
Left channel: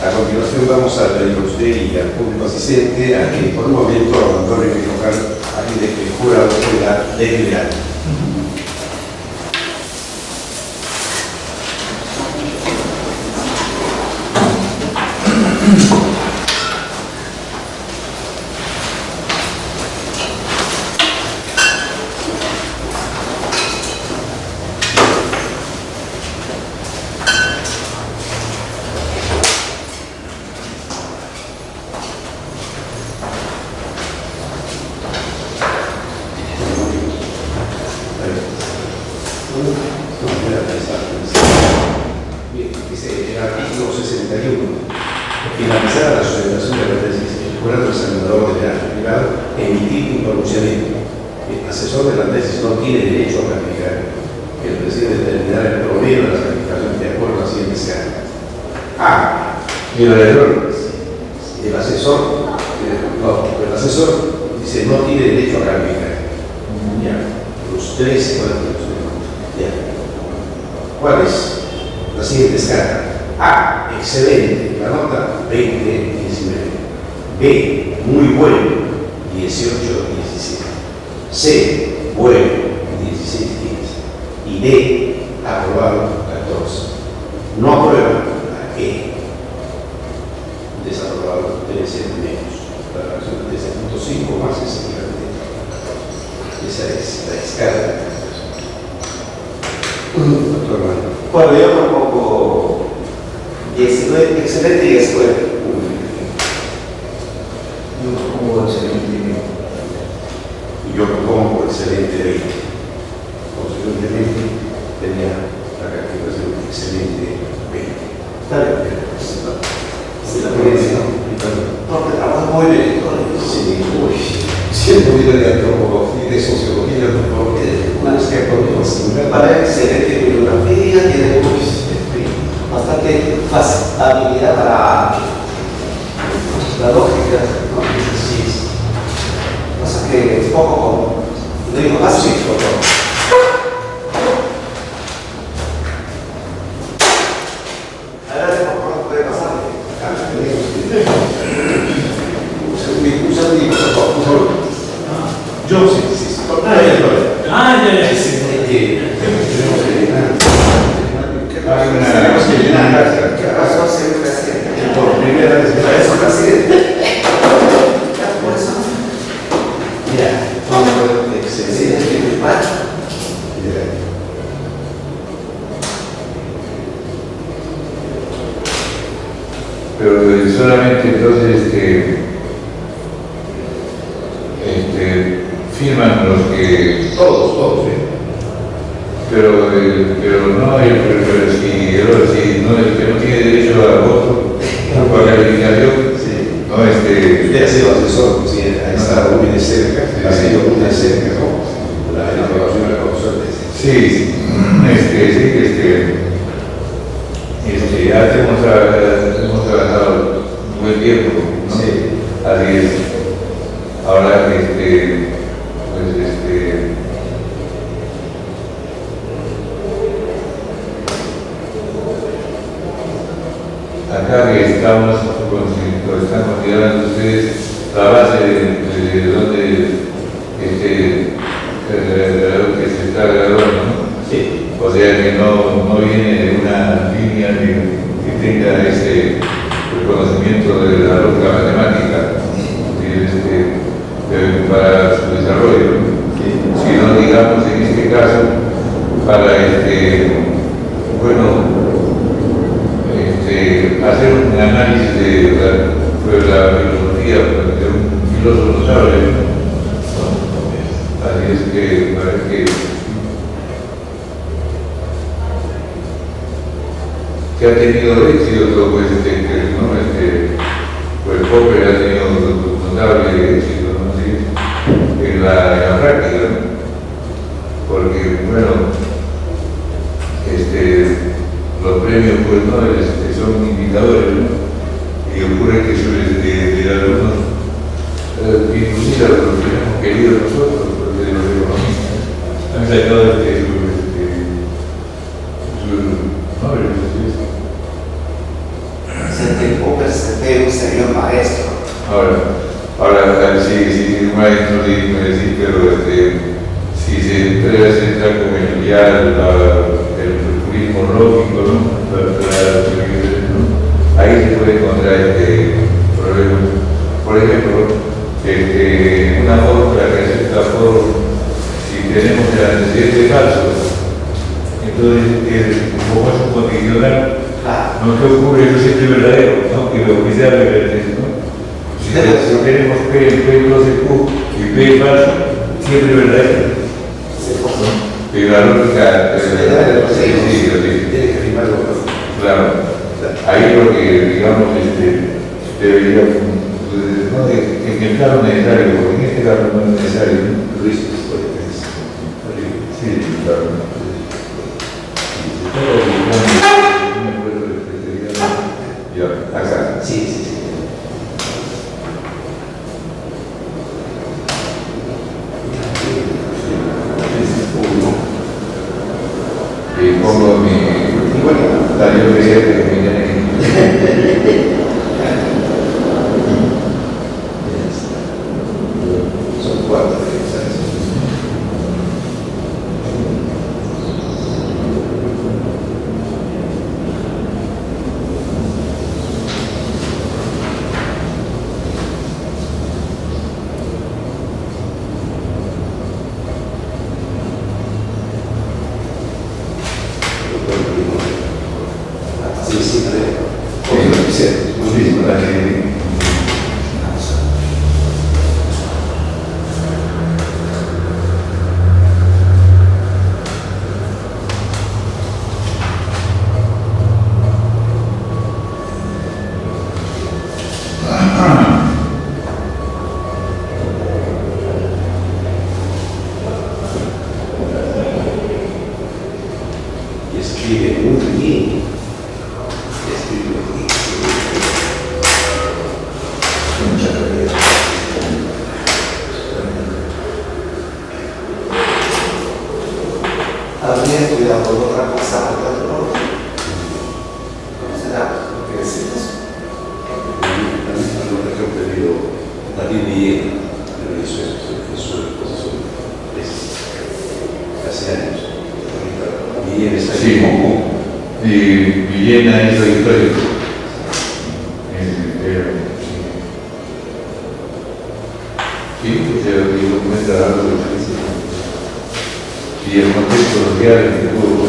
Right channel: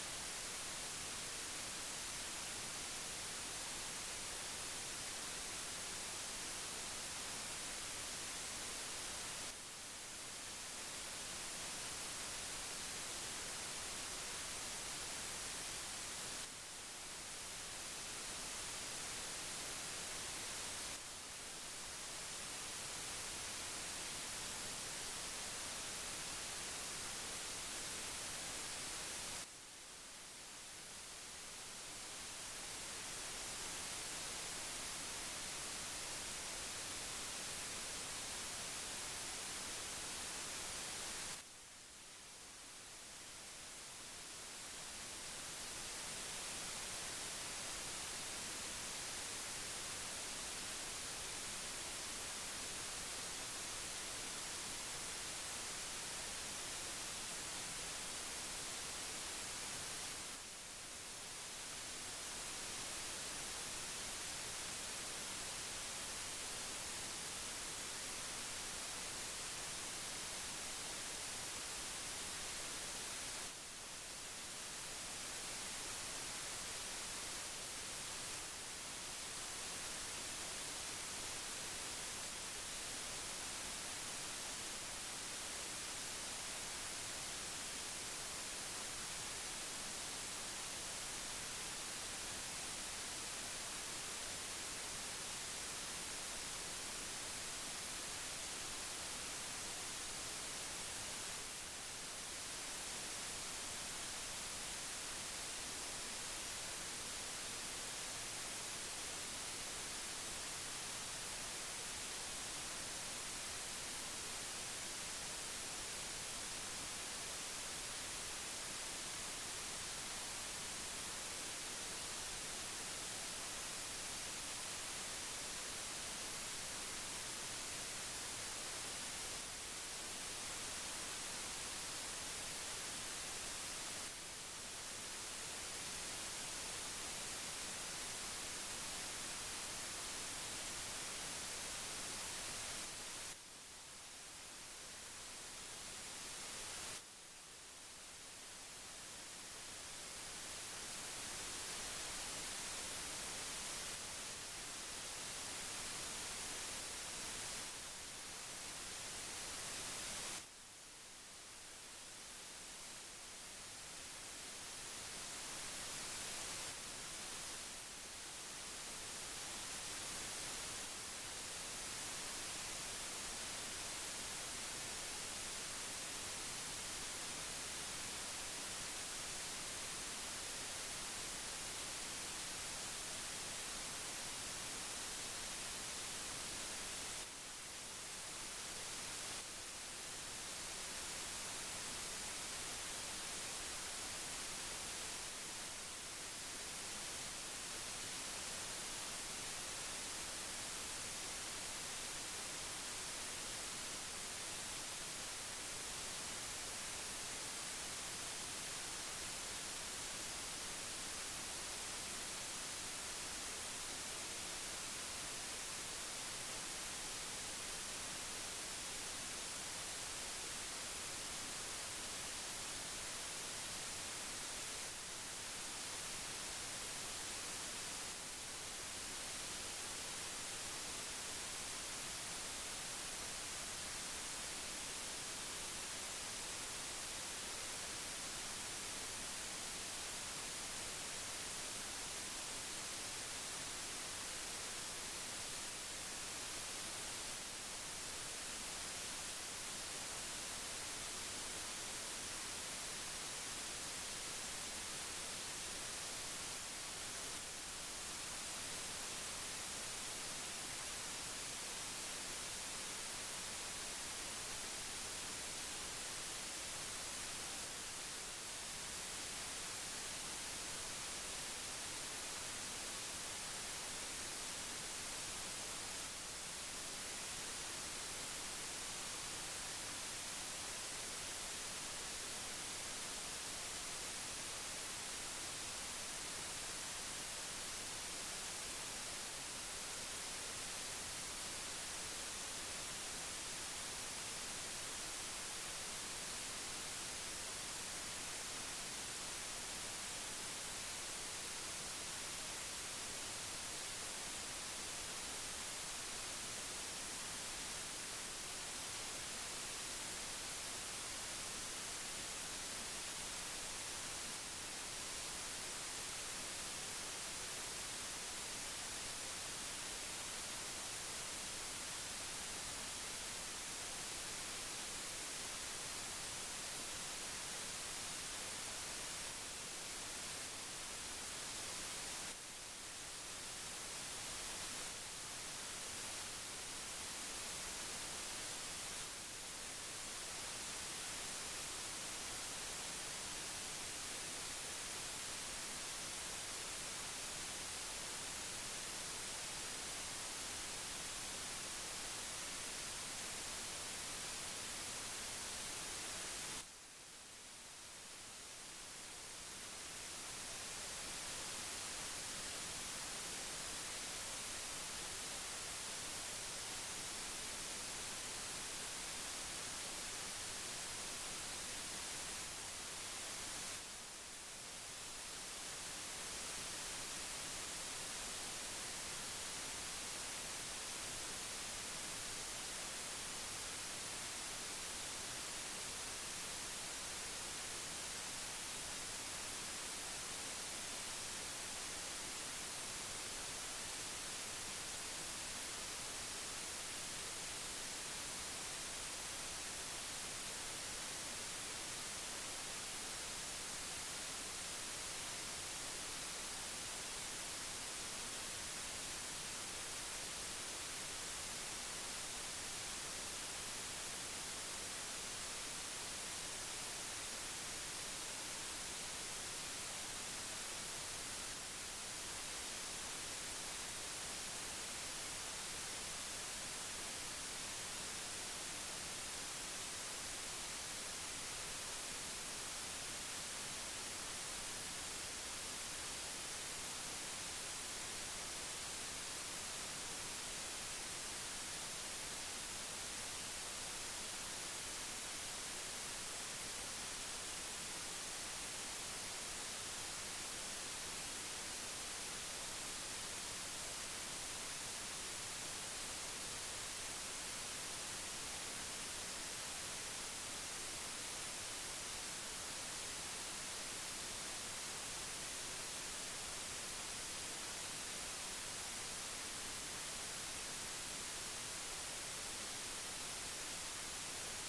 A continuación vamos a pedir a usted y al público asistente a que por un momento abandone el local a fin de que el jurado pueda deliberar. Bien, dice el artículo 61. Finalizada la sustentación de la tesis, el jurado examinador deberá primero emitir un pronunciamiento. El asesor de la tesis no tiene derecho a calificar. El presidente determinará el promedio de las calificaciones de acuerdo a las siguientes cargas. A. El asesor dice no tiene derecho a calificar. Ya. Los tres. Ya. ¿Cuál es? La siguiente escala. A, excelente, la nota 20, 19. B, muy bueno, 18, 17. C, bueno, 16, 15. Y D, aprobado, 14. No aprueba, E. Desaprobado, debe ser menos. La relación de 13.5 más es equivalente. Esa es la escala. Doctor Manuel. Bueno, yo propongo 19, excelente y escuela. Yo propongo excelente. Y yo propongo excelente 20. Consecuentemente, tenía la calificación excelente 20. Está bien. Sí, la ponencia, ¿no? Porque trabaja muy bien. Sí, uy. Siendo vida de antropología y de sociología, una vez que para excelente bibliografía, tiene bastante habilidad para la lógica, ¿no? Sí. Pasa que es poco, no digo fácil, puede pasar. Yo sí. ¿Qué pasó, señor presidente? Por primera vez me Eso, presidente. Por eso. ya, excelente. pero solamente entonces firman los que... Todos, ¿eh? Pero no si no, el que no tiene derecho a voto, a calificación, Sí. no Usted ha sido asesor, sí, ha estado muy de cerca, ha sido muy de cerca, ¿no? La elaboración de la profesora. sí, hemos trabajado un buen tiempo, ¿no? Sí. Así es. Ahora, acá que estamos, lo están considerando ustedes, la base de donde que se está graduando, ¿no? Sí. O sea que no viene de una línea que tenga ese reconocimiento de la lógica matemática para su desarrollo, sino, digamos, en este caso, para hacer un análisis de la filosofía de un filósofo notable, ¿no? Así es que parece que ha tenido éxito, pues, pues Popper ha tenido notable éxito, ¿no? ¿Sí? en la práctica, ¿no? Porque, bueno, los premios, pues, ¿no? Son indicadores, ¿no? Y ocurre que de algunos, inclusive los que hemos querido nosotros, de los economistas, han sacado Popper sería un señor maestro. Ahora sí, un maestro sí, pero si se entra con el purismo lógico, ¿no? Ahí se puede encontrar problemas. Por ejemplo, una fórmula que acepta si tenemos el antecedente falso, entonces como es un condicional, no te ocurre eso siempre verdadero, ¿no? Que lo oficial es verdadero, ¿no? Si tenemos P no de Q y P falso, siempre verdadero. Pero la lógica Tiene que rimar con los. claro. Ahí lo que, digamos, debería, no en el caso necesario, porque en este caso no es necesario, ¿no? Luis, Sí, claro. Ya, acá. sí. Y pongo mi taller de Son 4. Escribe muy bien. Mucha calidad. Habría estudiado por otra cosa, ¿no? ¿Será? ¿Qué es eso? También he pedido David Villena, pero eso es profesor hace años. Villena está Sí, y Villena hizo histórico. Sí, se documenta algo y el contexto social que tuvo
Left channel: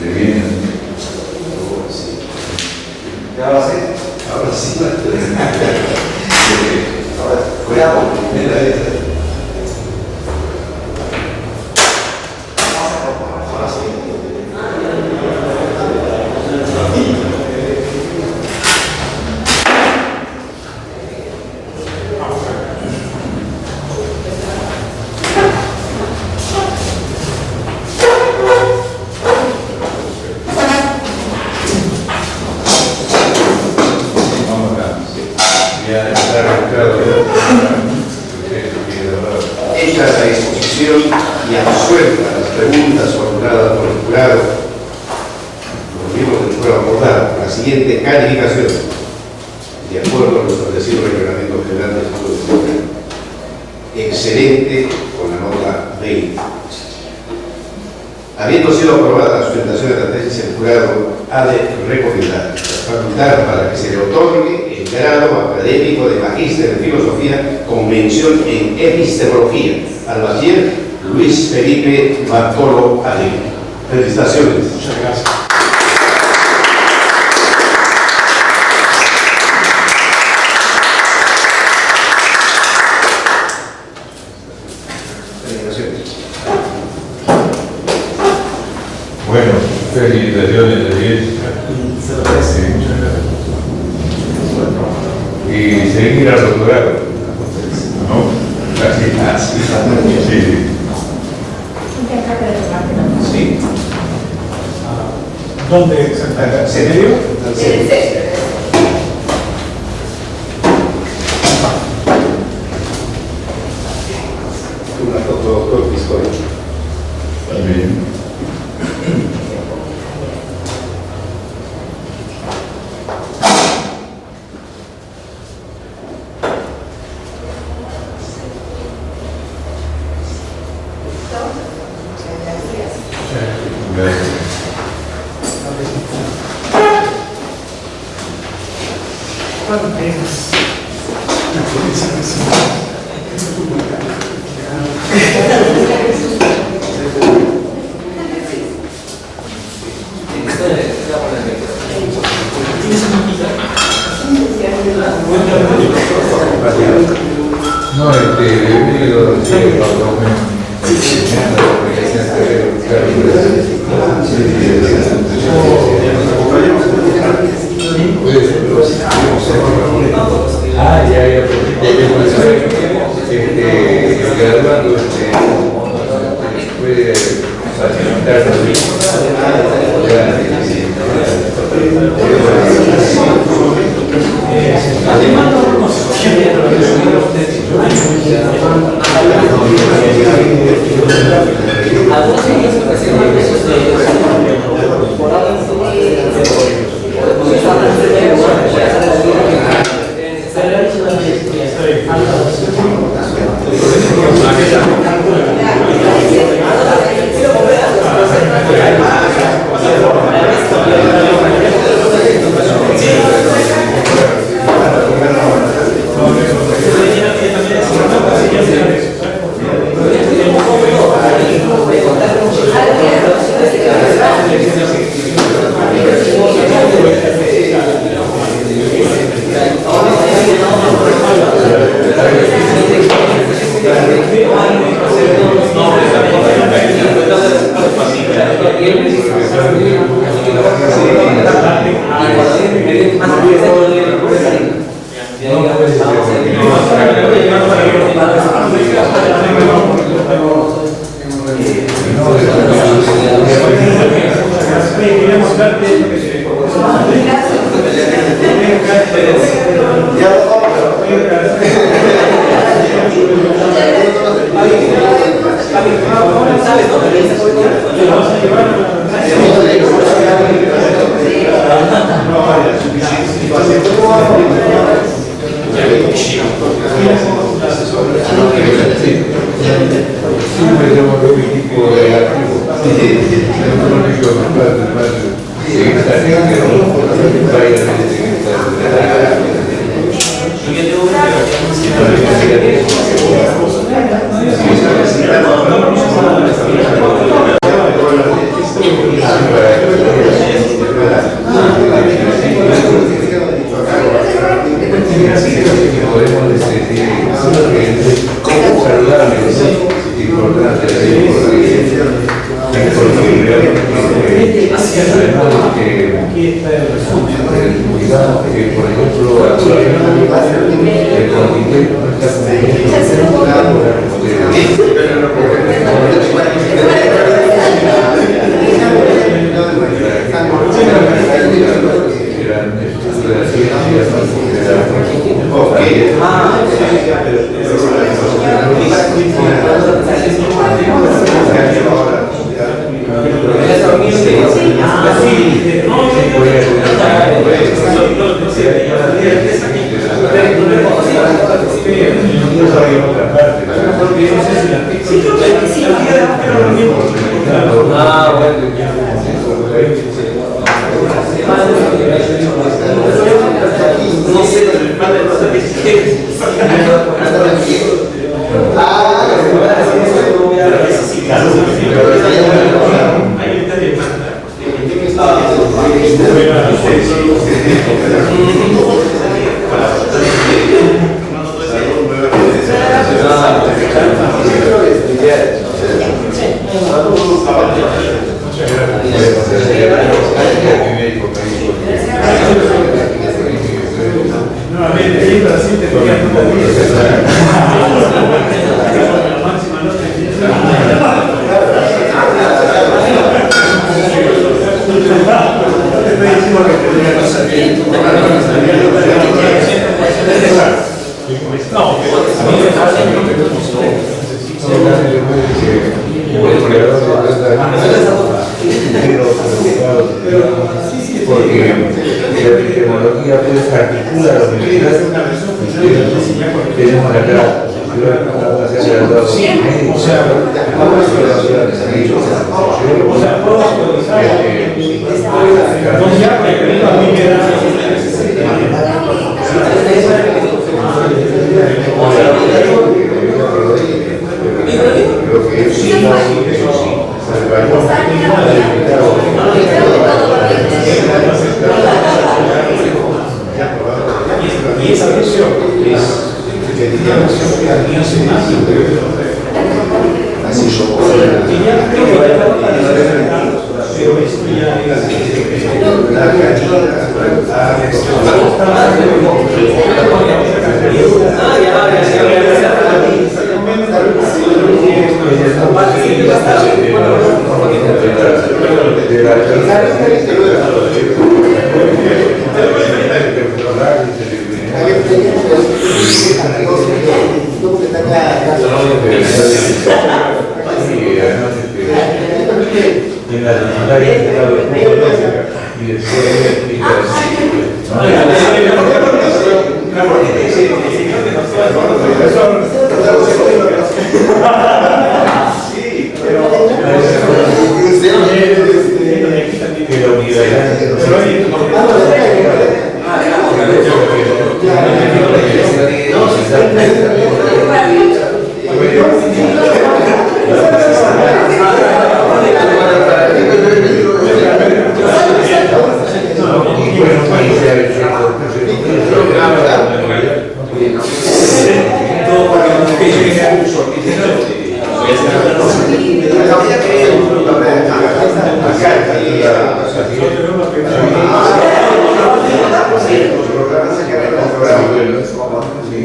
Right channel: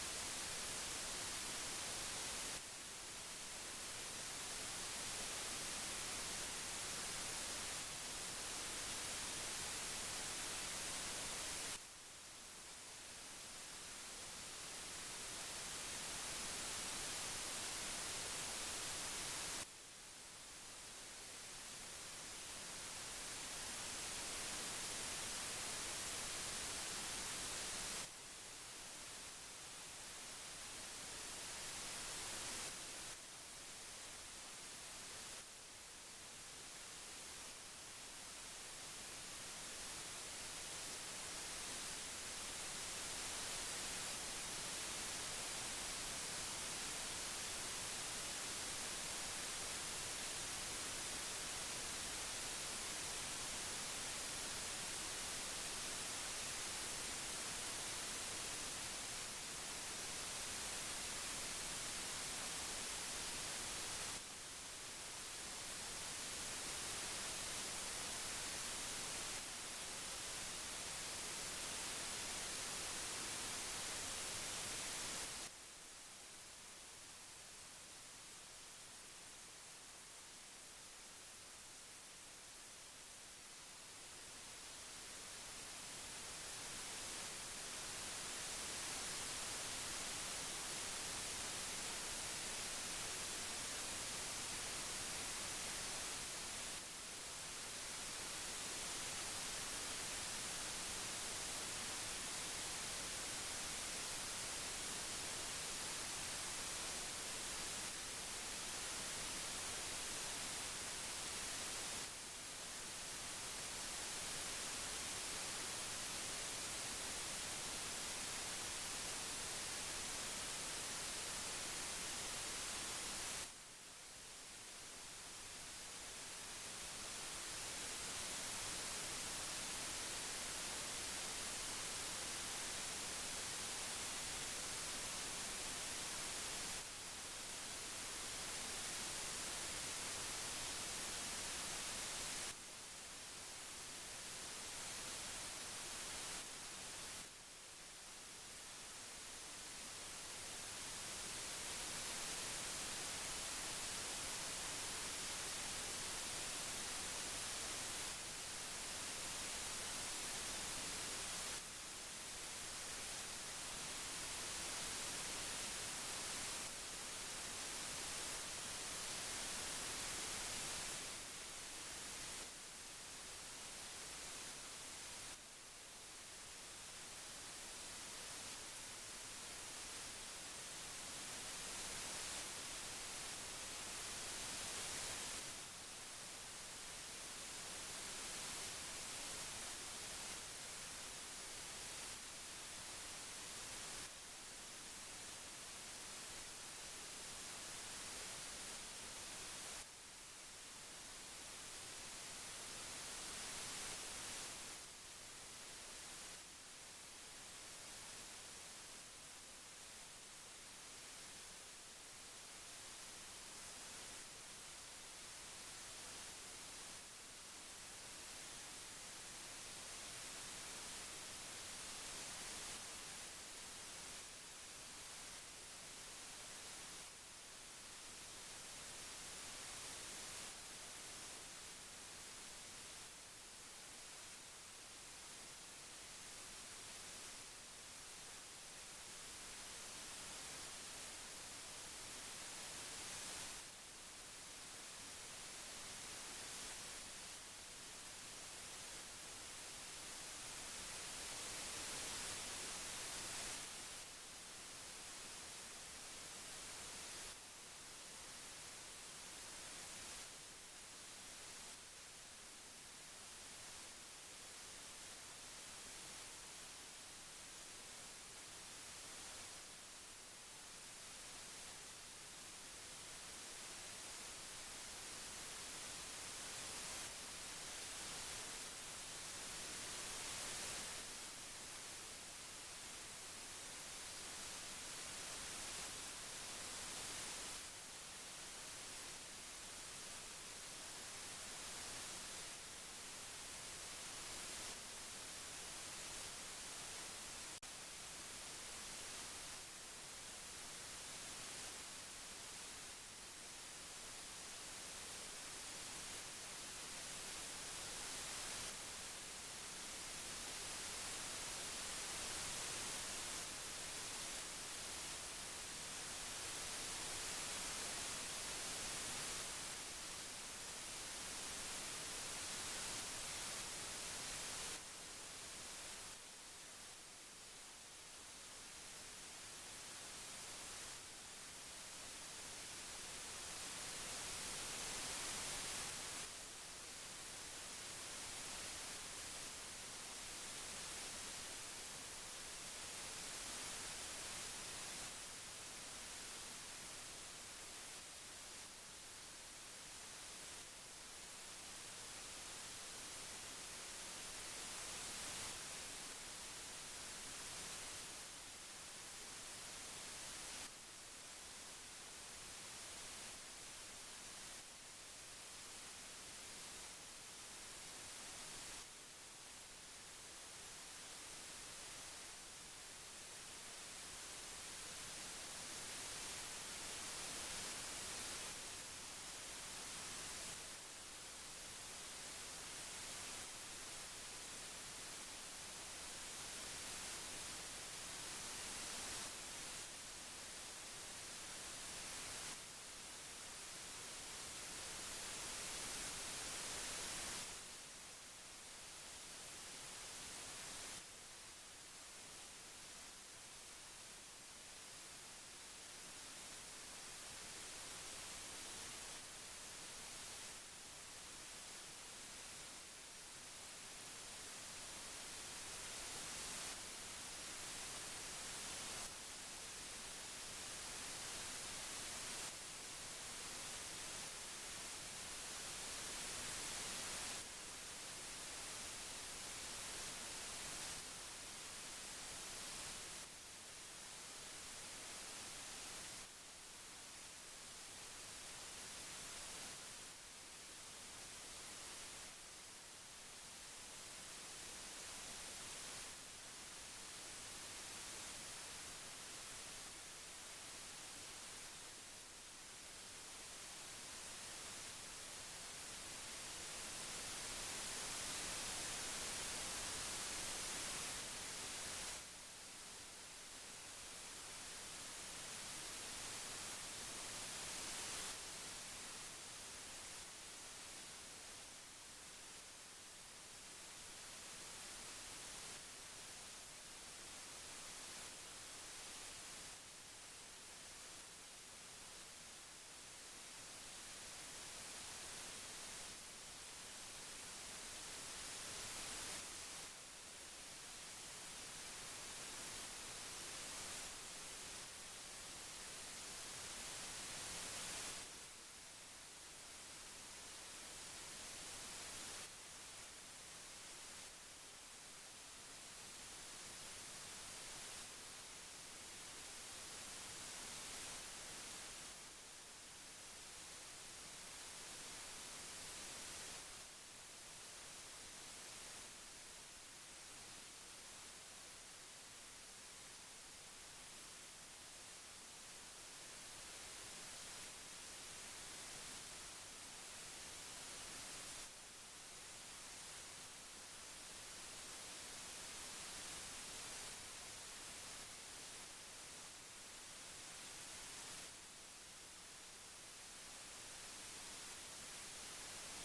de Viena. siguiente calificación, de acuerdo a lo establecido en el Reglamento General del Estado de Colombia. Excelente, con la nota 20. Habiendo sido aprobada la sustentación de la tesis, el jurado ha de recomendar, facultar para que se le otorgue el grado académico de Magíster en Filosofía con mención en Epistemología al bachiller Luis Felipe Bartolo Alegre. Felicitaciones. Muchas gracias. Bueno, felicitaciones de 10. Sí, muchas gracias. Y seguir al doctorado, ¿no? Así. Sí. Sí. ¿Dónde exactamente? ¿En serio? Una foto, doctor Piscoy. También. Gracias. No, bienvenido, graduando, puede facilitarnos.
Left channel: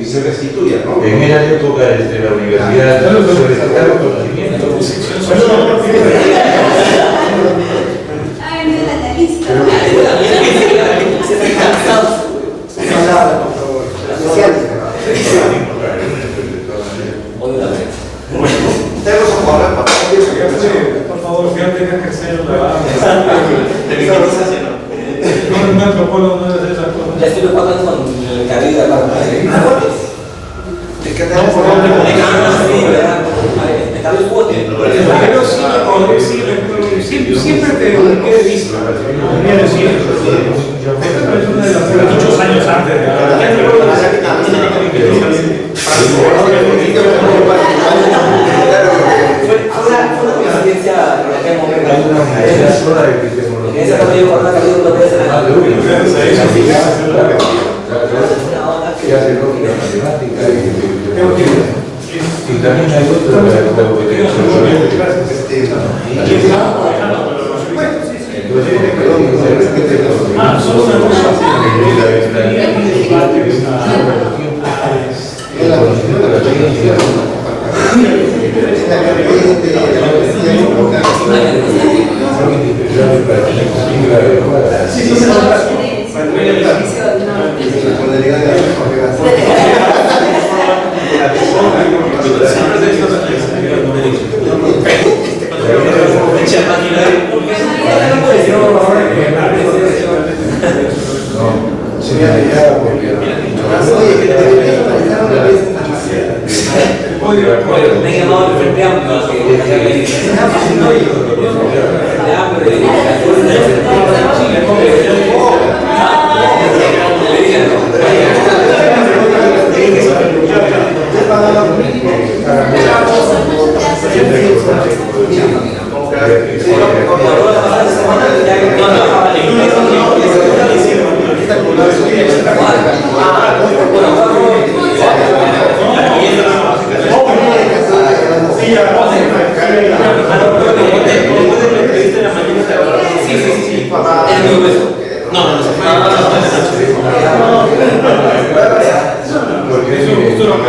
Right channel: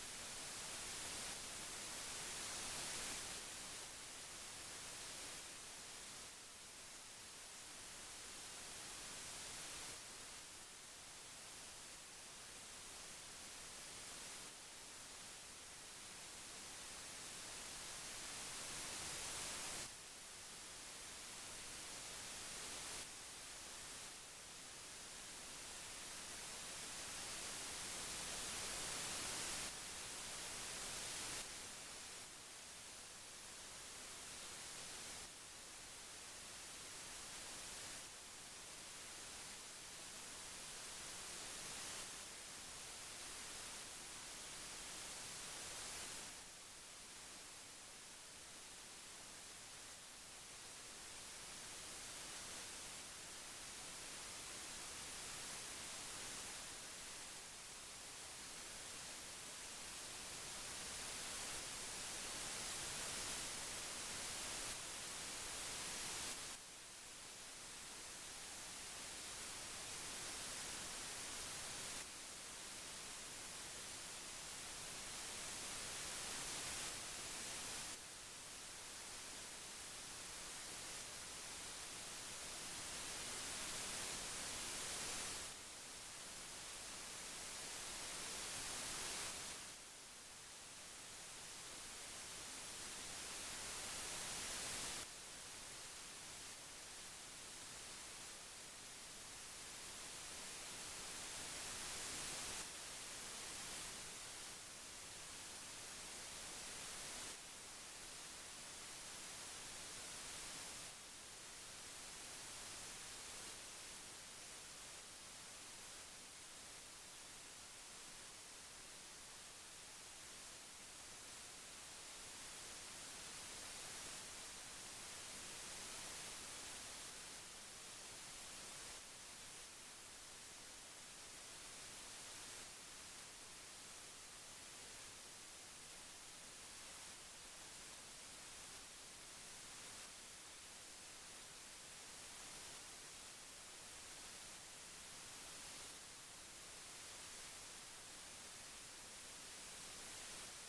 se restituya, ¿no? En esa época desde la universidad solicitaron conocimientos. Por favor, que no tenga que hacer un antropólogo no debe hacer esas cosas. Ya estoy pagando con el cabello de la Pero siempre te quede visto. Esta persona de las muchos años antes fue una coincidencia en aquel momento. En ese cabello con una cabello no puede ser nada. Y también hay otro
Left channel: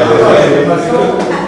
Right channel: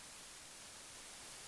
Gracias.